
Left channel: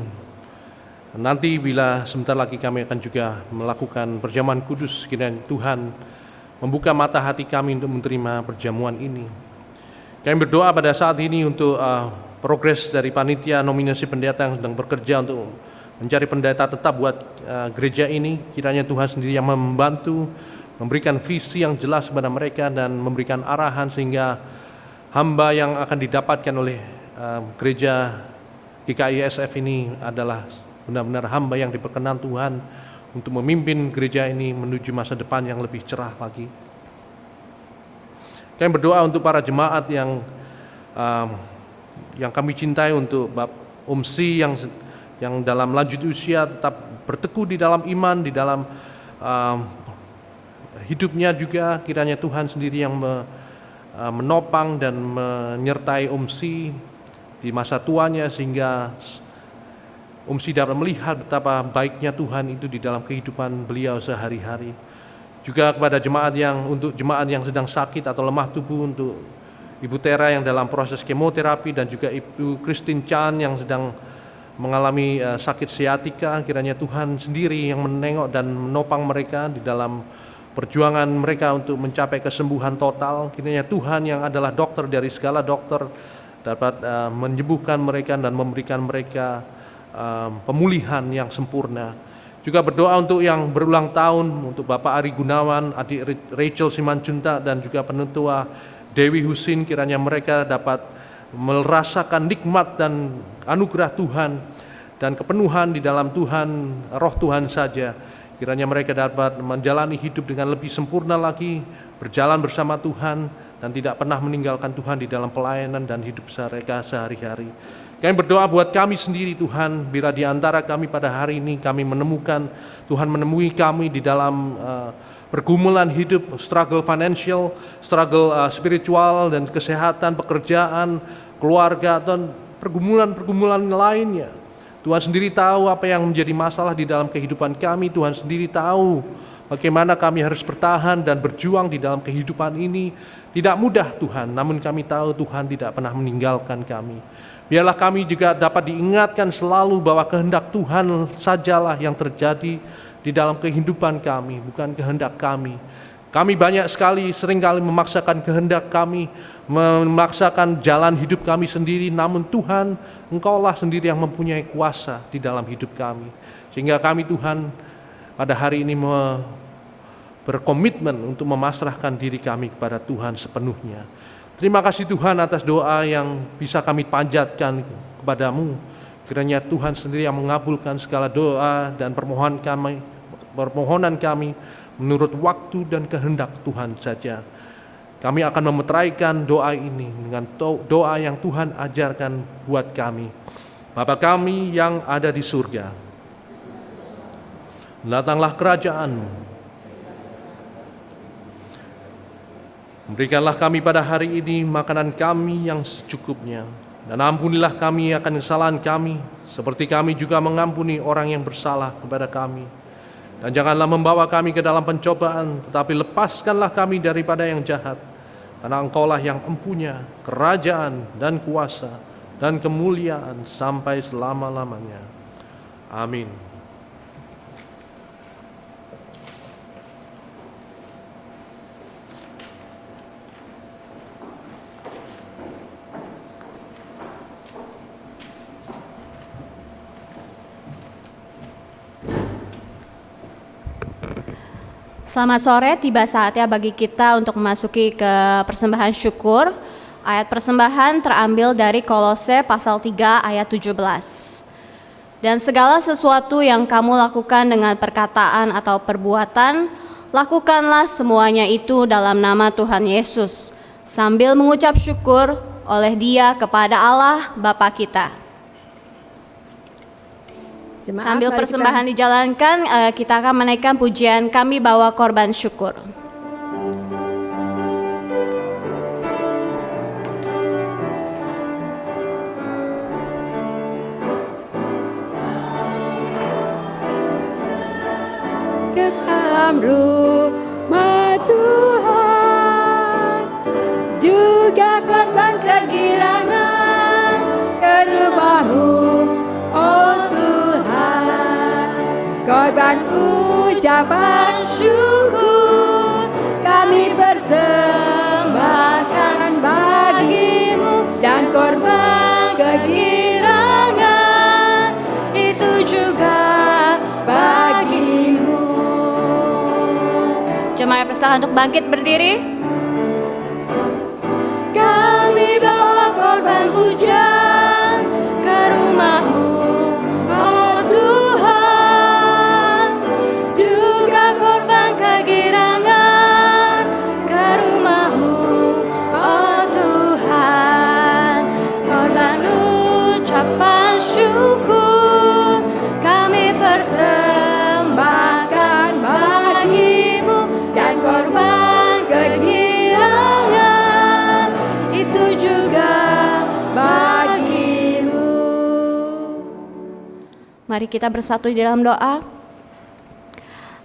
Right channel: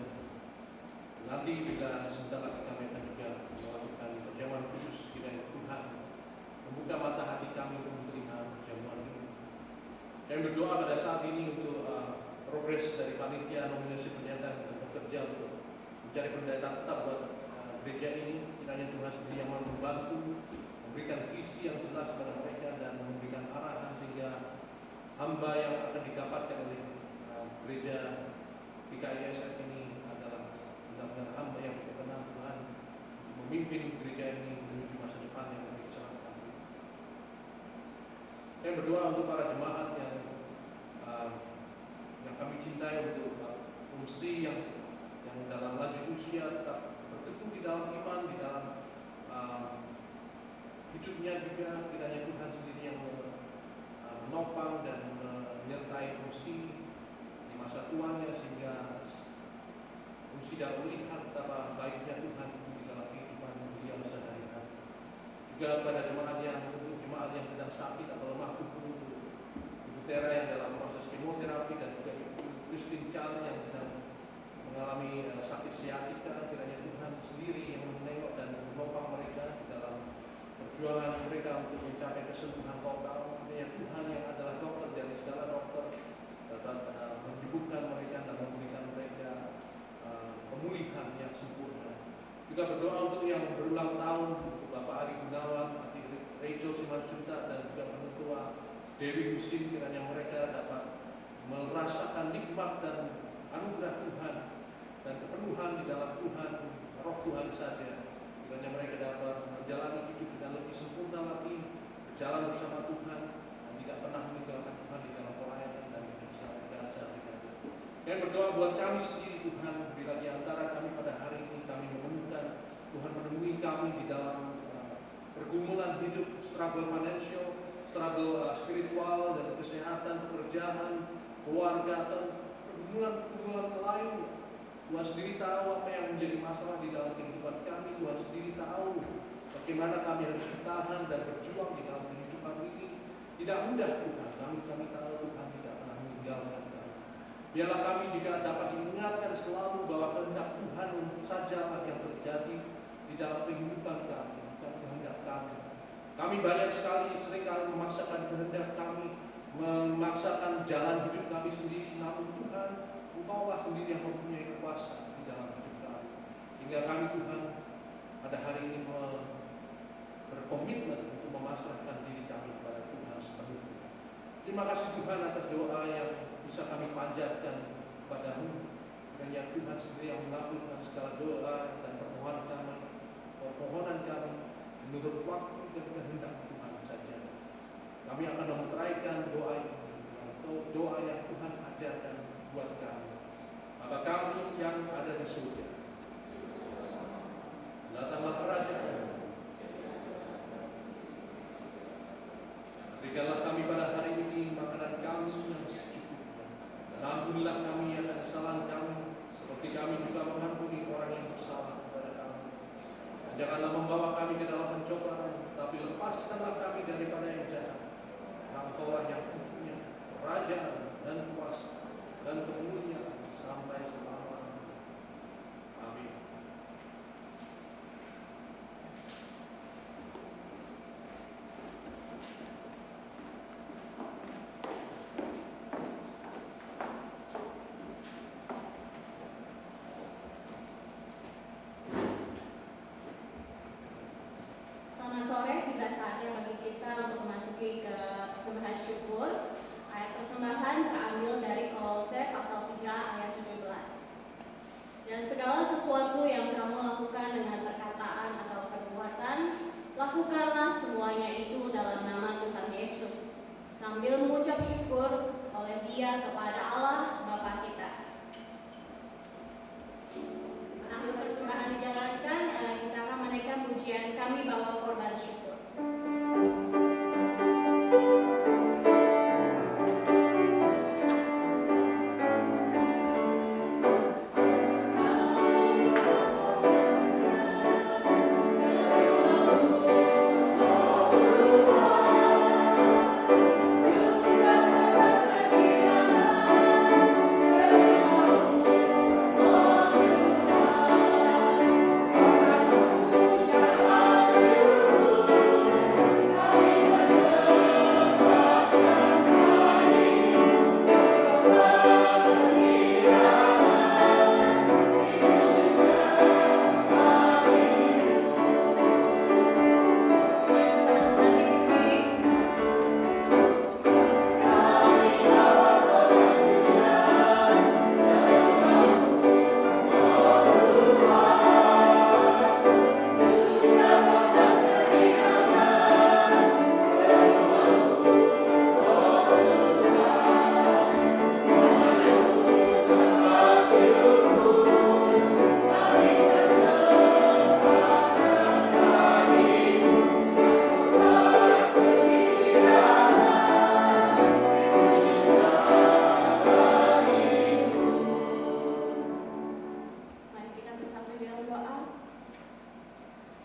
Nanti bila sebentar lagi kami akan juga melakukan perjamuan kudus, kiranya Tuhan membuka mata hati kami untuk menerima perjamuan ini. Kami berdoa pada saat ini untuk progres dari panitia nominasi pendeta yang sedang bekerja untuk mencari pendeta tetap buat gereja ini. Kiranya Tuhan sendiri yang membantu, memberikan visi yang jelas kepada mereka dan memberikan arahan sehingga hamba yang akan didapatkan oleh gereja GKI SF ini adalah benar-benar hamba yang diperkenan Tuhan untuk memimpin gereja ini menuju masa depan yang lebih cerah lagi. Kami berdoa untuk para jemaat yang kami cintai, untuk Umsi yang dalam lanjut usia tetap berteguh di dalam iman, di dalam hidupnya juga. Kiranya Tuhan sendiri yang menopang dan menyertai Umsi di masa tuanya sehingga Umsi dapat melihat betapa baiknya Tuhan itu di dalam kehidupan beliau sehari-hari. Juga kepada untuk jemaat yang sedang sakit atau lemah tubuh, untuk Ibu Tera yang dalam proses kemoterapi dan juga Ibu Christine Chan yang sedang mengalami sakit siatika. Kiranya Tuhan sendiri yang menengok dan menopang mereka di dalam perjuangan mereka untuk mencapai kesembuhan total. Kiranya Tuhan yang adalah dokter dari segala dokter dapat menyembuhkan mereka dan memberikan mereka pemulihan yang sempurna. Juga berdoa untuk yang berulang tahun, untuk Bapak Ari Gunawan, adik Rachel Simanjuntak, dan juga penetua Dewi Husin. Kiranya mereka dapat merasakan nikmat dan anugerah Tuhan dan kepenuhan di dalam Tuhan, roh Tuhan saja. Kiranya mereka dapat menjalani hidup dengan lebih sempurna lagi, berjalan bersama Tuhan, dan tidak pernah meninggalkan Tuhan di dalam pelayanan dan hidup mereka sehari-hari. Kami berdoa buat kami sendiri Tuhan, bila di antara kami pada hari ini kami menemukan, Tuhan menemui kami di dalam pergumulan hidup, struggle financial, struggle spiritual dan kesehatan, pekerjaan, keluarga, dan pergumulan-pergumulan lainnya. Tuhan sendiri tahu apa yang menjadi masalah di dalam kehidupan kami. Tuhan sendiri tahu bagaimana kami harus bertahan dan berjuang di dalam kehidupan ini. Tidak mudah Tuhan, namun kami tahu Tuhan tidak pernah meninggalkan kami. Biarlah kami juga dapat diingatkan selalu bahwa kehendak Tuhan sajalah yang terjadi di dalam kehidupan kami, bukan kehendak kami. Kami banyak sekali, seringkali memaksakan kehendak kami, memaksakan jalan hidup kami sendiri, namun Tuhan, Engkaulah sendiri yang mempunyai kuasa di dalam hidup kami. Sehingga kami Tuhan pada hari ini berkomitmen untuk memasrahkan diri kami kepada Tuhan sepenuhnya. Terima kasih Tuhan atas doa yang bisa kami panjatkan kepadamu. Kiranya Tuhan sendiri yang mengabulkan segala doa dan permohonan kami menurut waktu dan kehendak Tuhan saja. Kami akan memeteraikan doa ini dengan doa yang Tuhan ajarkan buat kami. Bapa kami yang ada di surga, datanglah kerajaan-Mu. Berikanlah kami pada hari ini makanan kami yang secukupnya, dan ampunilah kami akan kesalahan kami, seperti kami juga mengampuni orang yang bersalah kepada kami. Dan janganlah membawa kami ke dalam pencobaan, tetapi lepaskanlah kami daripada yang jahat. Karena Engkaulah yang empunya kerajaan dan kuasa dan kemuliaan sampai selama-lamanya. Amin. Selamat sore, tiba saatnya bagi kita untuk memasuki ke persembahan syukur. Ayat persembahan terambil dari Kolose pasal 3 ayat 17. Dan segala sesuatu yang kamu lakukan dengan perkataan atau perbuatan, lakukanlah semuanya itu dalam nama Tuhan Yesus, sambil mengucap syukur oleh Dia kepada Allah Bapa kita. Sambil persembahan dijalankan, kita akan menaikkan pujian Kami Bawa Korban Syukur. Ke dalam rumah Tuhan, juga korban kegirangan ke rumah-Mu, oh Tuhan. ucapan syukur kami persembahkan bagimu, dan korban kegirangan itu juga bagimu. Jemaat bersalah untuk bangkit berdiri. Kami bawa korban pujian ke rumah-Mu, oh Tuhan, juga korban kegirangan ke rumah-Mu, oh Tuhan, korban ucapan syukur kami persembahkan bagimu, dan korban kegirangan itu juga bagimu. Mari kita bersatu di dalam doa.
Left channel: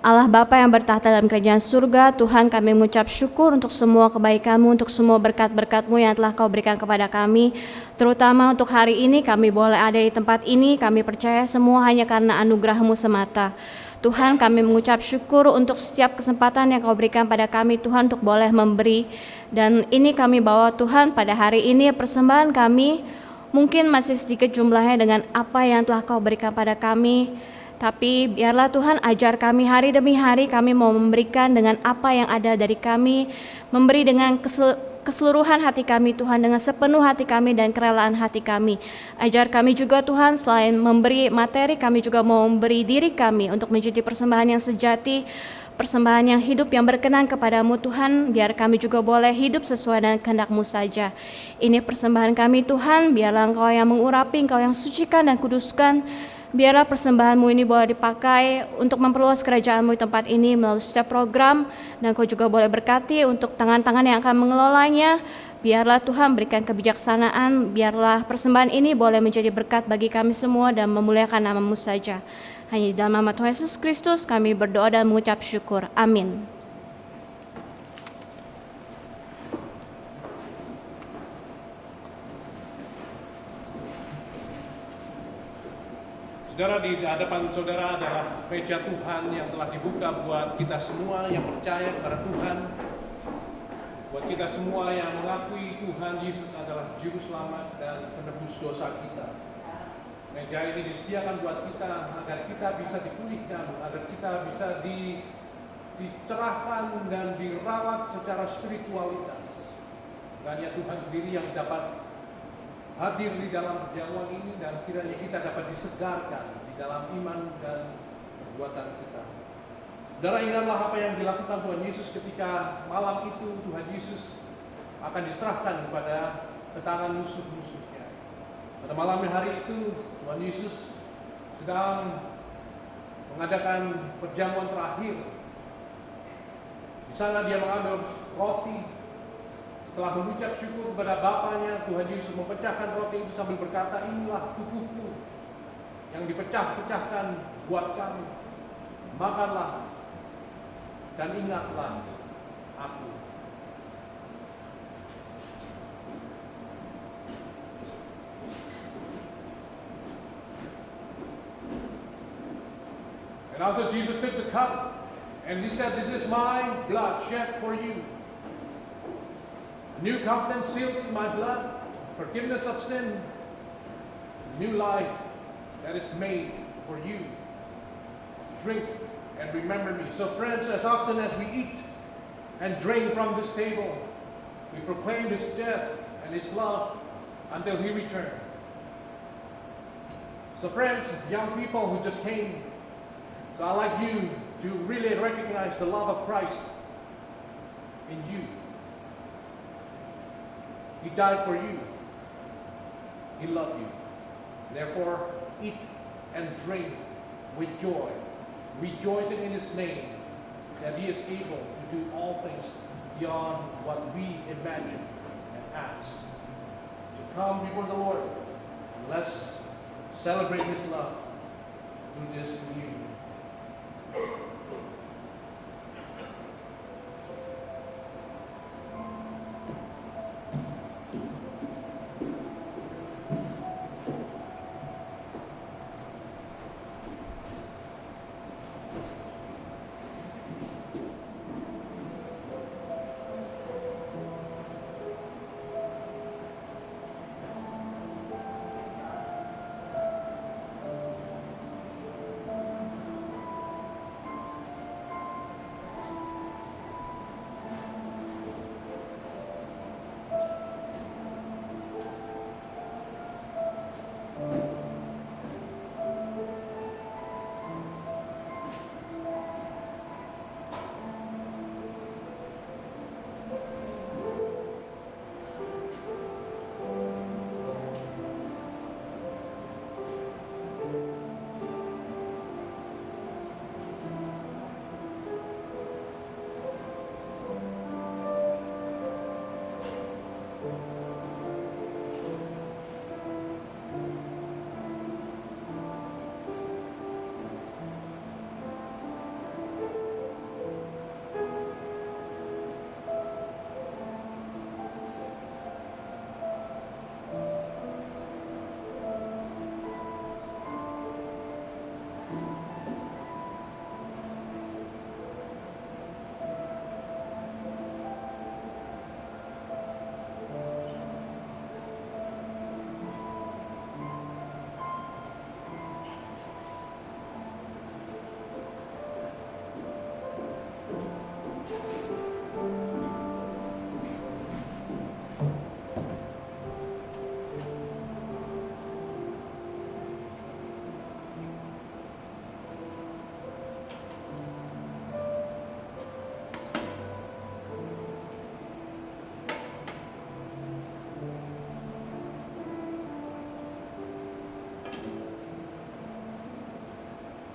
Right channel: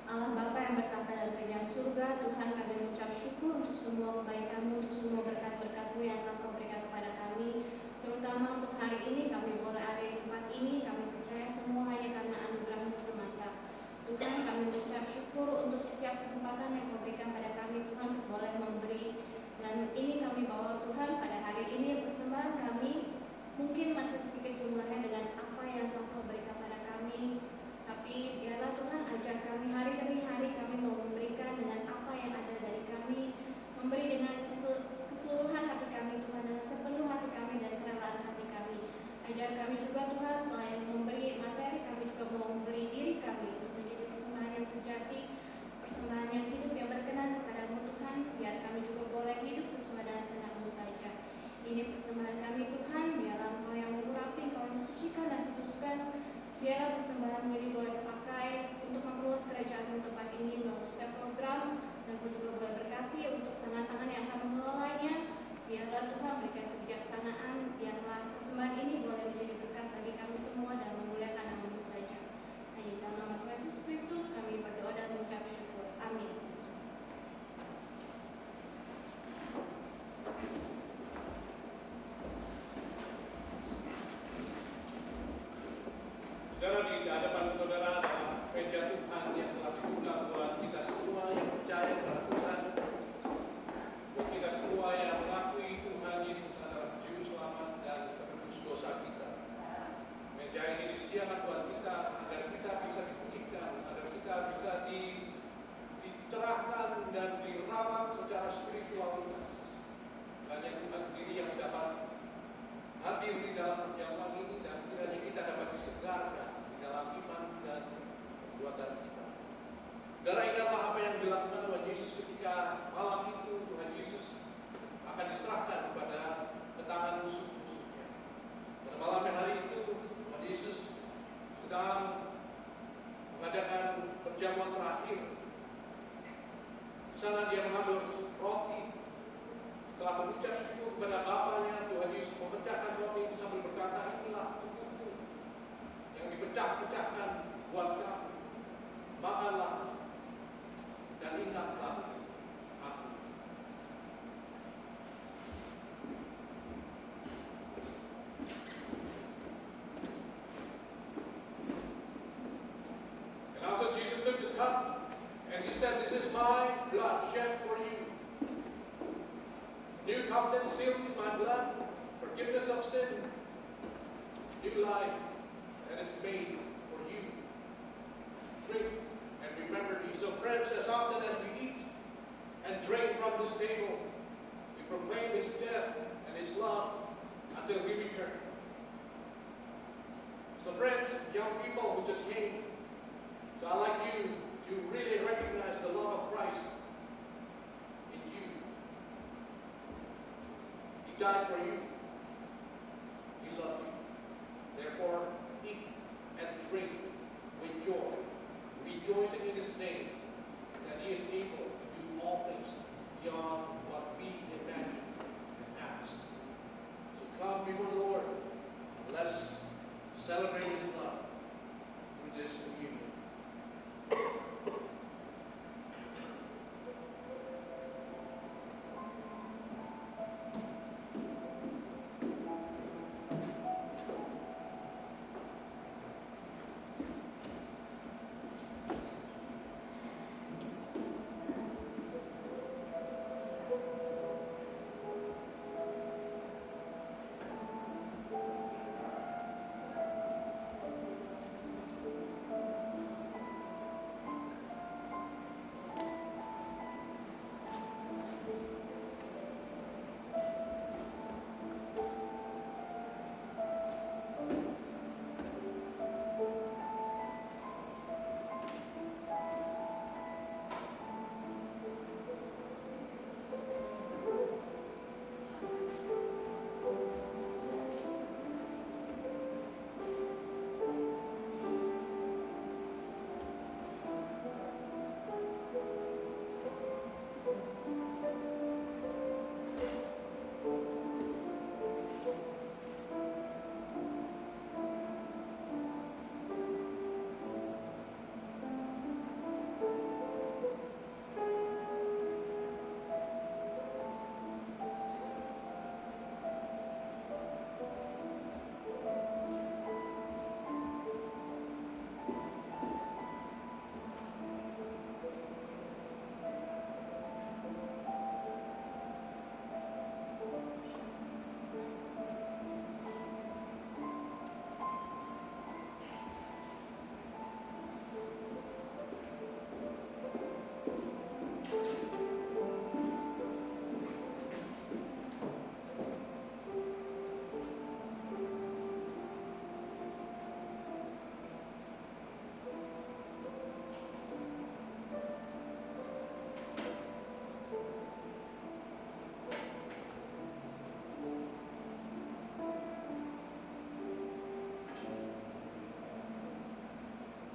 Allah Bapa yang bertahta dalam kerajaan surga, Tuhan, kami mengucap syukur untuk semua kebaikan-Mu, untuk semua berkat-berkat-Mu yang telah Kau berikan kepada kami. Terutama untuk hari ini kami boleh ada di tempat ini, kami percaya semua hanya karena anugerah-Mu semata. Tuhan, kami mengucap syukur untuk setiap kesempatan yang Kau berikan pada kami, Tuhan, untuk boleh memberi. Dan ini kami bawa, Tuhan, pada hari ini persembahan kami mungkin masih sedikit jumlahnya dengan apa yang telah Kau berikan pada kami. Tapi biarlah Tuhan ajar kami hari demi hari, kami mau memberikan dengan apa yang ada dari kami, memberi dengan keseluruhan hati kami Tuhan, dengan sepenuh hati kami dan kerelaan hati kami. Ajar kami juga Tuhan, selain memberi materi, kami juga mau memberi diri kami untuk menjadi persembahan yang sejati, persembahan yang hidup yang berkenan kepadamu Tuhan, biar kami juga boleh hidup sesuai dengan kehendak-Mu saja. Ini persembahan kami Tuhan, biarlah Engkau yang mengurapi, Engkau yang sucikan dan kuduskan. Biarlah persembahan-Mu ini boleh dipakai untuk memperluas kerajaan-Mu di tempat ini melalui setiap program, dan Kau juga boleh berkati untuk tangan-tangan yang akan mengelolanya. Biarlah Tuhan berikan kebijaksanaan, biarlah persembahan ini boleh menjadi berkat bagi kami semua dan memuliakan nama-Mu saja. Hanya di dalam nama Tuhan Yesus Kristus kami berdoa dan mengucap syukur. Amin. Saudara, di hadapan saudara adalah meja Tuhan yang telah dibuka buat kita semua yang percaya kepada Tuhan, buat kita semua yang mengakui Tuhan Yesus adalah Juru Selamat dan penebus dosa kita. Meja ini disediakan buat kita agar kita bisa dipulihkan, agar kita bisa dicerahkan dan dirawat secara spiritualitas. Dan ya Tuhan sendiri yang dapat hadir di dalam perjamuan ini, dan kiranya kita dapat disegarkan di dalam iman dan perbuatan kita. Saudara, ingatlah apa yang dilakukan Tuhan Yesus ketika malam itu Tuhan Yesus akan diserahkan kepada tangan musuh-musuhnya. Pada malam hari itu Tuhan Yesus sedang mengadakan perjamuan terakhir. Di sana dia mengambil roti. Setelah mengucap syukur kepada Bapanya, Tuhan Yesus memecahkan roti itu sambil berkata, inilah tubuhku yang dipecah-pecahkan buat kamu. Makanlah dan ingatlah aku. And also Jesus took the cup and he said, this is my blood shed for you. New covenant sealed in my blood, forgiveness of sin, new life that is made for you. Drink and remember me. So friends, as often as we eat and drink from this table, we proclaim His death and His love until He returns. So friends, young people who just came, so I'd like you to really recognize the love of Christ in you. He died for you. He loved you. Therefore, eat and drink with joy, rejoicing in His name, that He is able to do all things beyond what we imagine and ask. So come before the Lord, and let's celebrate His love through this communion.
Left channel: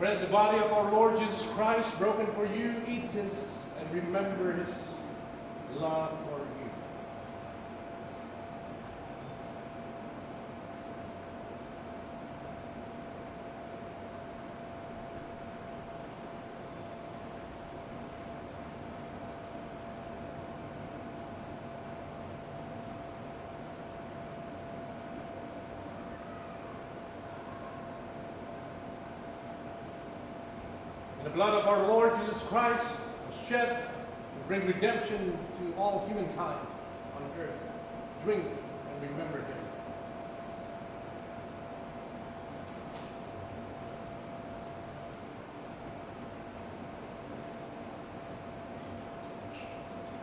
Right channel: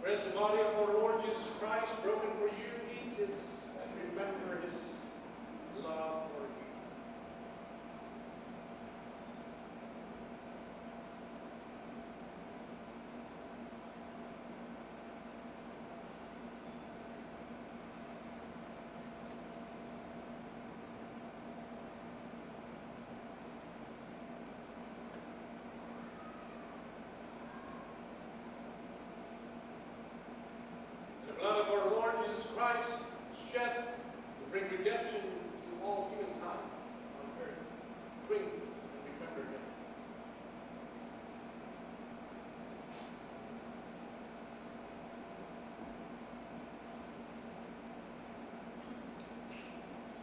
Friends, the body of our Lord Jesus Christ, broken for you, eat this and remember his love for you. The blood of our Lord Jesus Christ was shed to bring redemption to all humankind on earth. Drink and remember him.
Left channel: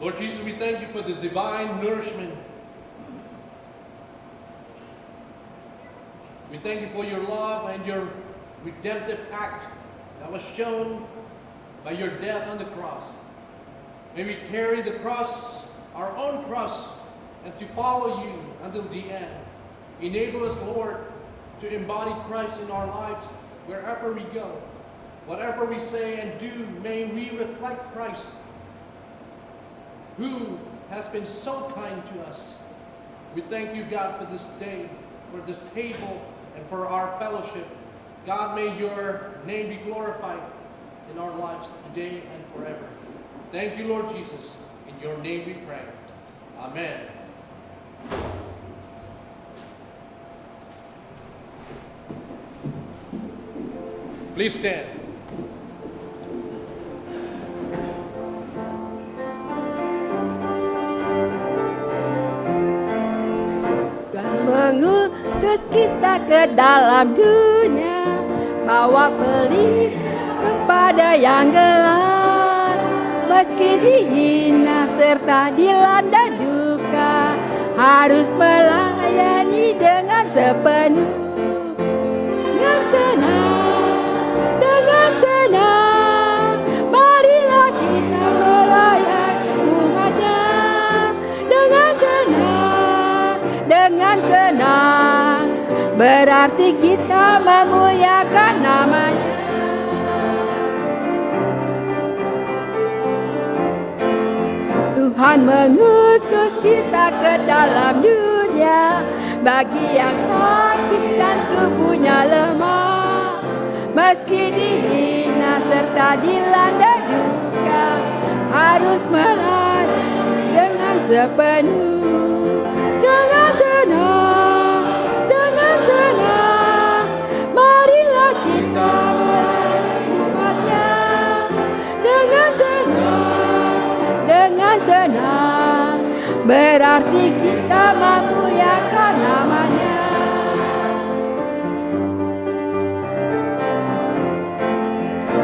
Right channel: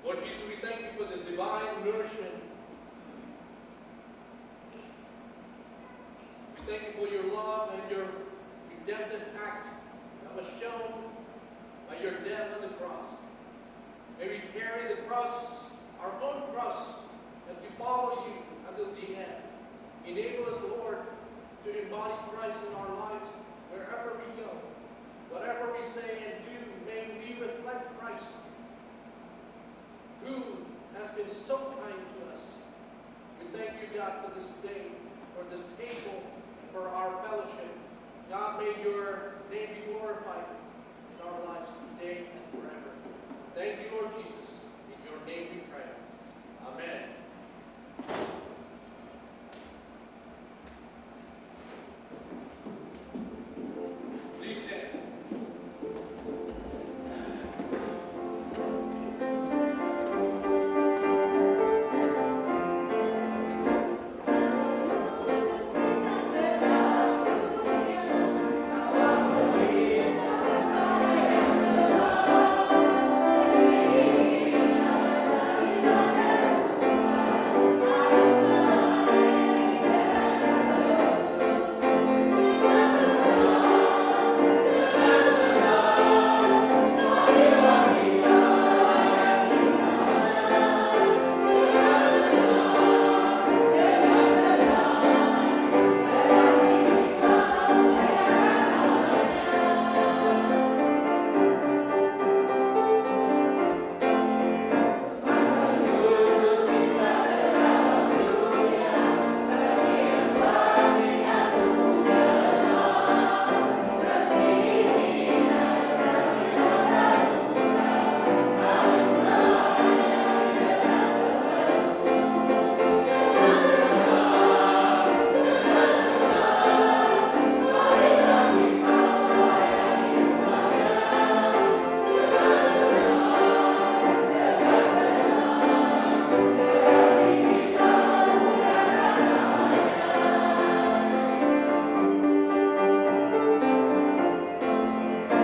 Lord Jesus, we thank you for this divine nourishment. We thank you for your love and your redemptive act that was shown by your death on the cross. May we carry the cross, our own cross, and to follow you until the end. Enable us, Lord, to embody Christ in our lives wherever we go. Whatever we say and do, may we reflect Christ, who has been so kind to us. We thank you, God, for this day, for this table, and for our fellowship. God, may your name be glorified in our lives today and forever. Thank you, Lord Jesus. In your name we pray. Amen. Please stand. Tuhan mengutus kita ke dalam dunia, bawa pelita kepada yang gelap. Meski dihina serta dilanda duka, harus melayani dengan sepenuh. Dengan senang, marilah kita melayani umatnya. Dengan senang, berarti kita memuliakan namanya. Tuhan mengutus kita ke dalam dunia, bagi yang sakit dan tubuhnya lemah. Meski dihina serta dilanda duka, harus melayani dengan sepenuh. Dengan senang, marilah kita melayani umatnya. Dengan senang, berarti kita memuliakan namanya.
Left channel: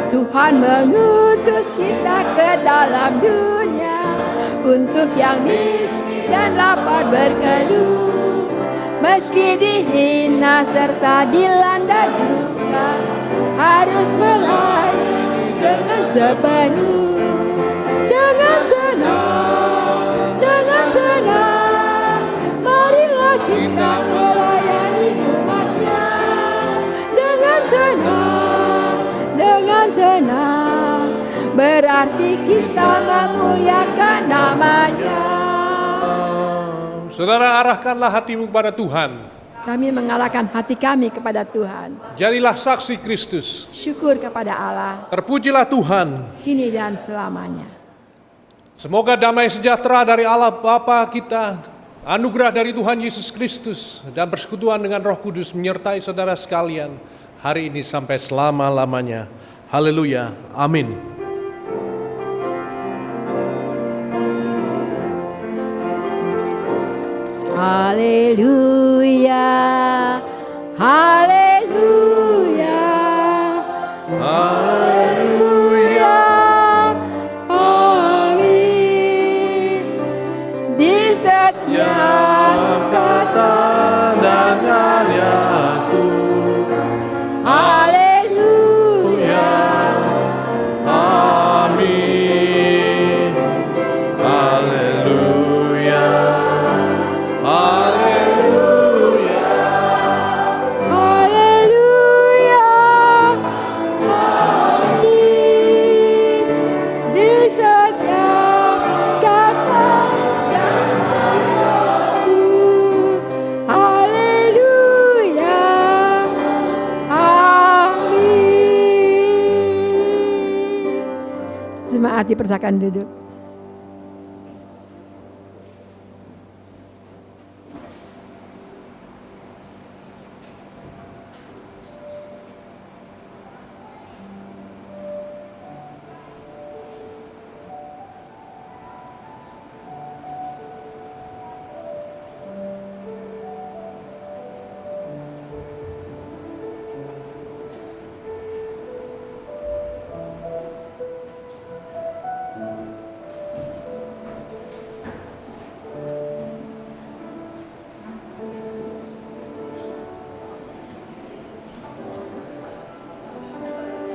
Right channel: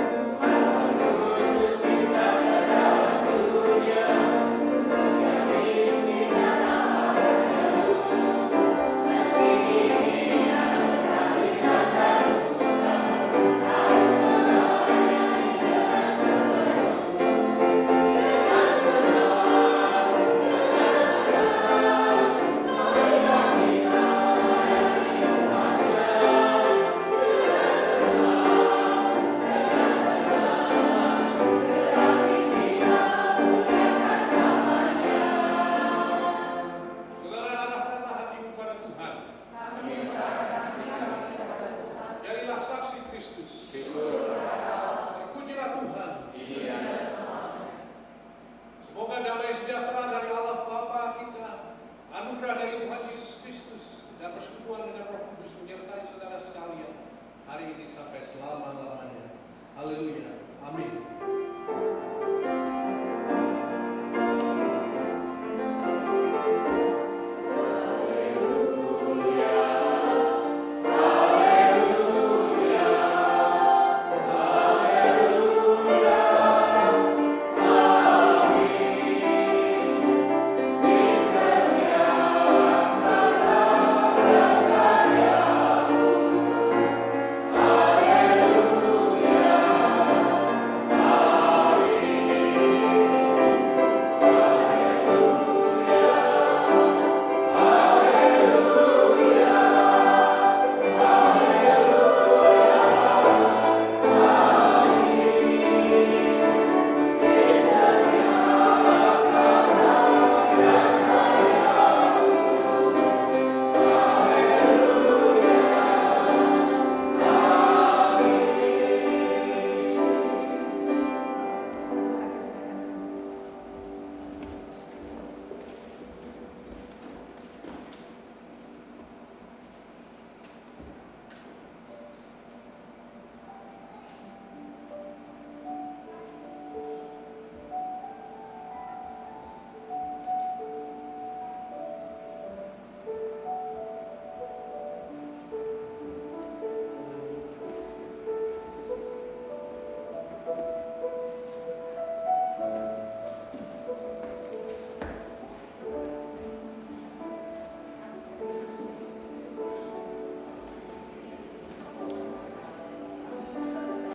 Tuhan mengutus kita ke dalam dunia, untuk yang miskin dan lapar berkeluh. Meski dihina serta dilanda duka, harus melayani dengan sepenuh. Dengan senang, marilah kita melayani umatnya. Dengan senang, berarti kita memuliakan namanya. Saudara, arahkanlah hatimu kepada Tuhan. Kami mengarahkan hati kami kepada Tuhan. Jadilah saksi Kristus. Syukur kepada Allah, Terpujilah Tuhan. kini dan selamanya. Semoga damai sejahtera dari Allah Bapa kita, anugerah dari Tuhan Yesus Kristus, dan persekutuan dengan Roh Kudus menyertai saudara sekalian hari ini sampai selama-lamanya. Haleluya. Amin. Haleluya, haleluya, haleluya, amin. Di setiap kata dan karyaku, haleluya, haleluya. Jemaat dipersilakan duduk.